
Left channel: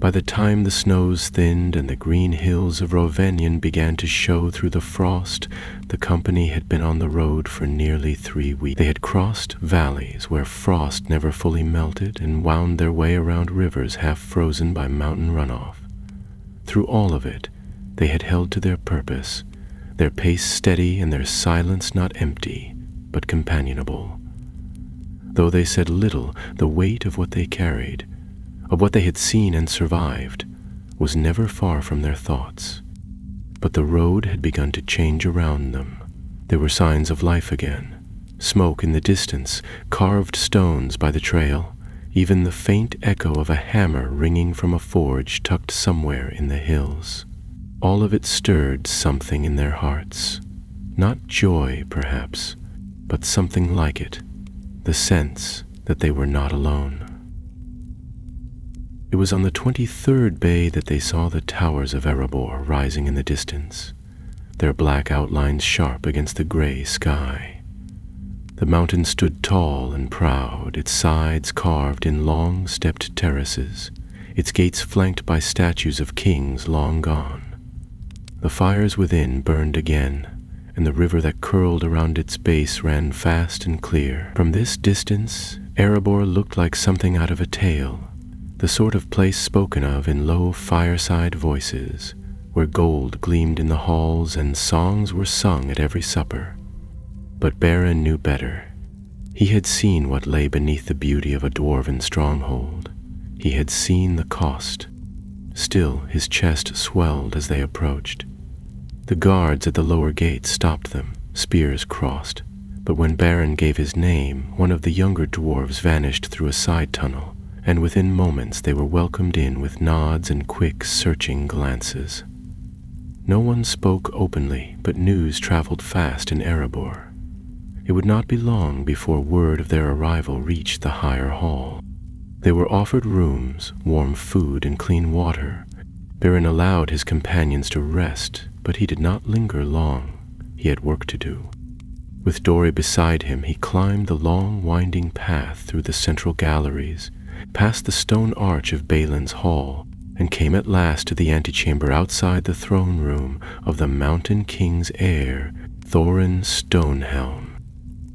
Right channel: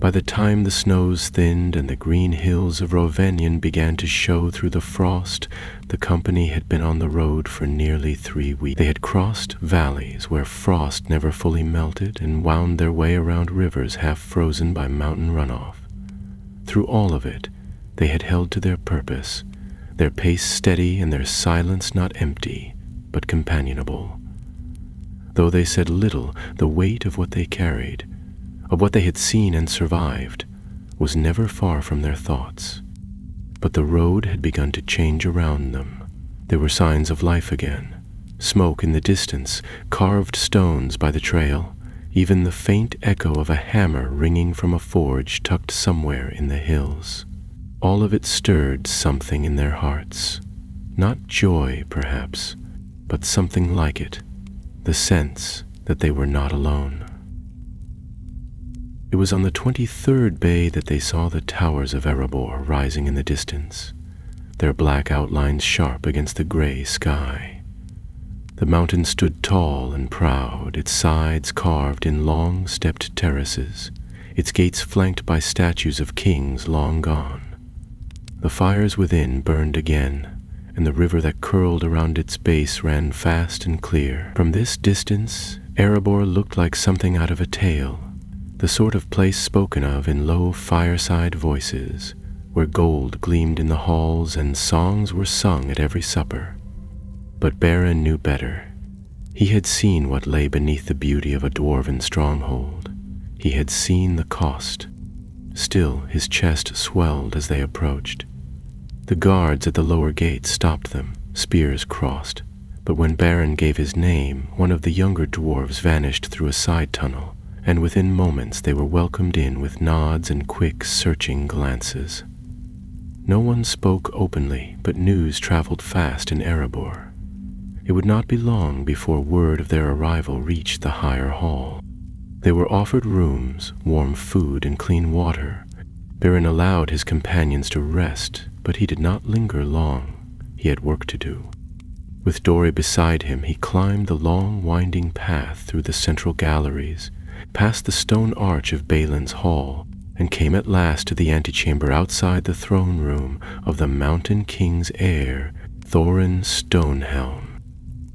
By the time the snows thinned and the green hills of Rovanion began to show through the frost, the company had been on the road for nearly 3 weeks. They had crossed valleys where frost never fully melted and wound their way around rivers half frozen by mountain runoff. Through all of it, they had held to their purpose, their pace steady and their silence not empty, but companionable. Though they said little, the weight of what they carried, of what they had seen and survived, was never far from their thoughts. But the road had begun to change around them. There were signs of life again. Smoke in the distance, carved stones by the trail, even the faint echo of a hammer ringing from a forge tucked somewhere in the hills. All of it stirred something in their hearts. Not joy, perhaps, but something like it, the sense that they were not alone. It was on the 23rd bay that they saw the towers of Erebor rising in the distance, their black outlines sharp against the gray sky. The mountain stood tall and proud, its sides carved in long stepped terraces, its gates flanked by statues of kings long gone. The fires within burned again, and the river that curled around its base ran fast and clear. From this distance, Erebor looked like something out of a tale, the sort of place spoken of in low fireside voices, where gold gleamed in the halls and songs were sung at every supper. But Beren knew better. He had seen what lay beneath the beauty of a dwarven stronghold. He had seen the cost. Still, his chest swelled as they approached. The guards at the lower gate stopped them, spears crossed, but when Beren gave his name, one of the younger dwarves vanished through a side tunnel, and within moments they were welcomed in with nods and quick, searching glances. No one spoke openly, but news traveled fast in Erebor. It would not be long before word of their arrival reached the higher hall. They were offered rooms, warm food, and clean water. Beren allowed his companions to rest, but he did not linger long. He had work to do. With Dori beside him, he climbed the long, winding path through the central galleries, past the stone arch of Balin's hall, and came at last to the antechamber outside the throne room of the Mountain King's heir, Thorin Stonehelm.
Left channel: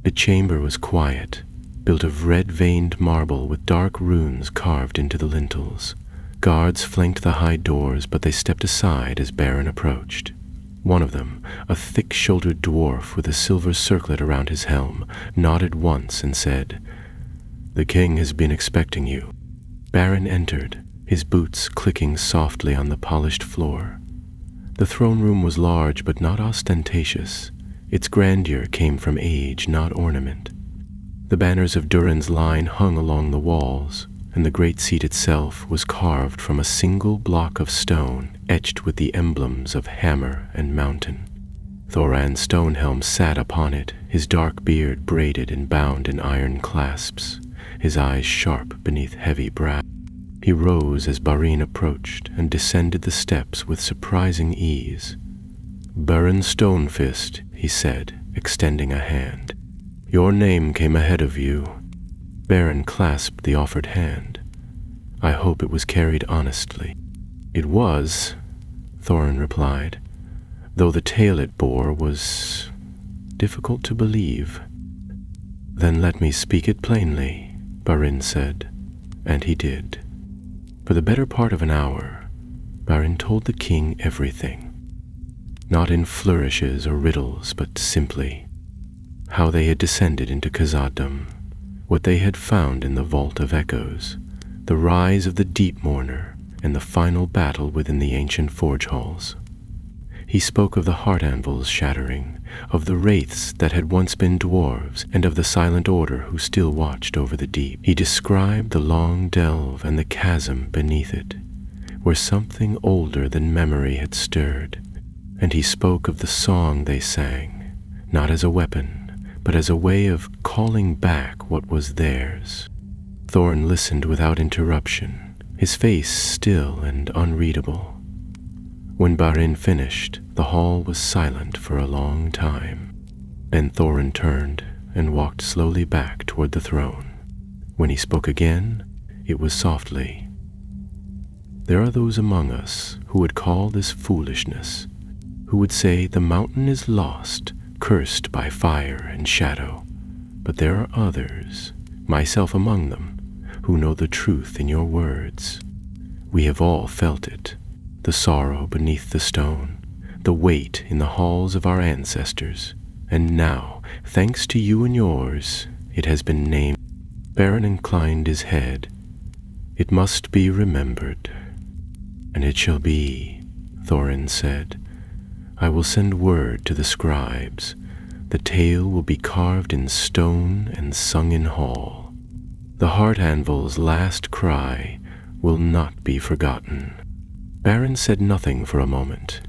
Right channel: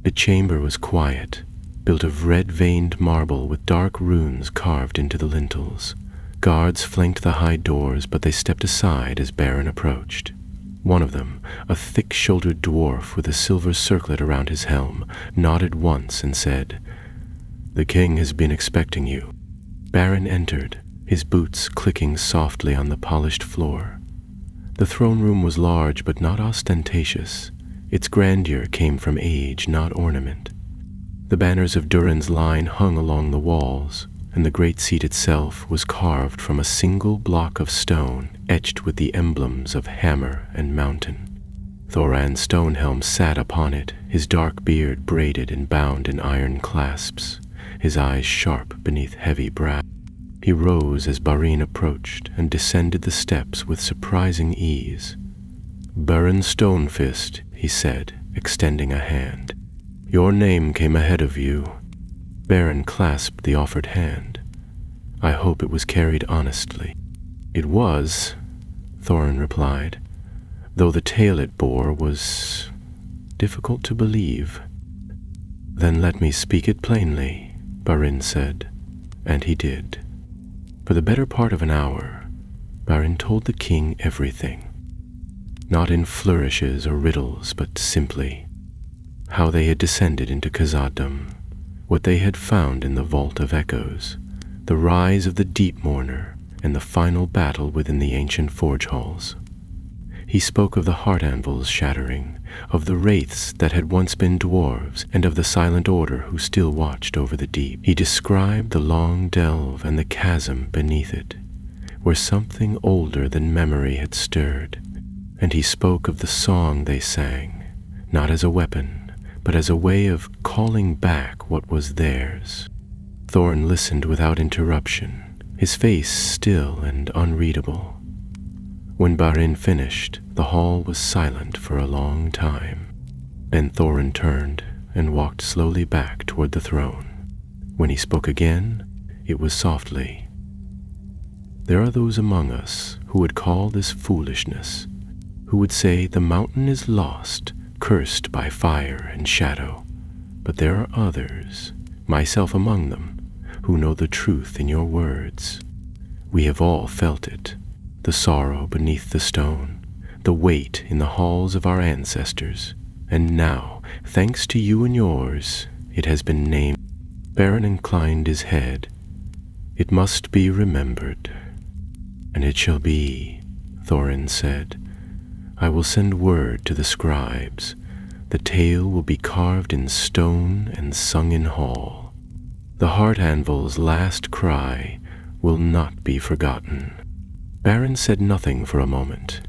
The chamber was quiet, built of red-veined marble with dark runes carved into the lintels. Guards flanked the high doors, but they stepped aside as Beren approached. One of them, a thick-shouldered dwarf with a silver circlet around his helm, nodded once and said, "The king has been expecting you." Beren entered, his boots clicking softly on the polished floor. The throne room was large but not ostentatious. Its grandeur came from age, not ornament. The banners of Durin's line hung along the walls, and the great seat itself was carved from a single block of stone etched with the emblems of hammer and mountain. Thorin Stonehelm sat upon it, his dark beard braided and bound in iron clasps, his eyes sharp beneath heavy brow. He rose as Barin approached and descended the steps with surprising ease. "Beren Stonefist," he said, extending a hand. "Your name came ahead of you." Beren clasped the offered hand. "I hope it was carried honestly." "It was," Thorin replied, "though the tale it bore was difficult to believe." "Then let me speak it plainly," Barin said, and he did. For the better part of an hour, Barin told the king everything. not in flourishes or riddles, but simply how they had descended into Khazad-dûm, what they had found in the Vault of Echoes, the rise of the Deep Mourner, and the final battle within the ancient forge halls. He spoke of the heart anvils shattering, of the wraiths that had once been dwarves, and of the silent order who still watched over the deep. He described the long delve and the chasm beneath it, where something older than memory had stirred, and he spoke of the song they sang, not as a weapon, but as a way of calling back what was theirs. Thorin listened without interruption, his face still and unreadable. When Barin finished, the hall was silent for a long time. Then Thorin turned and walked slowly back toward the throne. When he spoke again, it was softly. There are those among us who would call this foolishness, who would say the mountain is lost, cursed by fire and shadow. But there are others, myself among them, who know the truth in your words. We have all felt it, the sorrow beneath the stone, the weight in the halls of our ancestors, and now, thanks to you and yours, it has been named. Beren inclined his head. It must be remembered. And it shall be, Thorin said. I will send word to the scribes. The tale will be carved in stone and sung in hall. The heart anvil's last cry will not be forgotten. Beren said nothing for a moment.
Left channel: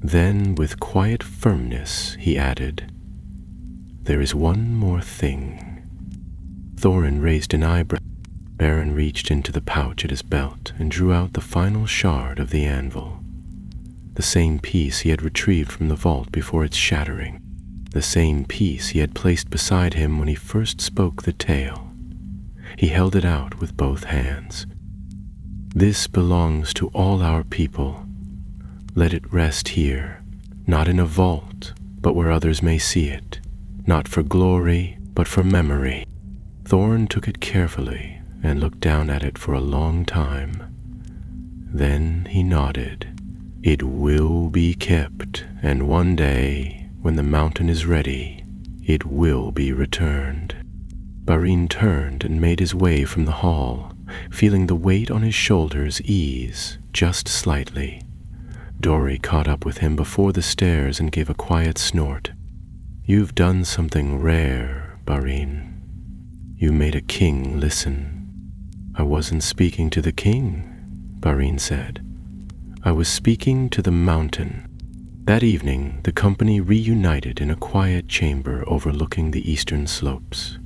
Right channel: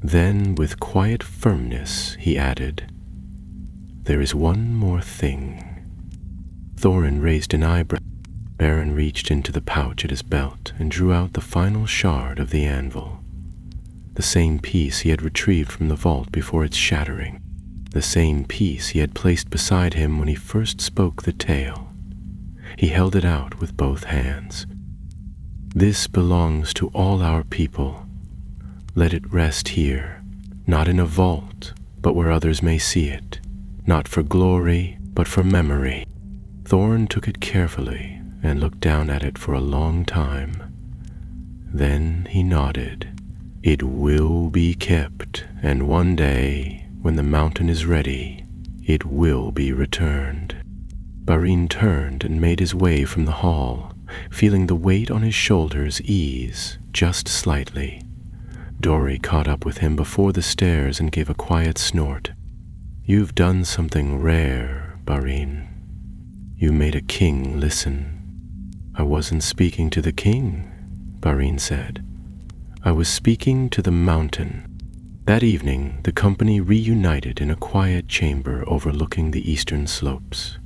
Then, with quiet firmness, he added, There is one more thing. Thorin raised an eyebrow. Beren reached into the pouch at his belt and drew out the final shard of the anvil. The same piece he had retrieved from the vault before its shattering. The same piece he had placed beside him when he first spoke the tale. He held it out with both hands. This belongs to all our people. Let it rest here, not in a vault, but where others may see it, not for glory, but for memory. Thorin took it carefully and looked down at it for a long time. Then he nodded. It will be kept, and one day, when the mountain is ready, it will be returned. Barin turned and made his way from the hall, feeling the weight on his shoulders ease just slightly. Dori caught up with him before the stairs and gave a quiet snort. You've done something rare, Barin. You made a king listen. I wasn't speaking to the king, Barin said. I was speaking to the mountain. That evening, the company reunited in a quiet chamber overlooking the eastern slopes.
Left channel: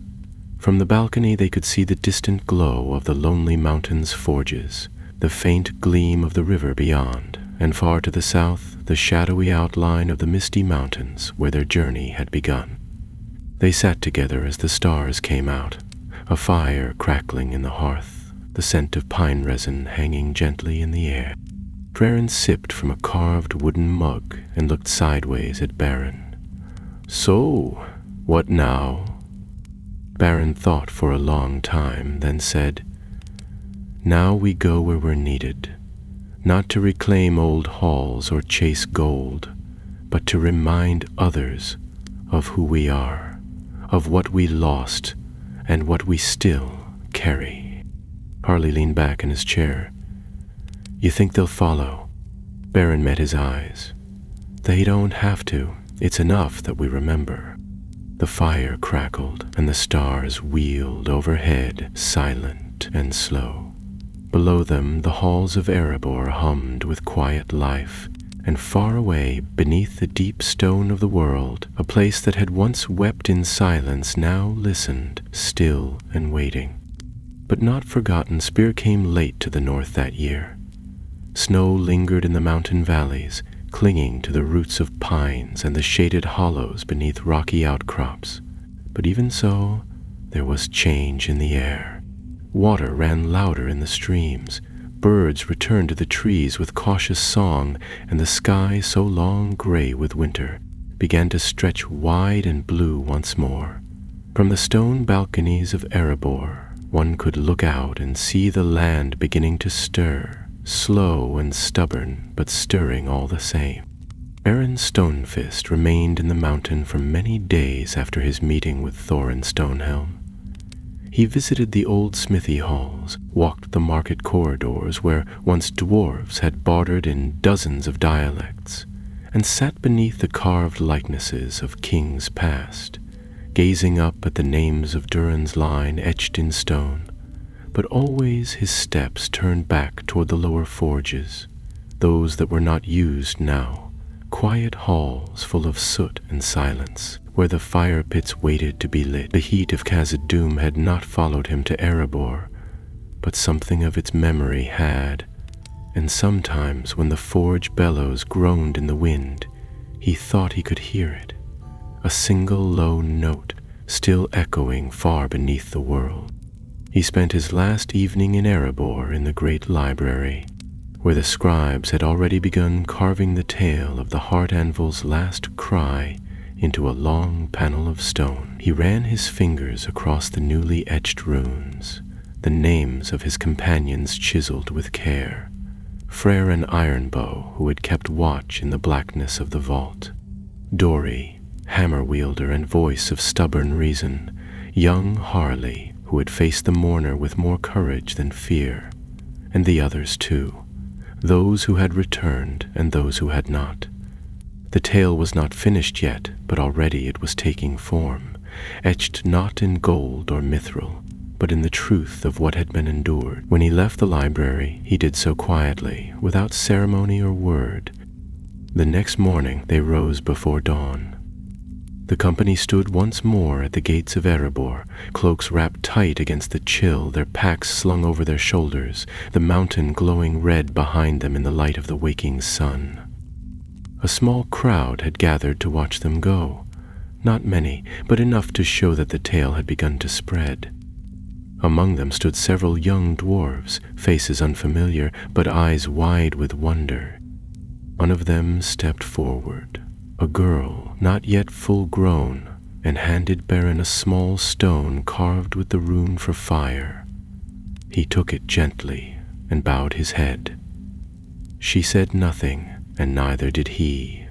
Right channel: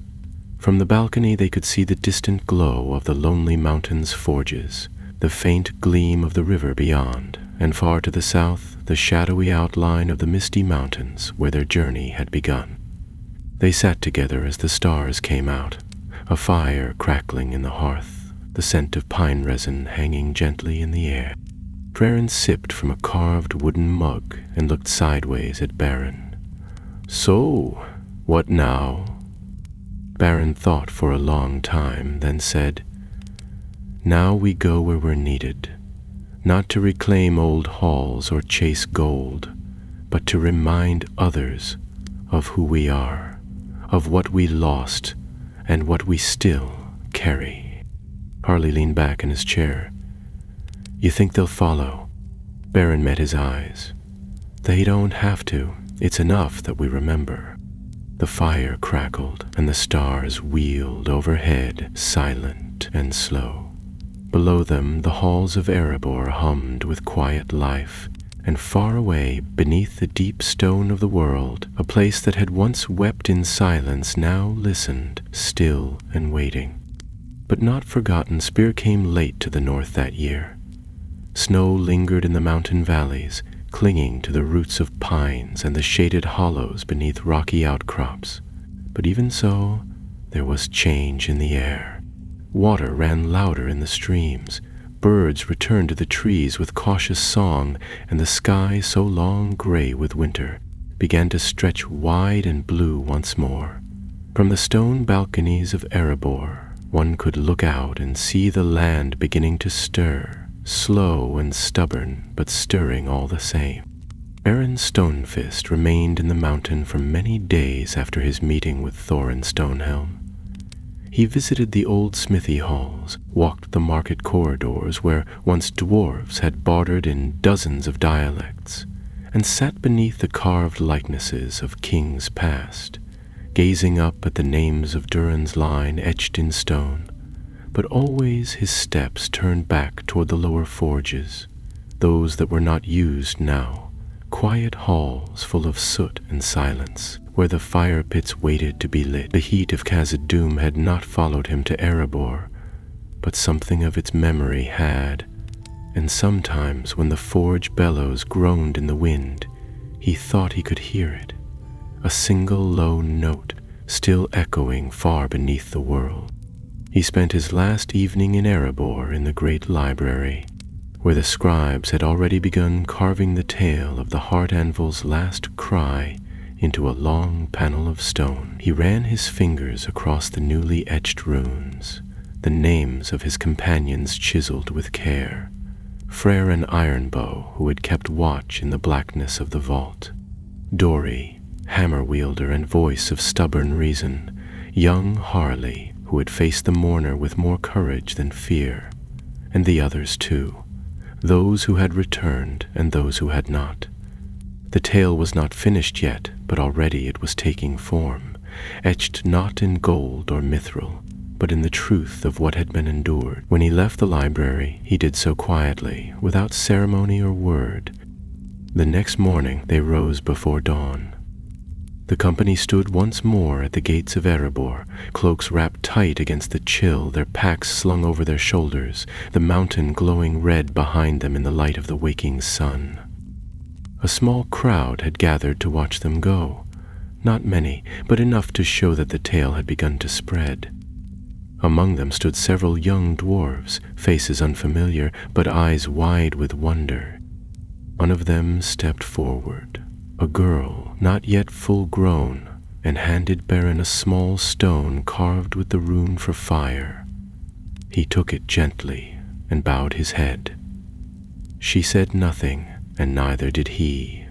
From the balcony they could see the distant glow of the lonely mountain's forges, the faint gleam of the river beyond, and far to the south, the shadowy outline of the misty mountains where their journey had begun. They sat together as the stars came out, a fire crackling in the hearth, the scent of pine resin hanging gently in the air. Beren sipped from a carved wooden mug and looked sideways at Beren. So, what now? Beren thought for a long time, then said, Now we go where we're needed, not to reclaim old halls or chase gold, but to remind others of who we are, of what we lost, and what we still carry. Harley leaned back in his chair. You think they'll follow? Beren met his eyes. They don't have to. It's enough that we remember. The fire crackled, and the stars wheeled overhead, silent and slow. Below them, the halls of Erebor hummed with quiet life, and far away, beneath the deep stone of the world, a place that had once wept in silence now listened, still and waiting. But not forgotten, Spear came late to the north that year. Snow lingered in the mountain valleys, clinging to the roots of pines and the shaded hollows beneath rocky outcrops. But even so, there was change in the air. Water ran louder in the streams, birds returned to the trees with cautious song, and the sky, so long gray with winter, began to stretch wide and blue once more. From the stone balconies of Erebor, one could look out and see the land beginning to stir, slow and stubborn, but stirring all the same. Aaron Stonefist remained in the mountain for many days after his meeting with Thorin Stonehelm. He visited the old smithy halls, walked the market corridors where once dwarves had bartered in dozens of dialects, and sat beneath the carved likenesses of kings past, gazing up at the names of Durin's line etched in stone, but always his steps turned back toward the lower forges, those that were not used now, quiet halls full of soot and silence, where the fire pits waited to be lit. The heat of Khazad-dûm had not followed him to Erebor, but something of its memory had, and sometimes when the forge bellows groaned in the wind, he thought he could hear it, a single low note still echoing far beneath the world. He spent his last evening in Erebor in the great library, where the scribes had already begun carving the tale of the heart anvil's last cry into a long panel of stone. He ran his fingers across the newly etched runes, the names of his companions chiseled with care, Frere and Ironbow, who had kept watch in the blackness of the vault, Dori, hammer wielder and voice of stubborn reason, young Harley, who had faced the mourner with more courage than fear, and the others too, those who had returned and those who had not. The tale was not finished yet, but already it was taking form, etched not in gold or mithril, but in the truth of what had been endured. When he left the library, he did so quietly, without ceremony or word. The next morning they rose before dawn. The company stood once more at the gates of Erebor, cloaks wrapped tight against the chill, their packs slung over their shoulders, the mountain glowing red behind them in the light of the waking sun. A small crowd had gathered to watch them go, not many, but enough to show that the tale had begun to spread. Among them stood several young dwarves, faces unfamiliar, but eyes wide with wonder. One of them stepped forward, a girl, not yet full grown, and handed Beren a small stone carved with the rune for fire. He took it gently and bowed his head. She said nothing, and neither did he,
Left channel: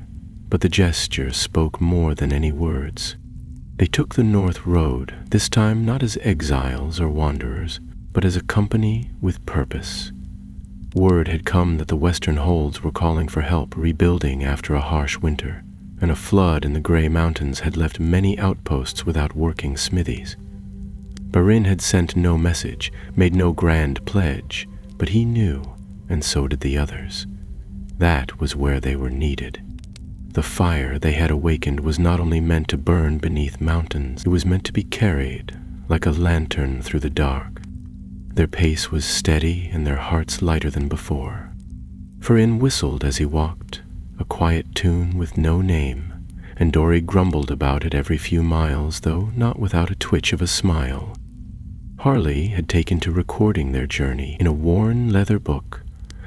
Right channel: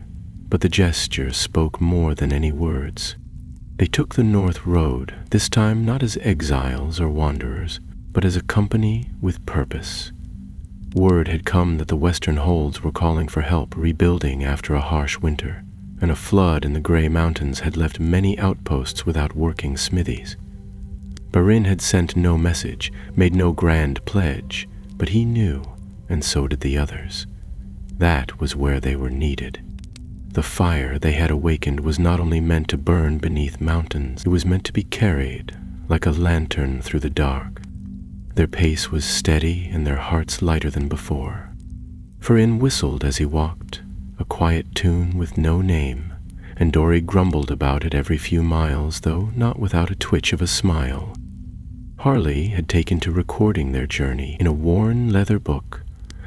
but the gesture spoke more than any words. They took the north road, this time not as exiles or wanderers, but as a company with purpose. Word had come that the western holds were calling for help rebuilding after a harsh winter, and a flood in the Grey Mountains had left many outposts without working smithies. Beren had sent no message, made no grand pledge, but he knew, and so did the others. That was where they were needed. The fire they had awakened was not only meant to burn beneath mountains, it was meant to be carried like a lantern through the dark. Their pace was steady and their hearts lighter than before. Farin whistled as he walked, a quiet tune with no name, and Dori grumbled about it every few miles, though not without a twitch of a smile. Harley had taken to recording their journey in a worn leather book,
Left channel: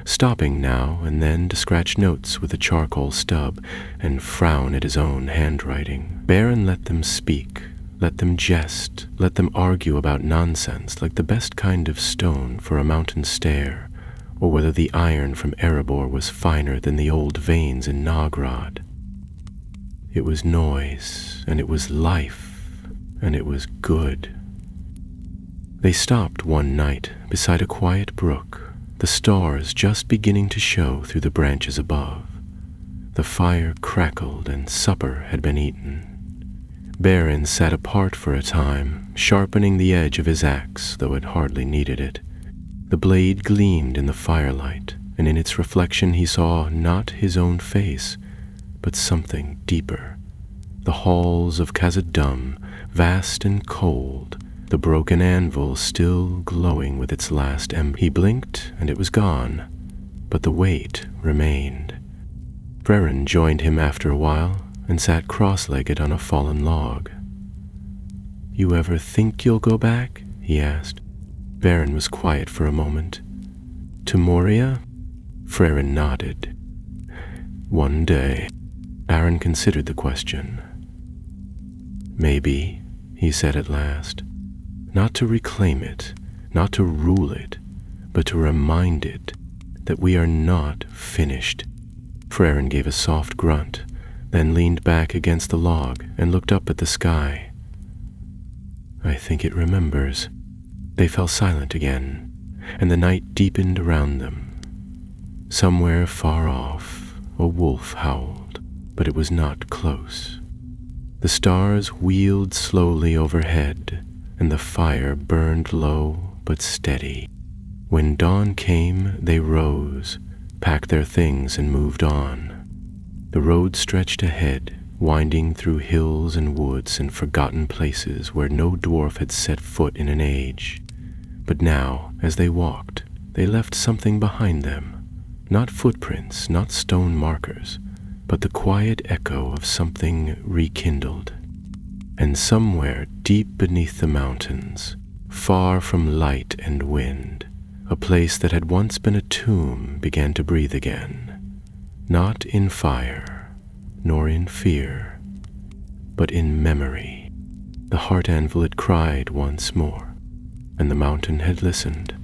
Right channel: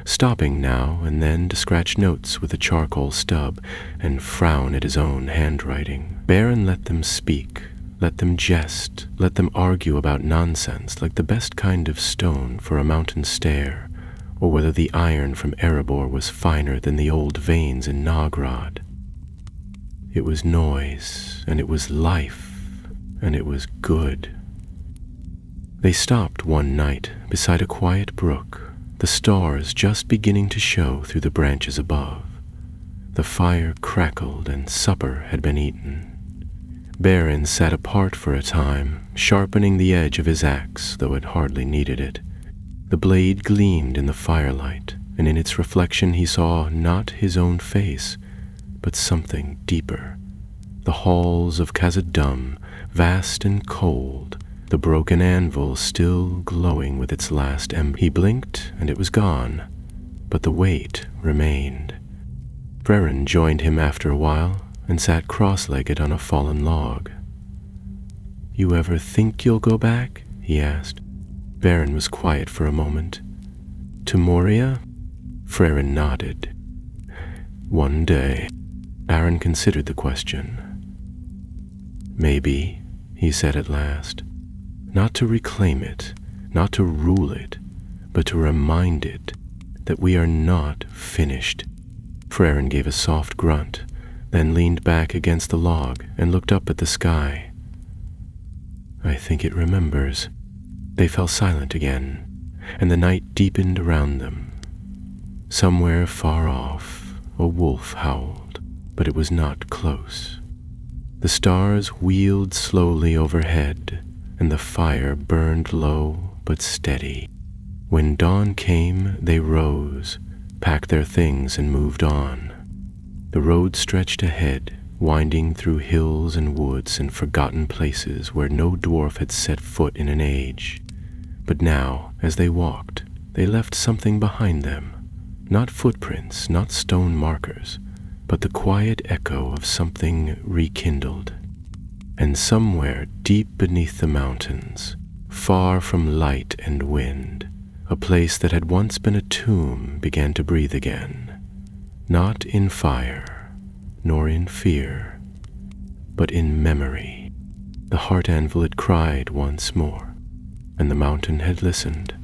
stopping now and then to scratch notes with a charcoal stub and frown at his own handwriting. Beren let them speak, let them jest, let them argue about nonsense like the best kind of stone for a mountain stair, or whether the iron from Erebor was finer than the old veins in Nagrod. It was noise, and it was life, and it was good. They stopped one night beside a quiet brook, the stars just beginning to show through the branches above. The fire crackled and supper had been eaten. Beren sat apart for a time, sharpening the edge of his axe, though it hardly needed it. The blade gleamed in the firelight, and in its reflection he saw not his own face, but something deeper. The halls of Khazad-dûm, vast and cold, the broken anvil still glowing with its last ember. He blinked, and it was gone, but the weight remained. Beren joined him after a while, and sat cross-legged on a fallen log. "You ever think you'll go back?" he asked. Beren was quiet for a moment. "To Moria?" Frere nodded. "One day." Aaron considered the question. "Maybe," he said at last. "Not to reclaim it, not to rule it, but to remind it that we are not finished. Freren gave a soft grunt, then leaned back against the log and looked up at the sky. I think it remembers. They fell silent again, and the night deepened around them. Somewhere far off, a wolf howled, but it was not close. The stars wheeled slowly overhead, and the fire burned low but steady. When dawn came, they rose, packed their things, and moved on. The road stretched ahead, winding through hills and woods and forgotten places where no dwarf had set foot in an age. But now, as they walked, they left something behind them. Not footprints, not stone markers, but the quiet echo of something rekindled. And somewhere deep beneath the mountains, far from light and wind, a place that had once been a tomb began to breathe again, not in fire, nor in fear, but in memory. The heart anvil had cried once more, and the mountain had listened.